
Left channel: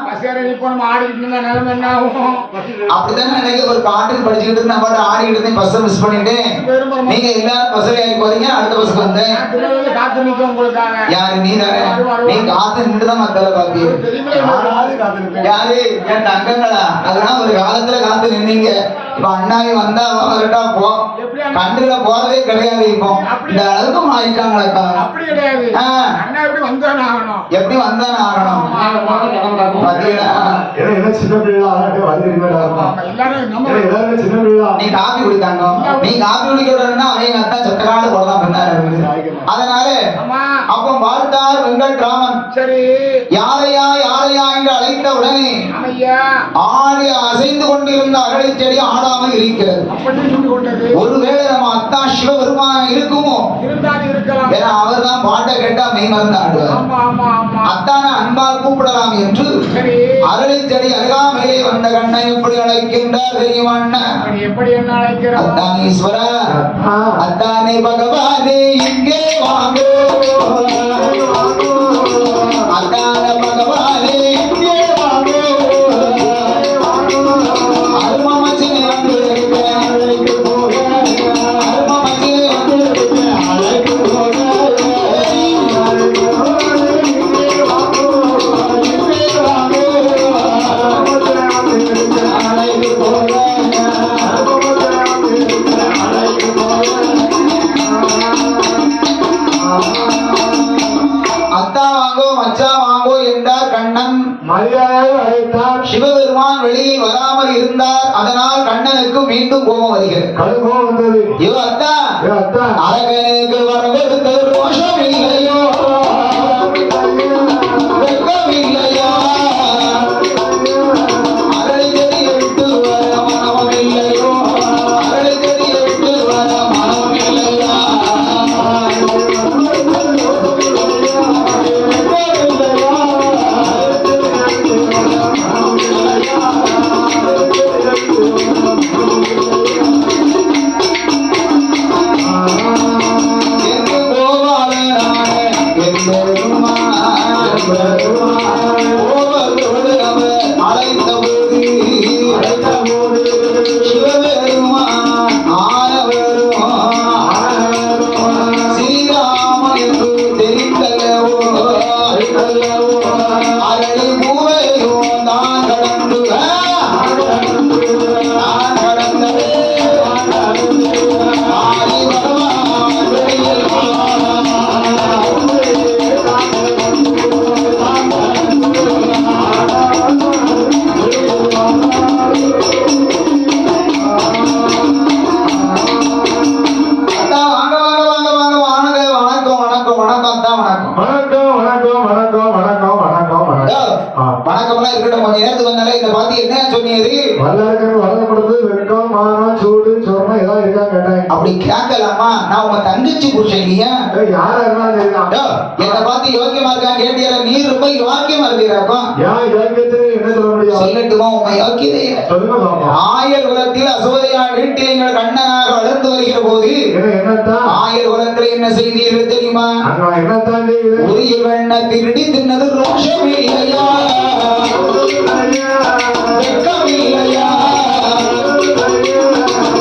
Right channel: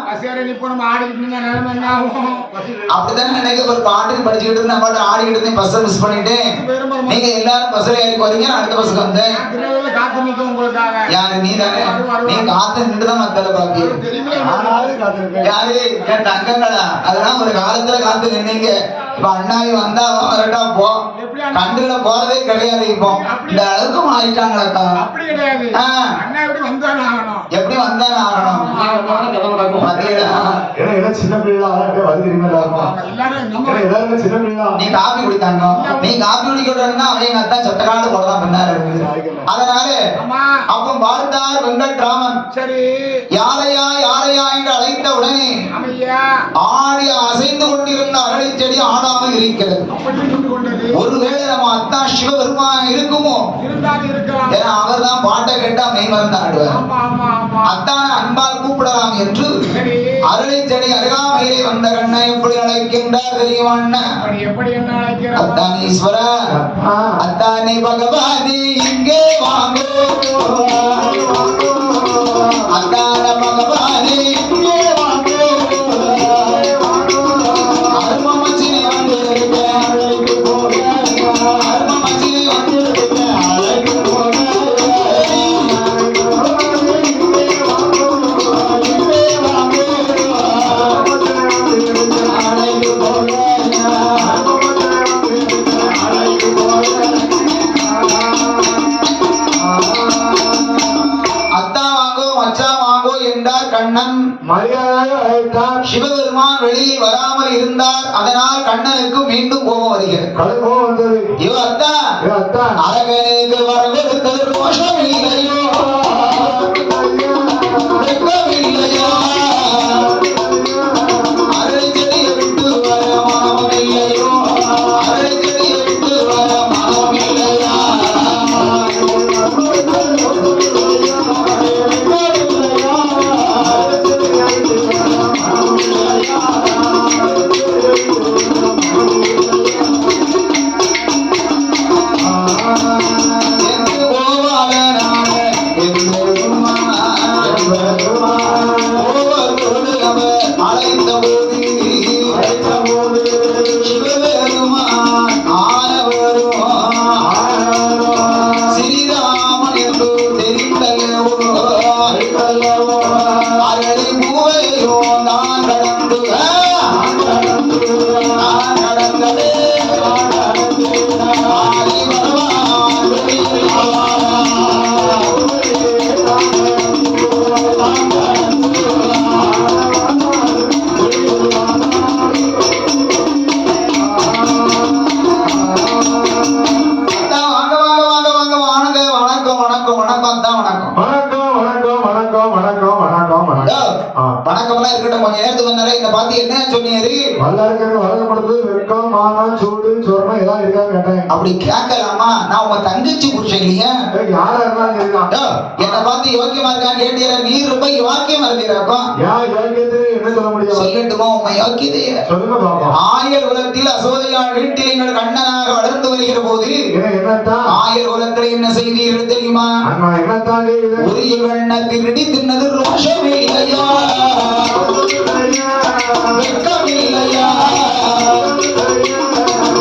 பசியார நிப்போ நம்ம ஆடிக்கிட்டு இருந்தா நிலைமை என்ன ஆகும்? அப்படிதான் நினைக்க ஒரு பாட்டுக்கு படிச்சுக்கிட்டு இருந்து நம்ம ஆடிக்கிட்டு இருந்தேன். பஸ்ஸை மிஸ் பண்ணிட்டேன். நீங்க எல்லாரும் பஸ்ல ஏறி போறீங்க. அடுத்த பஸ்ஸுக்கு வந்தேன். திருநெல்வேலி காத்து நிற்கும் உங்களுக்காக. யாரு நீ தானே? நீ காத்து நின்றுதான் மத்தல பாப்பீங்க. யாரு என் தங்கங்களா? அதெல்லாம் ஒரு காலத்துல காத்து நின்னீங்க. இப்ப அண்ணாவி வந்தா வரட்டா போ. கண்டுல போறதே கிடையாது. இப்போ இந்த அளவுக்கு மாறிட்டாங்களா? அப்படி கிடையாது. அண்ணா எப்படி வந்தானே ஆகணும். எப்படி வந்தானே ஆகணும்? பாத்தீங்களா? என்ன சின்ன பிள்ளை வருகிறீங்களா? எல்லாரும் நம்ம எல்லாருமே சின்ன பிள்ளை. நீ காப்பி குடித்தாங்க, நீ காப்பி குடிக்கணும்னா அவங்க அத்தா சட்டக்காடு போலதான் பின்னாரு. அதனால ஆமா அப்ப பார்த்தார் வெங்கட் ராமன். சரி யாரையா யாரையா என்று அழைத்த உடனே அமையா ஆடி அசைந்து கொண்டிருந்த அரளி செடி ஆடாமல் இருக்கிறது. அப்படி நின்று கொண்டது. ஒருவேளை நம்ம அத்தா சிவபெருமான் இருக்குமோ? இருந்தாலும் இருக்கலாம். ஏன்னா அவர் தான் பாட்டை கேட்டா மெய் மறந்து ஆடுவார். ஆமா ஆமா ஆமா அத்தான அன்பால் கூப்பிடலாம் என்று சரி அரளி செடி அருகாமையிலே வந்த கண்ணை எப்படி அழைக்கின்றார் தெரியுமா? அப்படி எப்படி என்ன அழைக்கிறார்? அத்தானீஸ்வரா, அத்தானே பகவானே இங்கே வாங்கோ, அத்தான பகவானே இங்கே வாங்கோ, அருமமச்சினே வந்து அழைத்து போக, அருமமச்சினே வந்து அழைத்து போக, இங்கே வாங்கோ, இங்கே வாங்கோ, அழைத்து போக. அத்தா வாங்கோ மச்சா வாங்கோ என்றார் கண்ணன். மரியாதை அழைத்தார். சிவபெருமான் வெளியில் வராமல் இருந்தார். அதனால் கண்ணனுக்கு மீண்டும் கோபம் வருகிறது. கடுகோபம் வந்தது. ஐயோ அத்தா, அத்தா அரகனுக்கு வரவெடுத்த ரோஷம் இல்லையோ, வெட்கம் இல்லையா, அரளி செடியை விட்டு வர மனம் இல்லையோ, அரளி செடியை விட்டு வர மனம் இல்லையா, என்று கோபாலனான என்பெருமான் கோபத்தோடு அவர் அழைத்தபோது சிவபெருமான் ஆனவரும் ஸ்ரீராமன் என்று தெரிந்தல்லவோ, அரளி பூவையும் தான் கடந்து நான் கடந்தவே ஆதி பகவான் வெளியில் அத்தா, வாங்க வாங்க வாங்க வாங்க வாங்க, வணக்கம் வணக்கம் வணக்கம் அத்தா, வணக்கம். வணக்கம் வணக்கம் வணக்கம் வணக்கம் வணக்கம் ஐயோ, வணக்கம். வணக்கம்லாம் இருக்கட்டும், கொஞ்சம் நேரத்துக்கு வந்தாலே இந்த பார்த்து என்ன சொன்னீரு? வல்லரக்கன் வரது கொடுத்து வெட்கம் மானம் சூடு சொரணம் ஏதாவது இருக்கா கேட்டேன். அப்படி கேட்கலாமா? நான் உங்க தங்கச்சி புருஷன் இல்லையா? யாரா இருந்தாலும் சரிதான். ஐயோ, என்னை பார்த்து யோக்கியமா இருக்கான்னு கேட்டீர, நீ ரொம்ப யோக்கியமா இருக்கிறாக்கும். ஏன் யோக்கியத்துக்கு என்ன சொல்ல முடியும்? சொல்லட்டுமா உங்க யோக்கியதைய? சொல்லுங்க பாப்போம். ஆயர் குலத்தில் அசோதையார் வீட்டில் எங்கள் கண்ணனாக வளர்ந்து வருகிற போது என்னத்தான் ஆயர் குலத்தில் என்ன செய்தீர்கள் தெரியுமா? அங்க என்னத்தான் செய்யுது? உரிய வெண்ணத்திருடி தின்னது ரோஷம் இல்லையா, வெட்கம் இல்லையா,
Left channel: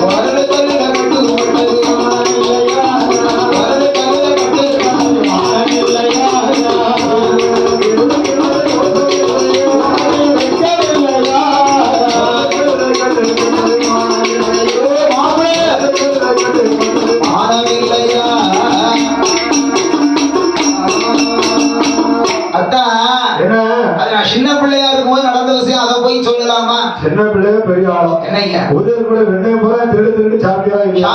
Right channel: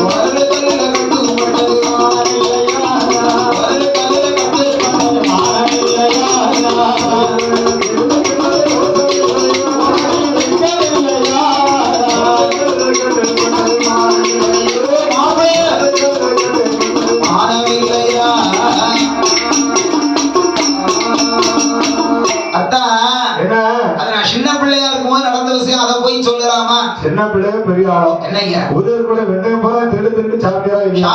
ஒரு கல்லுல கட்டு போட்டது மான் இல்லையா, ஒரு கல்லுல கட்டு போட்டது மான் இல்லையா, வெட்கம் இல்லையா, மாமே மானம் இல்லையா. அத்தா, என்ன அது நான் சின்ன பிள்ளையா இருக்கும்போது நடந்த விஷயம், அதை போய் சொல்லலாமா? சின்ன பிள்ளைய பெரிய ஆளும் என்னய்யா? உதவி கூட வெண்ணெய் போல திருடு திருட்டு சாப்பிட்டா இல்லையா?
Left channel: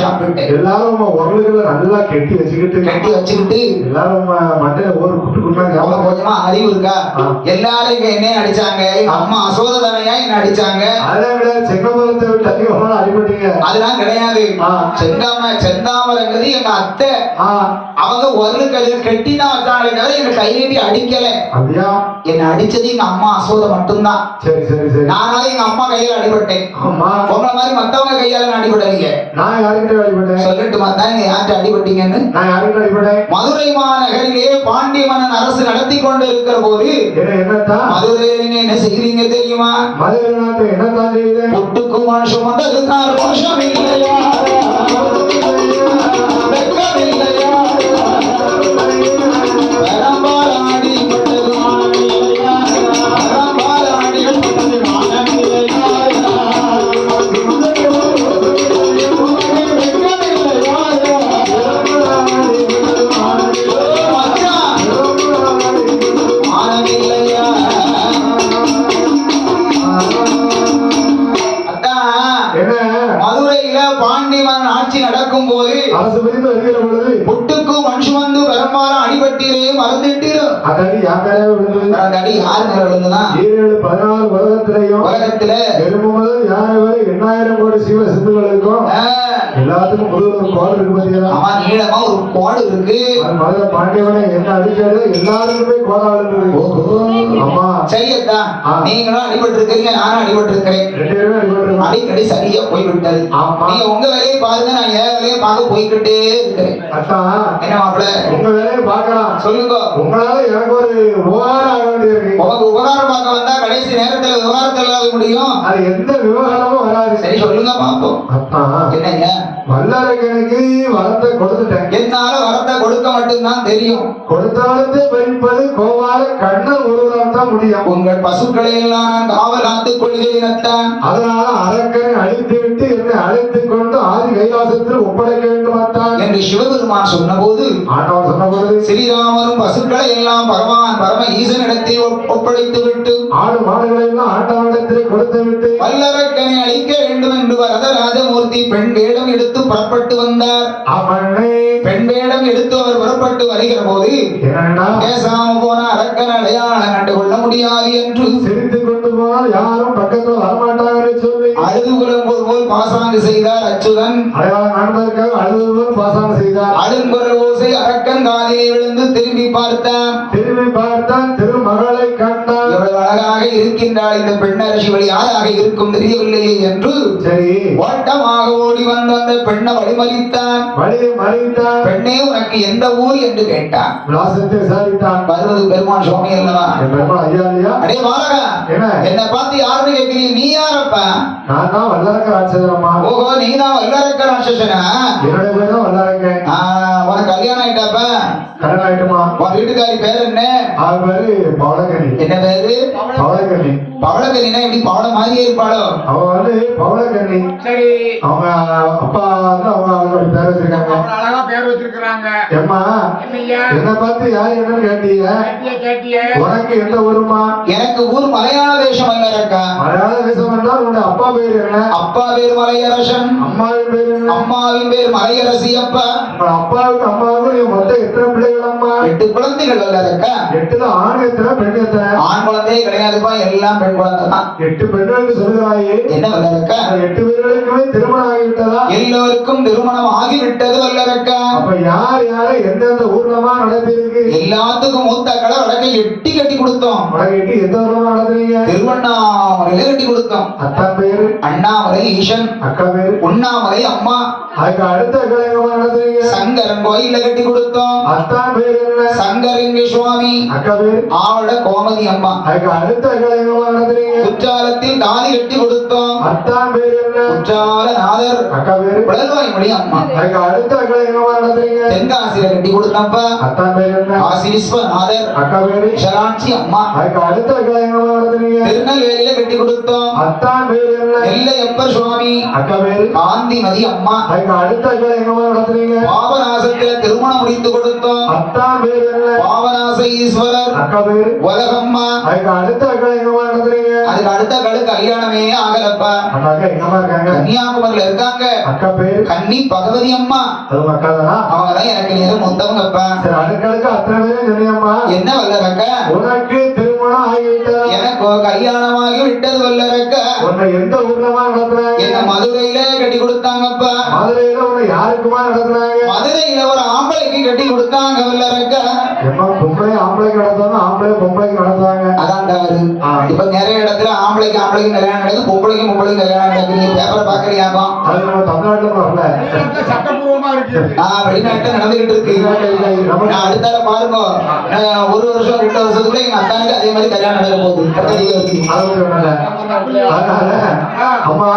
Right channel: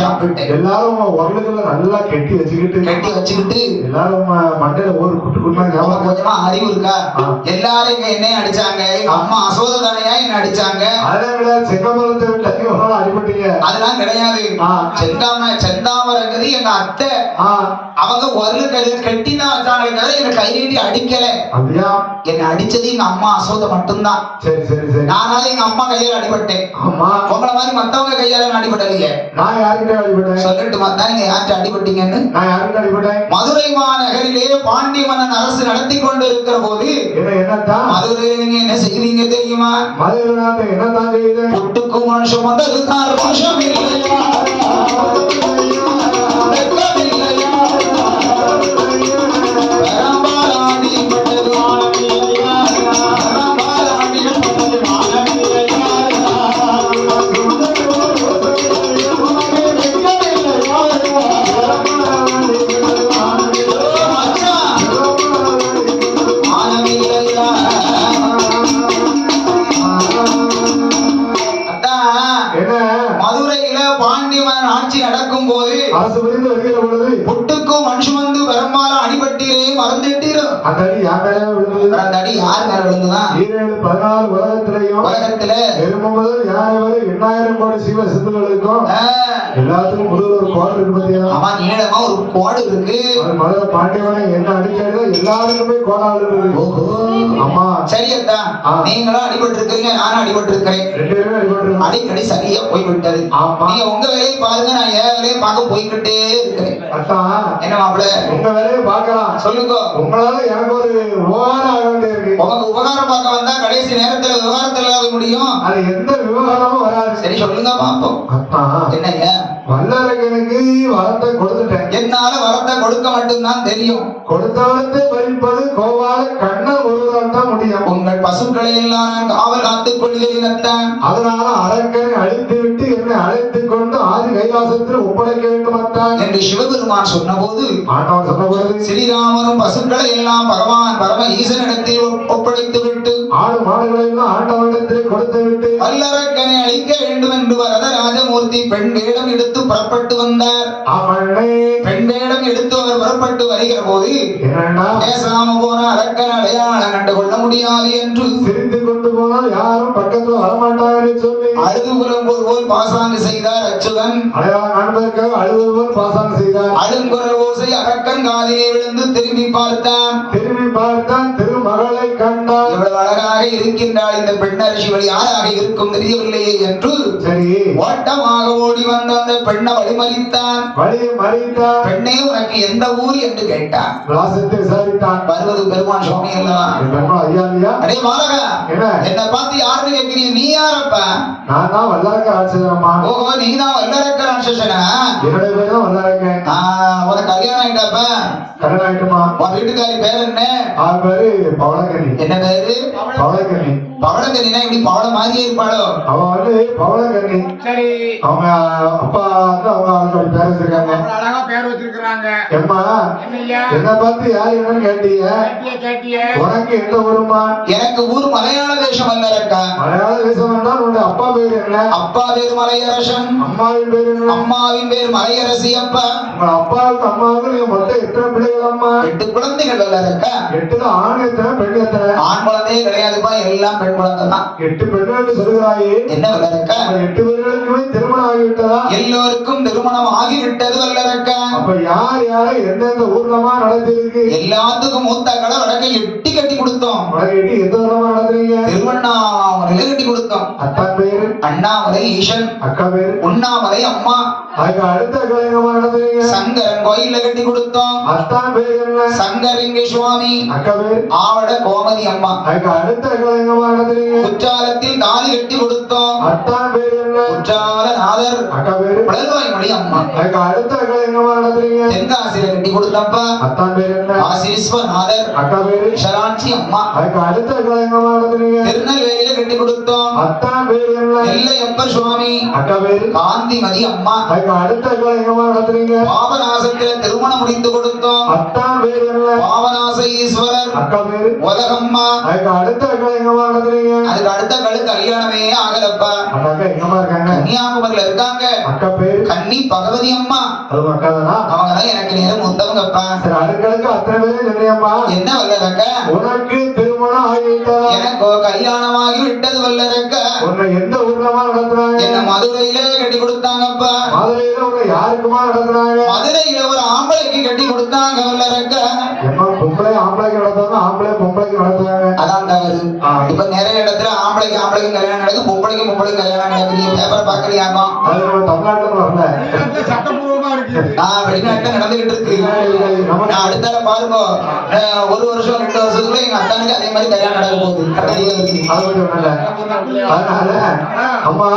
சாப்பிட்டேன் எல்லாரும் உரலுகளை நல்லா கெட்டி வச்சுக்கிட்டு கட்டி வச்சுக்கிட்டு எல்லாரும் மண்டையில ஒரு குட்டு குட்டா ரொம்ப ஞாபகம். கொஞ்சமா அறிவு இருக்கா? ஆ. எல்லாரும் இங்க என்னைய அடிச்சாங்க, எங்க அம்மா அசோதனையா என்ன அடிச்சாங்க. அதே விட செங்கமலத்தை விட்டு அதிகமாக அடிபட்டீங்க. அதெல்லாம் கிடையாது. ஆ. செந்தாமரைங்கிறது எங்க அத்தை. ஆ, அவங்க ஒரு கையில கெட்டி தான் வச்சாங்களே தவிர என்ன கை நீட்டி அடிக்கல. அப்படியா? என்ன அடிச்சது எங்க அம்மா அசோதை மட்டும்தான். சரி சரி சரி. நானால எங்க அம்மா கையில அடிபட்டேன். ஆமா, உங்களை மாதிரி மத்தவங்க கையால நான் அடிபடலையே. நான் யார்கிட்ட அடிபட்டேன்? சொல்லட்டு பார்த்தா நீங்க யார்கிட்ட அடிபட்டீங்கன்னு. நான் யார்கிட்ட அடிபட்டேன்? மதுரை மாநகரிலே பாண்டிய மன்னன் அரசு நடத்தி கொண்டு இருக்கிற போது என்னத்தான் மதுரையில நீங்க என்ன செய்றீங்க தெரியுமா? மதுரை நாட்டு என்னத்தான் செய்யுது? புட்டுக்கு மனுஷம் வந்ததுதான் ரோஷம் இல்லையா, வெட்கம் இல்லையா, பெரம்பாலாடி பட்டது மானம் இல்லையா, பெரம்பாலாடி பட்டது மானம் இல்லையா, வெட்கம் இல்லையா, மச்சான், மானம் இல்லையா. விழுந்தது. அந்த அடி யார் மேல விழுந்துதான்? 14 உலகத்துல எருமை முதல் யானை வரை 8000 கோடி சீவ சிந்துகளுக்கும் எல்லாத்துக்கும் முதல் ஒரு கோடு இருக்கு பாத்தீங்களா? ஆமா, நீளமா ஒரு கோடு இருக்கு. அது மதுரை பாண்டியவனை என்ன அடிக்கிறது எல்லாருக்குமே கோடாளு இருக்கு. ஆமா சரியத்தான், நீங்களும் அடிபட்டு இருக்கீங்க, நானும் அடிபட்டு இருக்கிறேன். 2 பேருமே அடிபட்டு அடிக்கடி சரியா போய் விட்டது. நீங்க உங்க வேலையை பாருங்க, நான் என் வேலையை பார்க்க போய்கிட்டே இருக்கிறேன். என்ன மாப்பிள்ள, உங்க வேலையை பார்க்கலாம். சொல்லுங்க. உங்களால எனக்கு ஒரு உபகாரம் ஆக வேண்டியிருக்கு. உனக்கு உபகாரம் பார்க்க வந்தா கடைசி நேரத்துல விவகாரத்துல ஆக முடியும். அது எந்த விவகாரமும் வராது. சரி சொல்லுங்க பாப்போம். என்னங்க, வல்லரகனுக்கு வரத்தை கொடுத்துட்டேன். என்னால வரத்தை கொடுக்க மட்டும்தான் தெரியும். கொடுத்த வரத்தை வைப்பது கோவால கண்ணன் ஒருவரால் தான் முடியும். உங்கள் பசுக்களை எல்லாம் நான் காவல் காத்துக் கொள்கிறேன். அதனால அரக்கனை அழித்து விட்டு என்னை அழைத்துக் கொண்டு ஆதி கைலாசத்தில் ஒப்படைக்க வேண்டும் என்று சிவபெருமான் சொன்னபோது, ஆண்டவர் சொன்னபோது ஸ்ரீராமரும் பசுக்களை எல்லாம் பகவான் பரம ஈசனிடத்தில் ஒப்படைத்து விட்டு ஆடு மாடுகளை எல்லாம் ஆண்டவனிடத்தில் கொடுத்து விட்டு வல்லரக்கனை அழிக்க வேண்டும் என்று வரதராஜமூர்த்தி பெண் வேடம் எடுத்து புறப்பட்டு வந்தார். பெண் வேடம் எடுத்து அவர் புறப்பட்டு வருகிற போது பேசாம போன அரக்கன் அடையாளம் கண்டு கொள்ள முடியாது என்று சிரித்து கொண்டு போனால் யாரும் பக்கத்தில் வரமாட்டார் என்று சொல்லி அழுது புலம்போர் போல் பாசாங்கு செய்தார் அச்சுதன். அடையாளம் காண்பதற்காக அழுது போல் பாசாங்கு செய்தார். அழுங்குரல் ஓசை அரக்கன் காதிலே விழுந்து திரும்பி பார்த்தான். திருமகளை கண்டான். இவ்வளவு அழகாக இருக்கின்றாள் இந்த பெண்ணரசி, வழி யாராக இருக்கும் தெரியவில்லையே என்று சரி ஓட்டமாக ஓடி வந்த அந்த பெண்ணை வழிமறித்தான். பெண்ணே, உனக்கு எந்த ஊர் என்று கேட்டான். விசாரித்தான். வருவது பெருமான் சுவாமி அல்லவா? அடே பாலகா, என்ன பார்த்து யாருன்னு கேட்கிறீங்க? நீ யாரப்பா? நான் தான் வல்லரக்க ராட்சசனம்மா. ஓஹோ, நீ தான் வல்லரக்க ராட்சசனா? என்னோட பேர் தான் வல்லரக்கன். உனக்கு கல்யாணம் ஆயிட்டாப்பா? கல்யாணம் ஆயிட்டுமா. உன் வீட்டுக்காரி பேர் என்ன? அவ பேரு பவளக்கண்ணி. என்ன பேரு? பவளக்கண்ணி. பவளக்கண்ணினா இப்படி பவள மாதிரியே இருப்பாளோ? அவ வந்து பவளக்கண்ணி. சரி, அவங்க அப்பா வந்து அவங்க பேர் வச்சிருக்காங்க. அழகா பேர் வச்சிருக்காங்க. ஏம்மா, என்ன பார்த்து யார் என்னன்னு கேட்டீங்க? உனக்கு எந்த ஊருமா? எனக்கு ஊர் மலையாள தேசம் வல்லரக்கா. மலையாள தேசம் என்றால் உன்னுடைய அப்பா பேர் என்ன? அப்பா பேர் மலையரசன். அம்மாவின் பேர் என்ன? அம்மாவின் பேர் மலையரசி. அப்பா அப்பாவுக்கு அம்மாவுக்கு நீங்க மொத்தம் எத்தனை பிள்ளைகள் அம்மா? 8 குழந்தைகள் வல்லரக்கா. 8ல ஆண் எத்தனை பெண் எத்தனை? ஆண் குழந்தையே கிடையாதுப்பா, எல்லாம் பெண் குழந்தை தான். 8 பெண்கள் சொல்லுகிறாயே, என்ன வல்லரக்கா? 8 பேர்களுக்குமே திருமணம் ஆகிவிட்டதா? எல்லோருக்கும் திருமணம் ஆகிவிட்டது வல்லரக்கா. அப்ப யார் யாரை எந்தெந்த ஊர்லமா நடத்திருக்கு? எல்லாத்துக்கும் மூத்த கடை வடக்கை எட்டி கட்டி கொடுத்தோம். வடக்கை எந்த ஊர்லமா நடத்துறீங்க? திருவண்ணாமலையில கட்டி கொடுத்தோம். அத்தா பேரு அண்ணாமலை ஈசன். அக்கா பேரு உண்ணாமலை அம்மா. அதுக்கு அடுத்த கலைஞமா நடத்துறீங்க? சங்கரன் கோயில்ல கட்டி கொடுத்தோம். அத்தா பேரு என்ன? சங்கரிங்க சுவாமி. அக்கா பேரு ஆவட கோமதி அம்மா. அதுக்கு அடுத்த கலைஞமா நடத்துறீங்க? குற்றாலத்தில் தாலி கட்டி கொடுத்தோம். அத்தா பேரு என்ன? குற்றாலநாதர். அக்கா பேரு பழல்வாய்மொழி அம்மா. அதுக்கு அடுத்த கலைஞமா நடத்துறீங்க? தென்காசியில கட்டி கொடுத்தப்பா. அத்தா பேரு என்ன? காசி விஸ்வநாதர். அக்கா பேரு ஷரான்சி அம்மா. அதுக்கு அடுத்த கலைஞமா நடத்துறீங்க? திருநெல்வேலியில கட்டி கொடுத்தோம். அத்தா பேரு என்ன? நெல்லையப்பர் சுவாமி. அக்கா பேரு காந்திமதி அம்மா. அதுக்கு அடுத்த கலைஞமா நடத்துறீங்க? பாபநாசத்துல திருமணம் முடித்து கொடுத்தோம். அத்தா பேரு என்ன? பாபநாச ஈஸ்வரர். அக்கா பேரு உலகம்மா. அதுக்கு அடுத்த கலைஞமா நடத்துறீங்க? அதுக்கு அடுத்த கல்யாணமே ஆகலப்பா. அக்கா எங்கம்மா இருக்காங்க? கன்னியாகுமரியில இருக்காங்க. அக்கா பேரு கன்னி பகவதி அம்மா. அது அக்கா தானா? அவங்கதான் எனக்கு நேரம் முத்தவங்கப்பா. சரி, அடுக்களுக்கு அத்தனை பேரும் சொன்னியம்மா. என்ன வல்லரக்க? உனக்கு திருமணம் ஆகிவிட்டதா? எனக்கு கல்யாணமாகி விட்டது வல்லரக்க. உன்னை எந்த ஊர்லமா நடத்துறாங்க? என்ன மதுரையில கட்டி கொடுத்தாங்கப்பா. மதுரையில உன்னை யாருக்குமா நடத்துறாங்க? மதுரையில ஒரு ஆம்பளைக்கு கட்டி கொடுத்தாங்க வல்லரக்க. பொம்பளை ஆம்பளைக்கு நடத்துவாங்க, ஆம்பளை பொம்பளைக்கு நடத்துவாங்க. அதான் தவறு. இப்ப நிறைய இடத்துல ஆம்பளைக்கு கல்யாணம் நடக்குது, பொம்பளைக்கு கல்யாணம் நடக்குது. பேப்பர் பாக்கலையாமா? அது நம்ம தமிழ்நாட்டுல வரல, சட்டப்பூர்வமா இருக்கு. வெளிநாட்டுல நடந்துகிட்டு இருக்கு. நான் அடுத்தால பாருங்க, 1 வருஷம் 2 வருஷத்துக்குள்ள எங்க அத்தானுக்கு அதே மாதிரி கல்யாணம் நடக்க போகுது. அதனால அம்மா,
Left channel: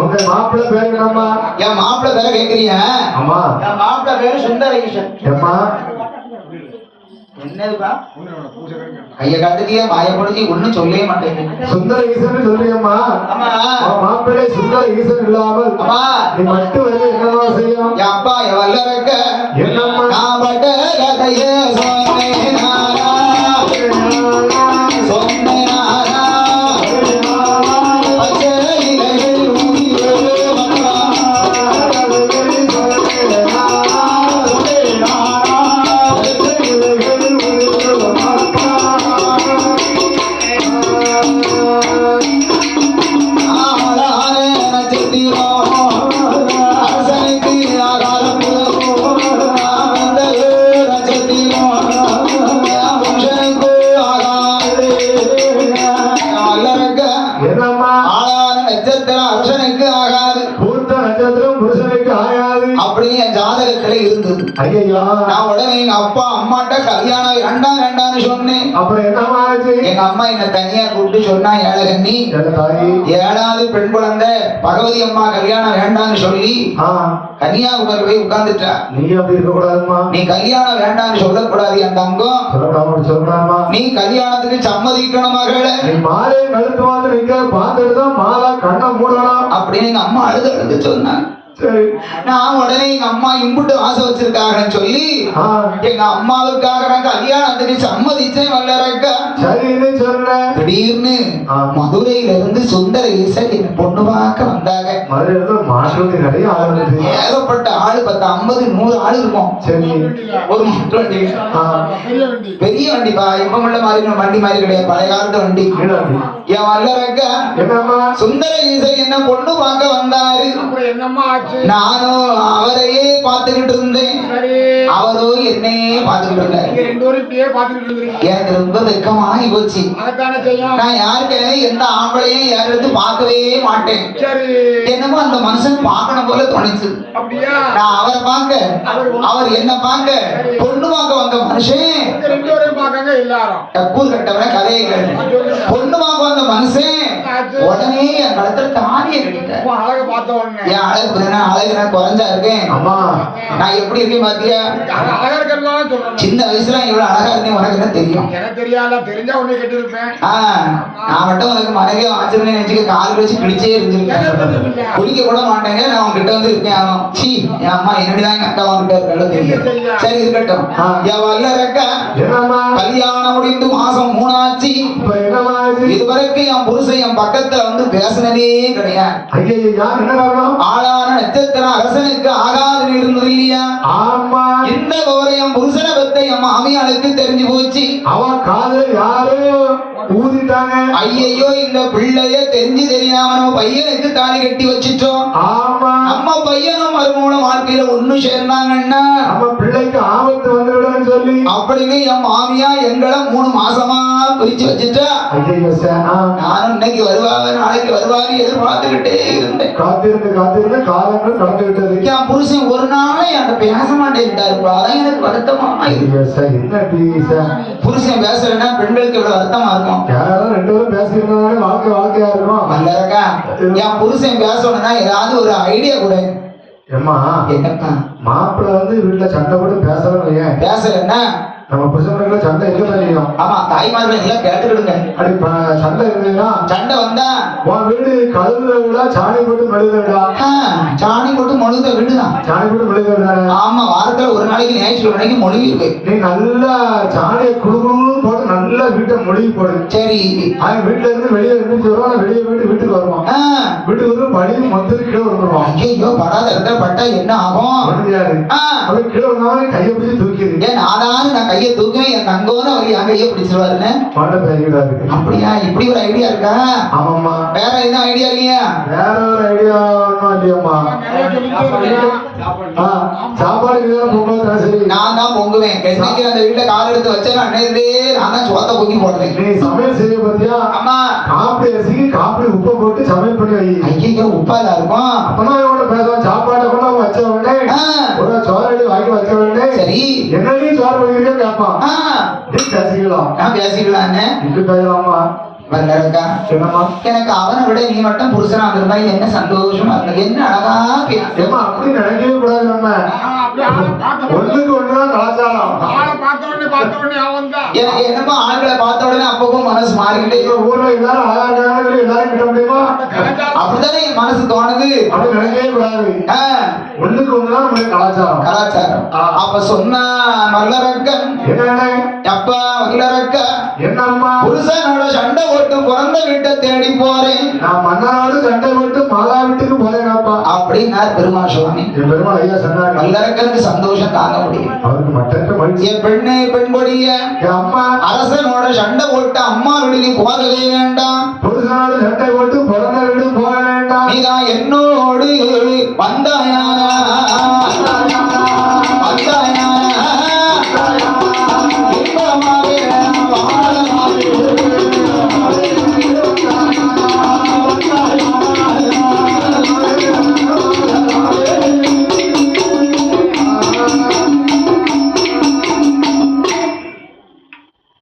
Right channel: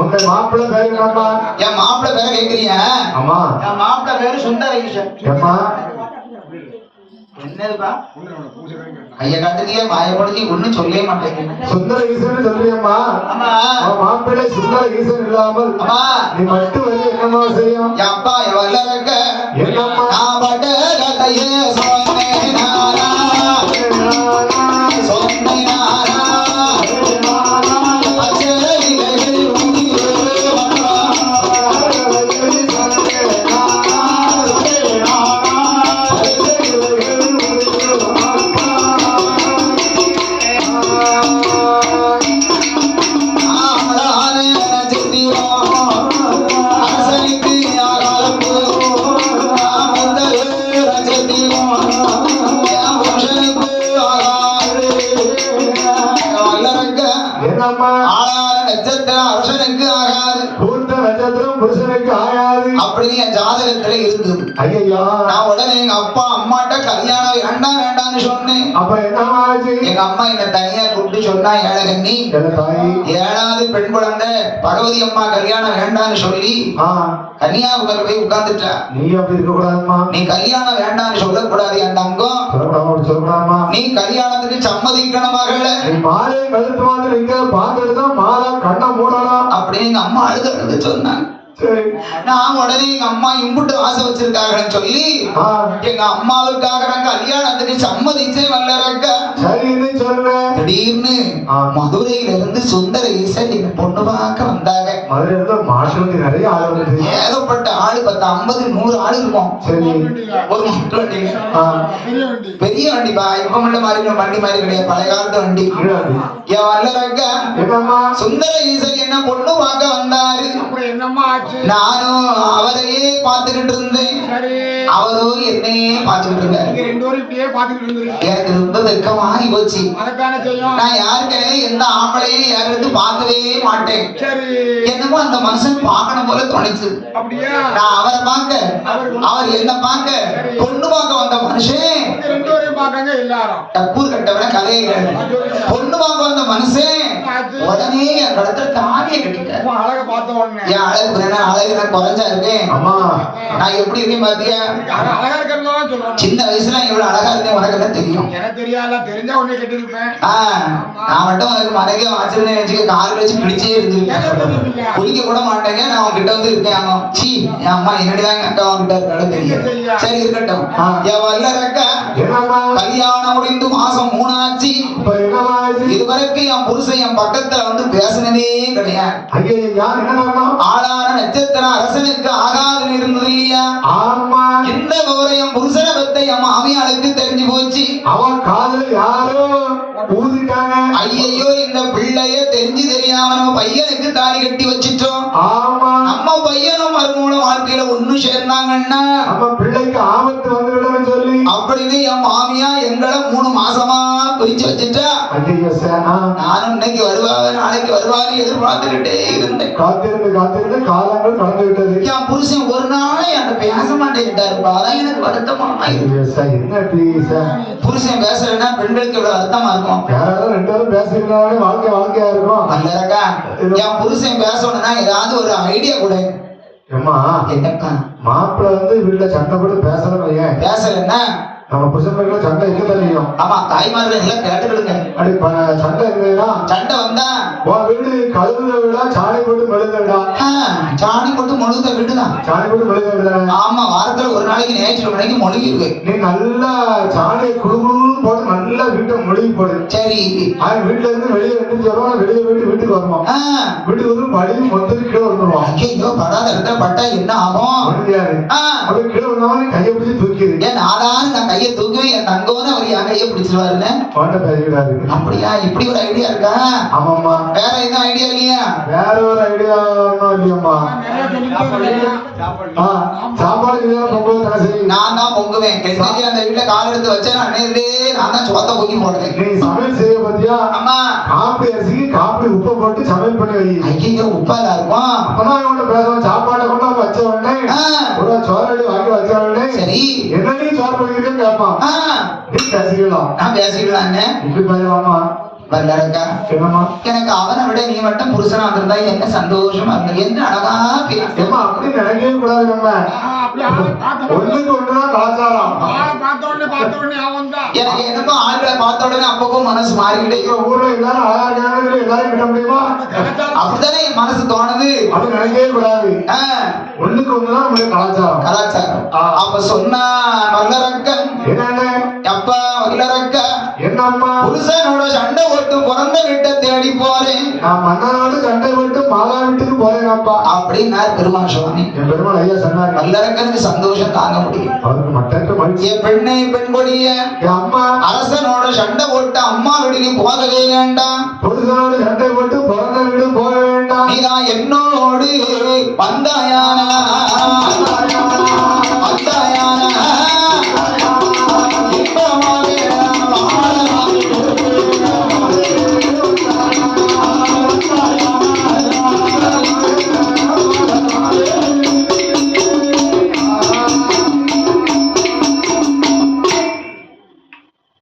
உங்க மாப்பிள்ளை பேரு என்னம்மா? என் மாப்பிள்ளை பேரை கேட்கிறீங்க? அம்மா, என் மாப்பிள்ளை பேரு சுந்தரேசன். அம்மா என்னதுப்பா? கைய காட்டுதிய மாயப்படுத்தி ஒண்ணும் சொல்லவே மாட்டேங்க. சுந்தர ஈசன் சொல்றியம்மா? அம்மா, மாப்பிள்ளை சுந்தர ஈசன் இல்லாமல் அம்மா நீ மட்டும் வந்து என்னமா செய்யும்? என் அப்பா வல்லரக்க. என்னம்மா? நான் பட்ட கதைய சொன்னேனா வல்லரங்க என்னம்மா ஆளான நட்சத்திரம் அரசனுக்கு ஆகாது பூத்த நட்சத்திரம் புருஷனுக்கு ஆகாது அப்படின்னு என் ஜாதகத்துல இருந்தது. ஐயா நான் உடனே எங்க அப்பா அம்மாட்ட கல்யாணம் வேண்டாம் வேண்டாம்னு சொன்னேன். அப்புறம் என்னம்மா ஆச்சு? எங்க அம்மா என்ன தனியா கூப்பிட்டு சொன்னா, ஏழகண்ணி என்ன தாயி? 7வது பெண் குழந்தை பகவதி அம்மா கல்யாணம் வேண்டாம்னு சொல்லி ஆ, கன்னியாகுமரி போய் உட்கார்ந்துட்டா. நீ அப்படி இருக்க கூடாதுமா. நீ கல்யாணம் வேண்டாம்னு சொல்லக்கூடாது என் தங்கம். சொல்லக்கூடாதுமா. நீ கல்யாணத்துக்கு சம்மதிக்கணும் மகளே நீ மாலை கழுத்து வந்து நிக்க பார்த்துட்டு தான் மாலா கண்ணை மூடலாம். அப்படின்னு எங்க அம்மா அழுது சொன்னாங்க. சரி. நான் உடனே எங்க அம்மா இம்புட்டு ஆசை வச்சிருக்காங்கன்னு சொல்லி ஆ, எங்க அம்மாவுக்காக நான் கல்யாணத்துக்கு சம்மதிச்சேன். வல்லரக்கா சரின்னு சொன்னேன். திடீர்னு ஆ. மதுரையில இருந்து சுந்தர ஈசன் என்ன பொண்ணு பார்க்க வந்தாங்க. மதுரை இருந்து மாசத்துக்கு நிறைய ஆளுநர். ஏகப்பட்ட ஆளு 10, 50, 100 ஆளு இருக்கும். சரி. ஒரு மாட்டு வண்டி, ஆ, பெரிய வண்டி. பெரிய வண்டிப்பா. இப்ப உள்ள மாதிரி வண்டி மாதிரி கிடையாது, பழைய காலத்து வண்டி. ஈழாண்டி. என் வல்லரக்கா என்னம்மா? சுந்தர ஈசன் என்ன பொண்ணு பார்க்க வந்தாரு. அப்புறம் என்னம்மா ஆச்சு? நானும் அவரையே பார்த்துக்கிட்டு இருந்தேன், சரி, அவரோ என்னையே பார்த்துக்கிட்டு இருந்தாரு. நீங்க 2 பேரும் இப்படியே பாத்துக்கிட்டு இருந்தீங்க. எனக்கு ரொம்ப வெக்கமாகி போச்சு. அதைத்தானே செய்யும். நான் யாருக்கே எந்த ஆம்பளையும் யாரும் பார்க்கவே மாட்டேன். சரி, என்னமோ அந்த மனுஷன் பார்க்கணும் போல தோணுச்சு. அப்படியா? நான் அவரை பார்க்க, அவர் என்ன பார்க்க, பொண்ணு பார்க்க வந்த மனுஷன் இந்த 2 பேரையும் பார்க்காங்க எல்லாரும். டக்கூர் கட்டவன கதையை கேளு. பொண்ணு பார்க்க வந்த மனுஷன் உடனே என் கழுத்துல தாலியை கட்டிட்டார். உன் அழகை பார்த்த உடனே என் அழகு நான் குறைஞ்சா இருக்கேன். அம்மா, நான் எப்படி இருக்கேன் பாத்தியா? அழகா இருக்கிறதா சொல்றேன். சின்ன வயசுல இவ்வளவு அழகா இருந்தேன், உனக்கு என்ன தெரியும்? எனக்கு தெரியாத, தெரிஞ்சா உன்னை கட்டியிருப்பேன். நான் மட்டும் உனக்கு மனைவியா வாச்சிருந்தேன் நினைச்சுக்க, கால் வச்சு பிடிச்சே இருந்திருக்கேன். குடிக்க கூட மாட்டேங்க. நான் உன்கிட்ட வந்து இருக்கேன். அவன் சீ, என் அம்மா என்னடிதான் அக்கா உன்கிட்ட இருக்காலும் தெரியும். சரி இருக்கட்டும். என் வல்லரக்கா என்னம்மா? கல்யாணம் முடிந்து மாசம் 3 ஆச்சு. இப்ப என்னம்மா ஆச்சு? இதுவரைக்கும் என் புருஷன் என் பக்கத்துல வந்து பேசினதே கிடையாது. ஐயா, என்ன காரணம்? ஆளான நட்சத்திரம் அரசனுக்கு ஆகாதுன்னு இருந்தது இல்லையா? ஆமா. இந்த ஒரு என் புருஷனை பத்த என் மாமியாளுக்கு தெரிஞ்சு போச்சு. அவன் காதுல யாரோ ஊதிட்டாங்க. ஐயையோ, இந்த பிள்ளைய தெரிஞ்சு தெரியாம நம்ம பையனுக்கு தாலி கட்டி வச்சிட்டோம். ஆமா. நம்ம பையனும் மறுமூலம் வாழ்க்கையில ஒண்ணு சேர்ந்தாங்கன்னா நம்ம பிள்ளைக்கு ஆபத்து வந்துவிடும் சொல்லி அப்படின்னு என் மாமியா எங்களை 3 மாசமா பிரிச்சு வச்சுட்டா. ஐயோ சார், நானும் இன்னைக்கு வருவாங்க நாளைக்கு வருவாங்க எதிர்பார்த்துக்கிட்டே இருந்தேன். காத்திருந்து காத்திருந்து காலங்கள் கடந்து விட்டது. என் புருஷன் ஒரு நாள் என்கிட்ட பேச மாட்டேன்ட்டாருப்பா. அதான் எனக்கு வருத்தமா இருக்கு. ஐயோ சார், என்ன டீ சார்? புருஷன் பேசலைன்னா பெண்களுக்கு இவ்வளவு வருத்தமா இருக்கும். யாராவது 2 பேரும் பேசியிருந்தாலும் வாழ்க்கையா இருக்கும். வல்லரக்கா, என் புருஷன் பேசணும்னா ஏதாவது ஒரு ஐடியா கொடு. ஏம்மா, என்னப்பா? மாப்பிள்ள வந்து வீட்டுல சண்டை போட்டு பேசலாம் வையேன். பேசலன்னா நம்ம புருஷனுக்குள்ள சண்டை இருக்க தெரியும். ஆமா, தாய்மார்கள் எல்லாம் கேட்டுக்கிடுங்க. அப்படி சண்டை இருந்ததுன்னா சண்டை வந்தா உன் வீடு கழுவுல விட சாணி போட்டு மெழுதா. சாணி போட்டு மொழுத வீடுதான். சாணி போட்டு மெழுதானே. ஆமா, வாரத்துல ஒரு நாளைக்கு ஞாயிற்றுக்கிழமைக்கு மொழிவு. நீ நல்லா சாணியை குடுகுடுன்னு போட்டு நல்லா வீட்டை மொழிவி போடு. சரி, அவன் வீட்டுல இருந்து வெளியே வந்து சொல்லுவான், வெளியே போயிட்டு வீட்டுக்கு வருவான். வீட்டுக்கு வந்து படி மொத்தம் கீழே வந்துருவான். ஐயோ, படாத இடத்துல பட்டா என்ன ஆகும்? முடியாது. அப்படி கீழே வந்தாலும் கையை பிடிச்சி தூக்கிடு. ஏன் நான் கையை தூக்குவேன், என் தங்கம்னு அவர் என் கையை பிடிச்சிருவாருன்னு. பாண்ட பயிர்களா இருக்கு. அப்படியா? இப்படி ஒரு ஐடியா இருக்கா? ஆமாம்மா. வேற என்ன ஐடியா இல்லையா? வேற ஒரு ஐடியா ஒன்றும் இல்லையம்மா. நிறைய சொல்லிட்டே இருக்கலாம். சாப்பாடு பொங்கல் சரி. நான் தான் பொங்குவேன். என்னைக்கு அந்த வீட்டுல கால் எடுத்து வச்சேன் அன்னையிலே நான் தான் சோத்த பொங்கி போடுறேன். நீ சமையல் செய்ய பத்தியா? அம்மா, காப்பி அரிசிக்கு காப்பி உப்பை போட்டு சமையல் பண்ணி வை. ஐயோ, உப்பாதான் இருக்கும். அப்பதான் அவங்கள்ட்ட பேசுவோம். சாப்பாட்டை கூட வச்ச உடனே ஒரு சோறடி வாங்கி வச்ச உடனே சரி, என்ன நீ சோறு பண்ணிருக்கேன்னு கேட்பான். நீ பேசிக்கலாம். நான் பேசிக்கலாங்க. இப்படி பேசலாமா? வல்லரக்கா, என்னமா? எனக்கு அவனை விட நீ மட்டும் புருஷனா இருந்திருந்தா என்ன சந்தோஷமா இருந்தது. என்ன அழகா பேச. ஏமா, அப்படி நினைக்கவே கூடாது. நம்ம அப்படி ஆளை பார்த்த ஒண்ணுக்கு ஒண்ணுதான் கலாச்சாரம். ஆளை பார்த்த உடனே அவன் தான். எனக்கு என்னமோ ஆண்களை பார்த்த உடனே அப்பப்போ மனசு மாறிக்கிட்டே எங்க ஊர்ல எல்லாரும் அழகா இருக்காங்க, எல்லாரும் கிட்ட முடியுமா? அப்படித்தானே என் மனசு தோணுது. அப்படி நினைக்கவே கூடாது. ஒண்ணுக்கு ஒண்ணுதான் நம்மளுக்கு கலாச்சாரம். கலாச்சாரம். அப்ப சொன்னா வல்லரக்கன், என்னன்னு? அப்பா வல்லரக்கா, என்னம்மா? புருஷனோட சண்டை போட்டு பிறந்த வீட்டை தேடி போறேன். நான் மன்னனோடு சண்டை போட்டு மாலா வீட்டுக்கு போறேங்கப்பா அப்படின்னார் பெருமாள் சுவாமி. என் பெருமாள் ஐயா சொன்னாங்க. வல்லரக்கனுக்கு சந்தோஷம் தாங்க முடியும். அவருக்கு மட்டற்ற மகிழ்ச்சி. என் பெண்ணே, பெண் கொடிய, என் அம்மா அரசனோட சண்டை போட்டு அம்மா வீடு நீ போகவே வேண்டாம். புருஷனோடு சண்டை போட்டு பிறந்த வீடு போக வேண்டாம். நீதான் என்னோடு வந்தாயானா